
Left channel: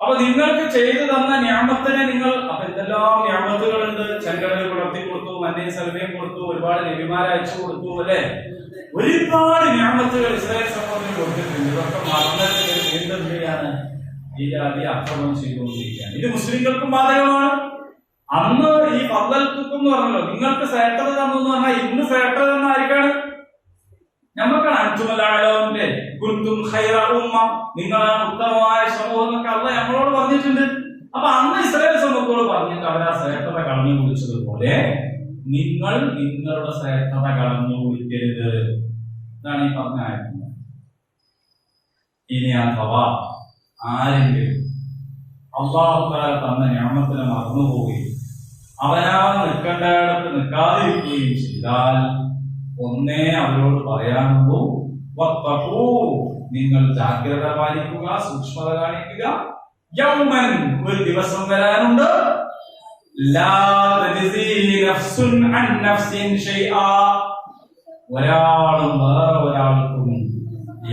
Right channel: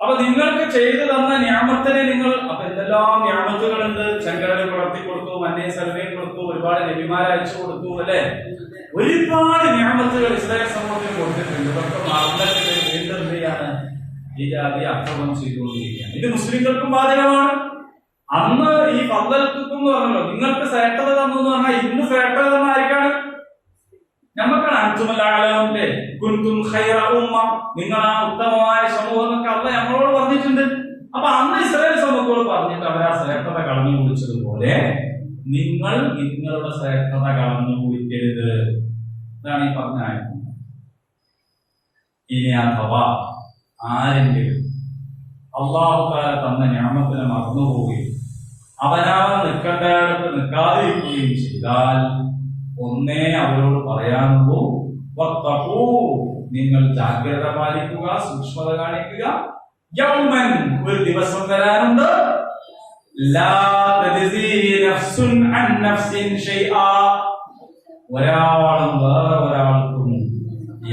അപ്പൊ നിങ്ങൾക്ക് ചെയ്തു തന്ന ന്യാമത്തിനെ നിങ്ങൾ, അപ്പൊ എന്തെല്ലാം ന്യാമത്തുകളുണ്ട്. ചെങ്കടല് പുലർത്തി കൊടുത്തു, മന്നയും സൽവയും കൊടുത്തു, ഒരുപാട് നബിമാരെ അയച്ചു കൊടുത്തു, അല്ലെ? ഒരുപാട് ന്യാമത്തുകൾ ഇസ്രായേൽ സമൂഹത്തിന് കൊടുത്തിട്ടുണ്ട്. ഇതൊക്കെ മറന്നിട്ട് വീണ്ടും എന്ത് ചെയ്യാണ്? ഈ ജാതി അക്രമം ചെയ്തുകൊണ്ടിരിക്കുകയാണ്. ഇത് മുസ്ലിങ്ങൾക്കും ബാധകമാണ്. അന്ന് ഈ ഫദ്ദൽതുക്കും എന്ന് പറഞ്ഞല്ലോ, നിങ്ങൾക്ക് ശ്രേഷ്ഠത തന്നു എന്ന് പറഞ്ഞാൽ ഇന്ന് ശ്രേഷ്ഠത തന്ന ആർക്കാണ്? നമുക്കാണ്. അൻതുമല്ലാലേ കുൻതും ഖൈറ ഉമ്മ, നിങ്ങളാണ് ഉത്തമമായ സമൂഹം എന്നൊക്കെ അള്ളാഹ് നമ്മളോട് പറഞ്ഞിട്ടുണ്ട്. അപ്പൊ അന്ന് ഇസ്രായേൽ സമൂഹത്തോട് പറഞ്ഞിട്ട് അവരാ ശ്രേഷ്ഠത കളഞ്ഞു കുടിച്ചതുപോലെ നിങ്ങൾ നിങ്ങളുടെ ശ്രേഷ്ഠത കളഞ്ഞു കുടിക്കരുത്. ഇതാണ് ഈ പറഞ്ഞ ആയത്. ഇനി അഥവാ ആരെങ്കിലും അള്ളാഹു തആല തന്ന നിഅമത്തിനെ മറന്നുപോവുകയും അവനവൻ നിൽക്കേണ്ടയിടത്ത് നിൽക്കാതിരിക്കുകയും ചെയ്താൽ ഒന്നേ അവരോട് പറയാനുള്ളൂ, വത്തഖൂ, നിങ്ങൾ ജാഗ്രത പാലിക്കുക, സൂക്ഷ്മത കാണിക്കുക. യൗമൻ, ഒരു ദിവസം വരാനുണ്ട്, ലാ തജ്സീ നഫ്സുൻ അൻ നഫ്സിൻ ഷൈആ, ഒരാളും വേറെ ഒരാൾക്കും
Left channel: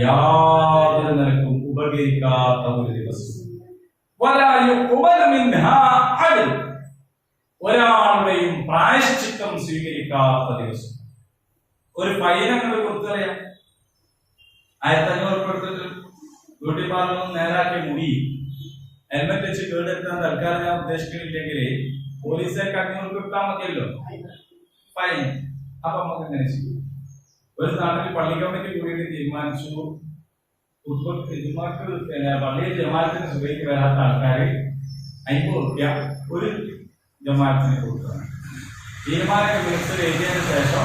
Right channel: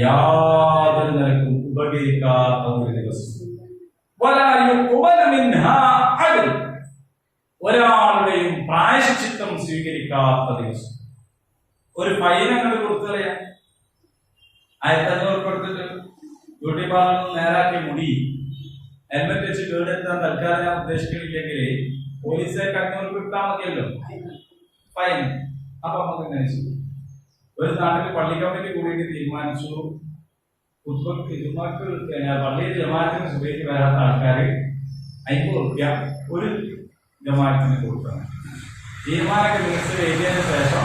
യാതൊരു നിലക്കും ഉപകരിക്കാത്ത ഒരു ദിവസം. വലാ യുഖ്ബല മിൻഹാ അദ്ൽ, ഒരാളുടെയും പ്രായശ്ചിത്തം സ്വീകരിക്കാത്ത ദിവസം. ഒരു ഫൈൻ അങ്ങോട്ട് കൊടുത്തു കളയാം. 1500 കൊടുത്തിട്ട് ബ്യൂട്ടി പാർലറിൽ നേരാക്കിയ മുടി ഹെൽമെറ്റ് വെച്ച് കേടെടുത്താൻ തൽക്കാലം ഞാൻ ഉദ്ദേശിക്കുന്നില്ലെങ്കിൽ പോലീസുകാർക്ക് 500 കിട്ടാൻ മതിയല്ലോ ഫൈൻ. അപ്പൊ നമുക്ക് ഇങ്ങനെ ചെയ്യും. ഒരു നാട്ടിൽ പള്ളി കമ്മിറ്റി കൂടിയിട്ട് തീരുമാനിച്ചു, പള്ളിയിൽ ജമാഅത്തിന് സുബഹിക്ക് വരാത്ത ആൾക്കാർ 50 റുപ്യ ഒരു ജമാഅത്തിന് കൊടുക്കണം. തീരുമാനമൊക്കെ മിനിസ്റ്റർ എഴുതിയതിനു ശേഷം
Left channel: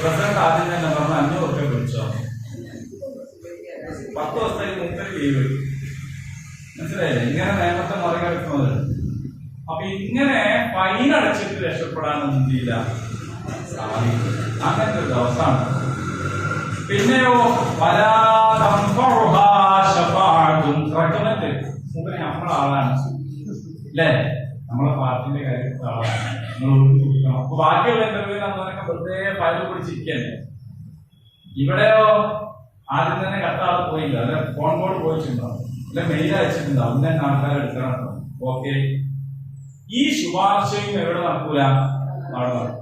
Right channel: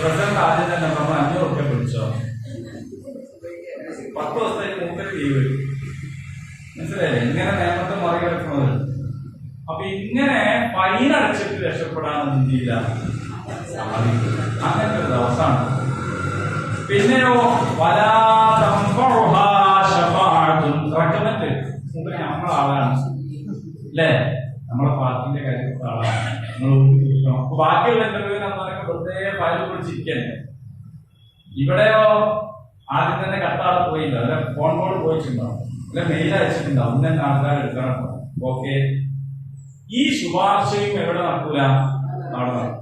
പ്രസിഡന്റ് ആദ്യം തന്നെ പറഞ്ഞു 500 റുപ്യ പിടിച്ചോ, 10 ദിവസത്തേക്ക് മൂപ്പര് ലീവ്. മനസ്സിലായില്ലേ? ഇങ്ങനെ നിയമത്തെ മറികടക്കുന്നത്. അപ്പൊ ഇങ്ങനെ ഫൈൻ അടച്ചിട്ട് രക്ഷപ്പെടാൻ ഇന്ത്യയില്ല സാധിക്കും. അങ്ങനത്തെ ഒരു ദിവസമാണ്. പിന്നെയോ റെക്കമെന്റ്, മൂപ്പര് നമ്മളെ ആളാണ്, അല്ലേ? നമ്മളെ പാർട്ടിന്റെ കാര്യപ്പെട്ട ആളാണ്, നിങ്ങൾ കൊടുക്കണം. അപ്പൊ ബാക്കിയുള്ള ഇന്റർവ്യൂവിൽ അന്നൊക്കെ വെറുതെ ഫയൽ പിടിച്ചിരിക്കല്ലേ. ഇവിടെയോ ആദ്യം തന്നെ കത്താളെ പോയില്ല, അല്ലെ ഫോൺ കോൾ പോയിട്ടുണ്ടോ, അല്ലെ മെയിൽ അയച്ചിട്ടുണ്ടാവും, ഇന്നെ ആൾക്കാർ എടുക്കണം. ഓക്കെ, ഈ ശുപാർശയും എവിടെ നടക്കൂല? അവിടെ നടക്കും.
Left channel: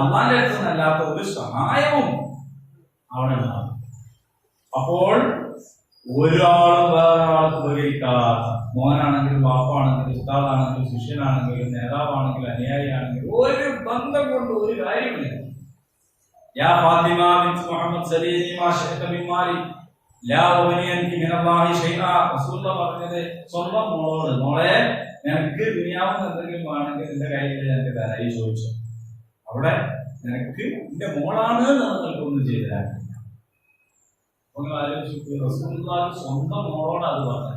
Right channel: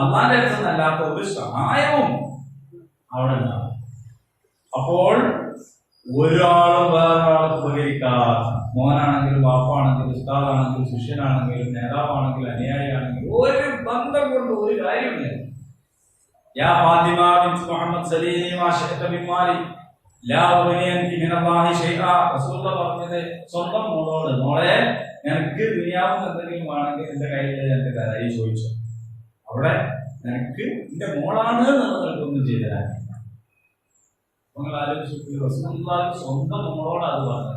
അള്ളാന്റെ അടുത്ത് നിന്നല്ലാത്ത ഒരു സഹായവും അവിടെ ഉണ്ടാവും. അപ്പോൾ ഒരാളും വേറൊരാൾക്ക് ഉപകരിക്കാത്ത, മോനാണെങ്കിലും വാപ്പാണെങ്കിലും ഉസ്താദാണെങ്കിലും ശിഷ്യനാണെങ്കിലും നേതാവാണെങ്കിലും അനുയായിയാണെങ്കിലും ഒരു ബന്ധം കൊണ്ട് ഒരു കാര്യമില്ല. യാ ഫാത്തിമ ബിൻത് മുഹമ്മദ് സലീമി മാ ശിഅത മിൻ മാലി ലാ ഉഗ്നി അൻകി മിനല്ലാഹി ശൈഅ. റസൂലുള്ളാഹി പറഞ്ഞത് സ്വന്തം മോളോട്, മോളെ നിനക്ക് ദുനിയാവിൽ എന്തെങ്കിലും വേണമെങ്കിൽ എന്റെ കയ്യിൽ നിനക്ക് തരായി ചോദിച്ചു. അവിടെ നിനക്ക് എന്റെ മോളാണ് നിങ്ങൾക്കൊന്നും ചെയ്തു തരാൻ. നിങ്ങൾ ആലോചിച്ചു, റസൂലുള്ളാഹി സ്വന്തം മോളോട് അത് പറഞ്ഞു.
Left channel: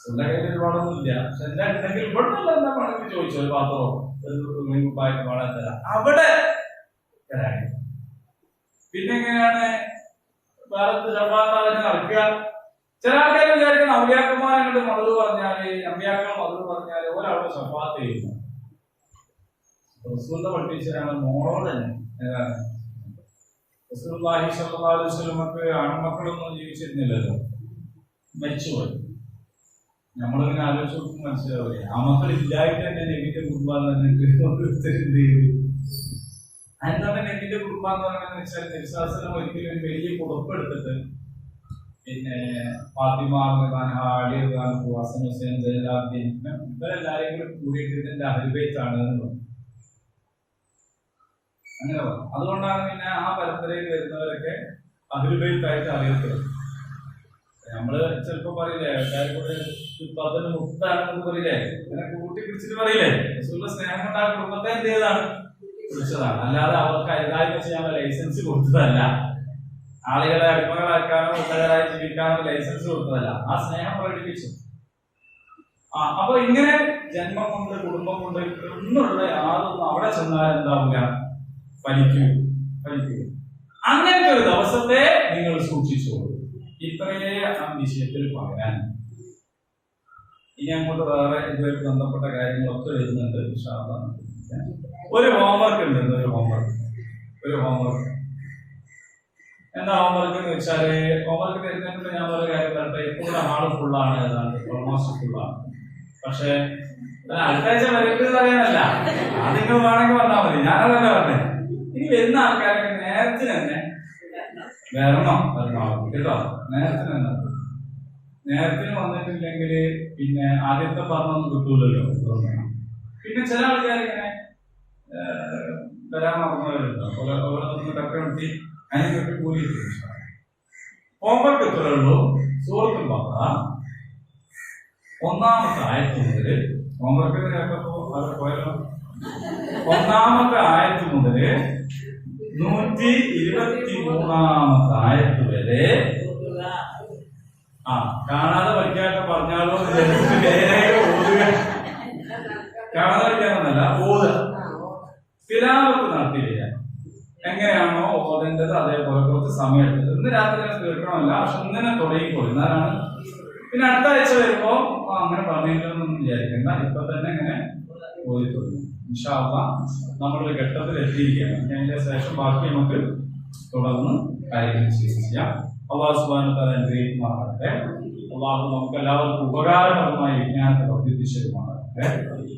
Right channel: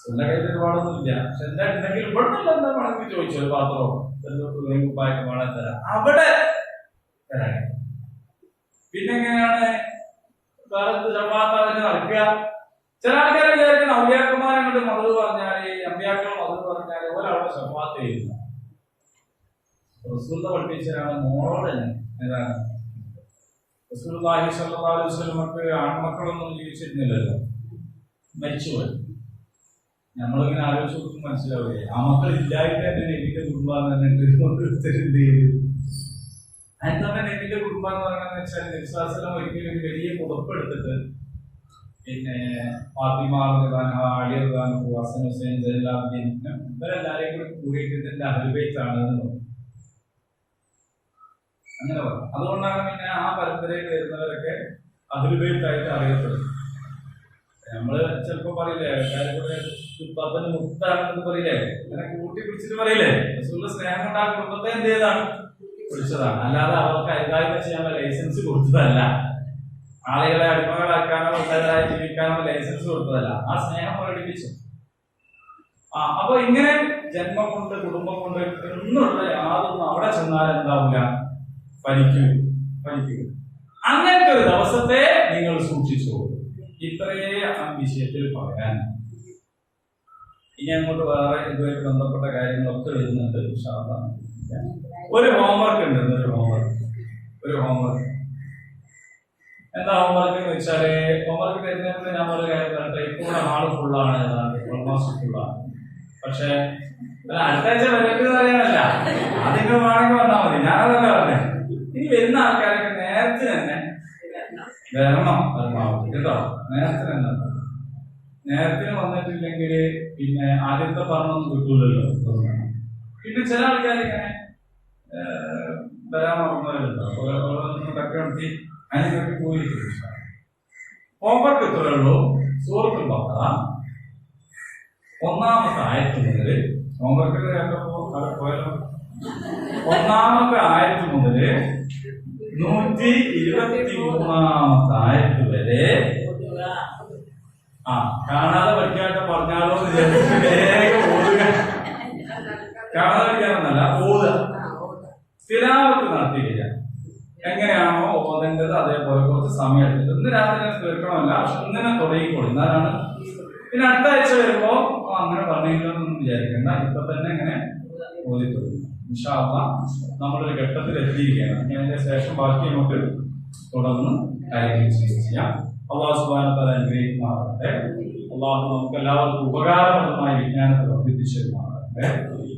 സ്വന്തം കയ്യിൽ ഒരുപാടൊന്നുമില്ല, പക്ഷെ എന്താ ഉണ്ടെങ്കിൽ ഇവിടെ എന്താ വേണമെങ്കിൽ ചോദിച്ചു, ഒരു പാത്രമോ കുപ്പായ്ക്ക് വേണം തരാം, അവിടെ തരാൻ. പിന്നെ എങ്ങനെയാണ് വേറെ ചെറുപ്പാത്താവിന് നടക്കുക? ചില ആൾക്കാർ വിചാരിക്കുന്ന ഔലിയാക്കന്മാർ അങ്ങോട്ട് മതത് പറഞ്ഞാല്, അമ്പിയാക്കൾ മതത് പറഞ്ഞാല് ഒരവിടെ ഷഫാത്ത് ചെയ്യുന്നു. റസൂലുള്ളാഹി പഠിപ്പിച്ചതാണ് മോളോട് തന്നെ. ഏതാണ്? റസൂലുള്ളാഹി സ്വല്ലല്ലാഹു അലൈഹി വസല്ലമക്ക് ആൺമക്കളൊന്നും ജീവിച്ചിരുന്നില്ലല്ലോ, മരിച്ചുപോയി. നമ്മളിങ്ങനെ ആലോചിച്ച് നോക്കും മനസ്സിലാവില്ലേ, ആ മക്കൾ ഇല്ലായിട്ട് തന്നെ നബിന്റെ കുടുംബം അതിന് തന്നെ നബിന്റെ കുടുംബം എന്ന് പറയുന്നത് വെച്ചാൽ നബി സ്വല്ലല്ലാഹു അലൈഹി വസല്ലം ഒരിക്കലും ഒരു വലിയ പുറപ്പെടുത്തിട്ട് പിന്നെ ഫാത്തിമ റളിയല്ലാഹു അൻഹ, അലി റളിയല്ലാഹു അൻഹു, ഹസൻ ഹുസൈൻ സൈനുലാബ്ദീൻ ഇവരെല്ലാരെയും കൂടി കൂടിയിട്ട് ഇതിന്റെ അഹ്ലുൽ ബൈത്താണ് എന്ന് പറഞ്ഞു. അങ്ങനെ പറഞ്ഞു. അതുകൊണ്ടാണ് പിന്നെ ആ പരമ്പരയിൽ വരുന്നവരൊക്കെ അഹ്ലുൽ ബൈത്തായിട്ട് അറിയപ്പെടുന്നത്. നമ്മള് ചിലപ്പോ പറയില്ലേ, പതിന് മുക്താണെന്ന് പറയില്ലേ, അങ്ങനെ കൂട്ടി പിടിച്ചിട്ട് പറയില്ലേ, റസൂലുള്ളാഹി സ്നേഹം കൊണ്ട് ആ കുടുംബത്തെ എന്ത് ചെയ്തതാണ്, പിടിച്ചതാണ്. അല്ലാതെ അവർക്ക് അരുതായ്മ ചെയ്യാനുള്ള ലൈസൻസ് കൊടുത്തതല്ല, ആളുകളെ അടിമകളാക്കാനോ ഉള്ളവരായി ജീവിക്കാനോ ലൈസൻസ് കൊടുത്തതല്ല, ആ സ്നേഹം പ്രകടിപ്പിച്ചു. അപ്പൊ ഇങ്ങനെ ജന്മം കൊണ്ട് കുടുംബം കൊണ്ട് ഒന്നുള്ള യാതൊന്നും അവിടെ ചെന്നാൽ എന്താവില്ല, ഫലിക്കുക. അങ്ങനത്തെ ഒരു ദിവസത്തെ നിങ്ങൾ സൂക്ഷിച്ചോളൂ. ഇത്രയേ ആ വിഷയത്തിൽ പറയാൻ. ഇനി അങ്ങോട്ട് വേറെ ഇതുമായിട്ട് ബന്ധപ്പെട്ട കാര്യങ്ങളൊക്കെ വരുന്നുണ്ട്. ഒരു ഹോംവർക്ക് ഉണ്ട്. ഒരു ഹോംവർക്ക് എന്താ ഹോംവർക്ക് എന്ന് വെച്ചാല്, ഹോംവർക്ക് തരുന്നതിന് ഞാൻ ഒരു കാര്യം പറയട്ടെ. ഇപ്പോൾ ഹാള് ഫുള്ളാണ്, ഏതാണ്ട് ഓൾമോസ്റ്റ് ഫുള്ളാണ്. പക്ഷെ അടുത്ത ആഴ്ച വരട്ടെന്ന് പറയാനല്ല, അതിങ്ങൾ വേണമെങ്കിൽ വന്നാൽ മതി, ഞാനതല്ല പറഞ്ഞേ. ഇനി വരുന്ന ആൾക്കാരൊക്കെ നേരത്തെ തന്നെ വരണം, പരമാവധി കേട്ടോ. നേരത്തിന് വന്നിട്ടില്ലെങ്കിൽ പിന്നെ ആദ്യത്തെ പറഞ്ഞൊന്നും കിട്ടൂലല്ലോ. പിന്നെ ചില ആൾക്കാർ ഇങ്ങനെ വരാൻ മറന്നവരുണ്ടോ, ഓരോന്നൊക്കെ നടത്തി അതിനൊക്കെ കൂലി. ഹോംവർക്ക് ഇത്രേ ഉള്ളൂ. സൂറത്തുൽ ബഖറ ഒന്നാമത്തെ ആയത്ത് മുതൽ, ഹോംവർക്ക് പോയല്ലോ, ഒന്നാമത്തെ ആയത്ത് മുതൽ 123-ാമത്തെ ആയത്ത് വരെ കാണാതെ പഠിക്കാത്ത പറഞ്ഞാലോ വേഗം ഓതുക. കാണാതെ പഠിക്കാനൊന്നല്ല, ഓതുക, തിലാവത്ത് നടത്തി വരിക. എങ്ങനെയാണോ ഓതേണ്ടത് അതേപോലെ കുറച്ച് സമയം എടുത്തത്. ഇന്ന് രാത്രി തന്നെ തീർക്കണമല്ല, പക്ഷെ ഇങ്ങനെ തുടങ്ങിക്കോളും, എന്നാലാണ്. പിന്നെ അടുത്ത ആഴ്ച വരുമ്പോ അങ്ങനെ പറഞ്ഞില്ലെന്നൊന്നും വിചാരിക്കണ്ട, ഇപ്പൊ തന്നെ ഇങ്ങനെ ഓതിക്കൊള്ളു. ഇൻഷാ അല്ലാഹ് നമ്മളൊരു ഘട്ടത്തിൽ എത്തിയിരിക്കുകയാണ്. ഞാൻ അതിന്റെ ശേഷം ബാക്കി നമുക്ക് തുടർന്ന് കാര്യങ്ങൾ ചെയ്യാം. അല്ലാഹു സുബ്ഹാനഹു വ തആല അനുഗ്രഹിക്കുമാറാകട്ടെ. അല്ലാഹു നമുക്ക് എല്ലാവർക്കും ഉപകാരപ്രദമായ വിജ്ഞാനത്തെ വർദ്ധിപ്പിച്ചു തരുമാറാകട്ടെ.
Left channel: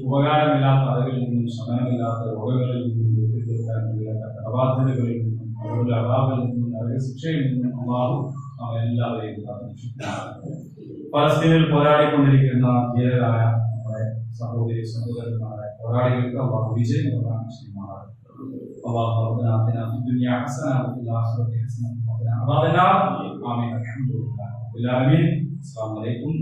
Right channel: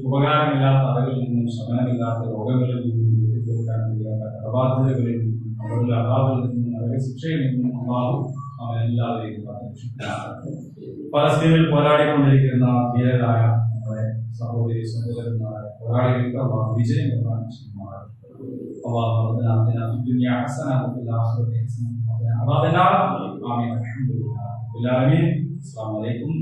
ഉപകാരമില്ലാത്ത അറിവിൽ നിന്നും ശമനമില്ലാത്ത രോഗങ്ങളിൽ നിന്നും കടബാധ്യതകളിൽ നിന്നും അവരുടെ അഭാവിൽ നിന്നും നരകശിക്ഷയിൽ നിന്നും അല്ലാഹു എല്ലാവരെയും കാത്തുരക്ഷിക്കുമാറാകട്ടെ. പലസ്തീനിൽ പോരാടിക്കൊണ്ടിരിക്കുന്ന ധീരരായ നമ്മുടെ സഹോദരി സഹോദരന്മാരായ പോരാളികൾക്ക് അല്ലാഹു വിജയം പ്രദാനം ചെയ്യുമാറാകട്ടെ. അല്ലാഹു റബ്ബനാ ആതിനാ ഫിദ്ദുനിയാ ഹസന വഫിൽ ആഖിറതി ഹസന വഖിനാ അദാബന്നാർ. ആമീൻ. അൽഹംദുലില്ലാഹി റബ്ബിൽ ആലമീൻ. അസ്സലാമു അലൈക്കും.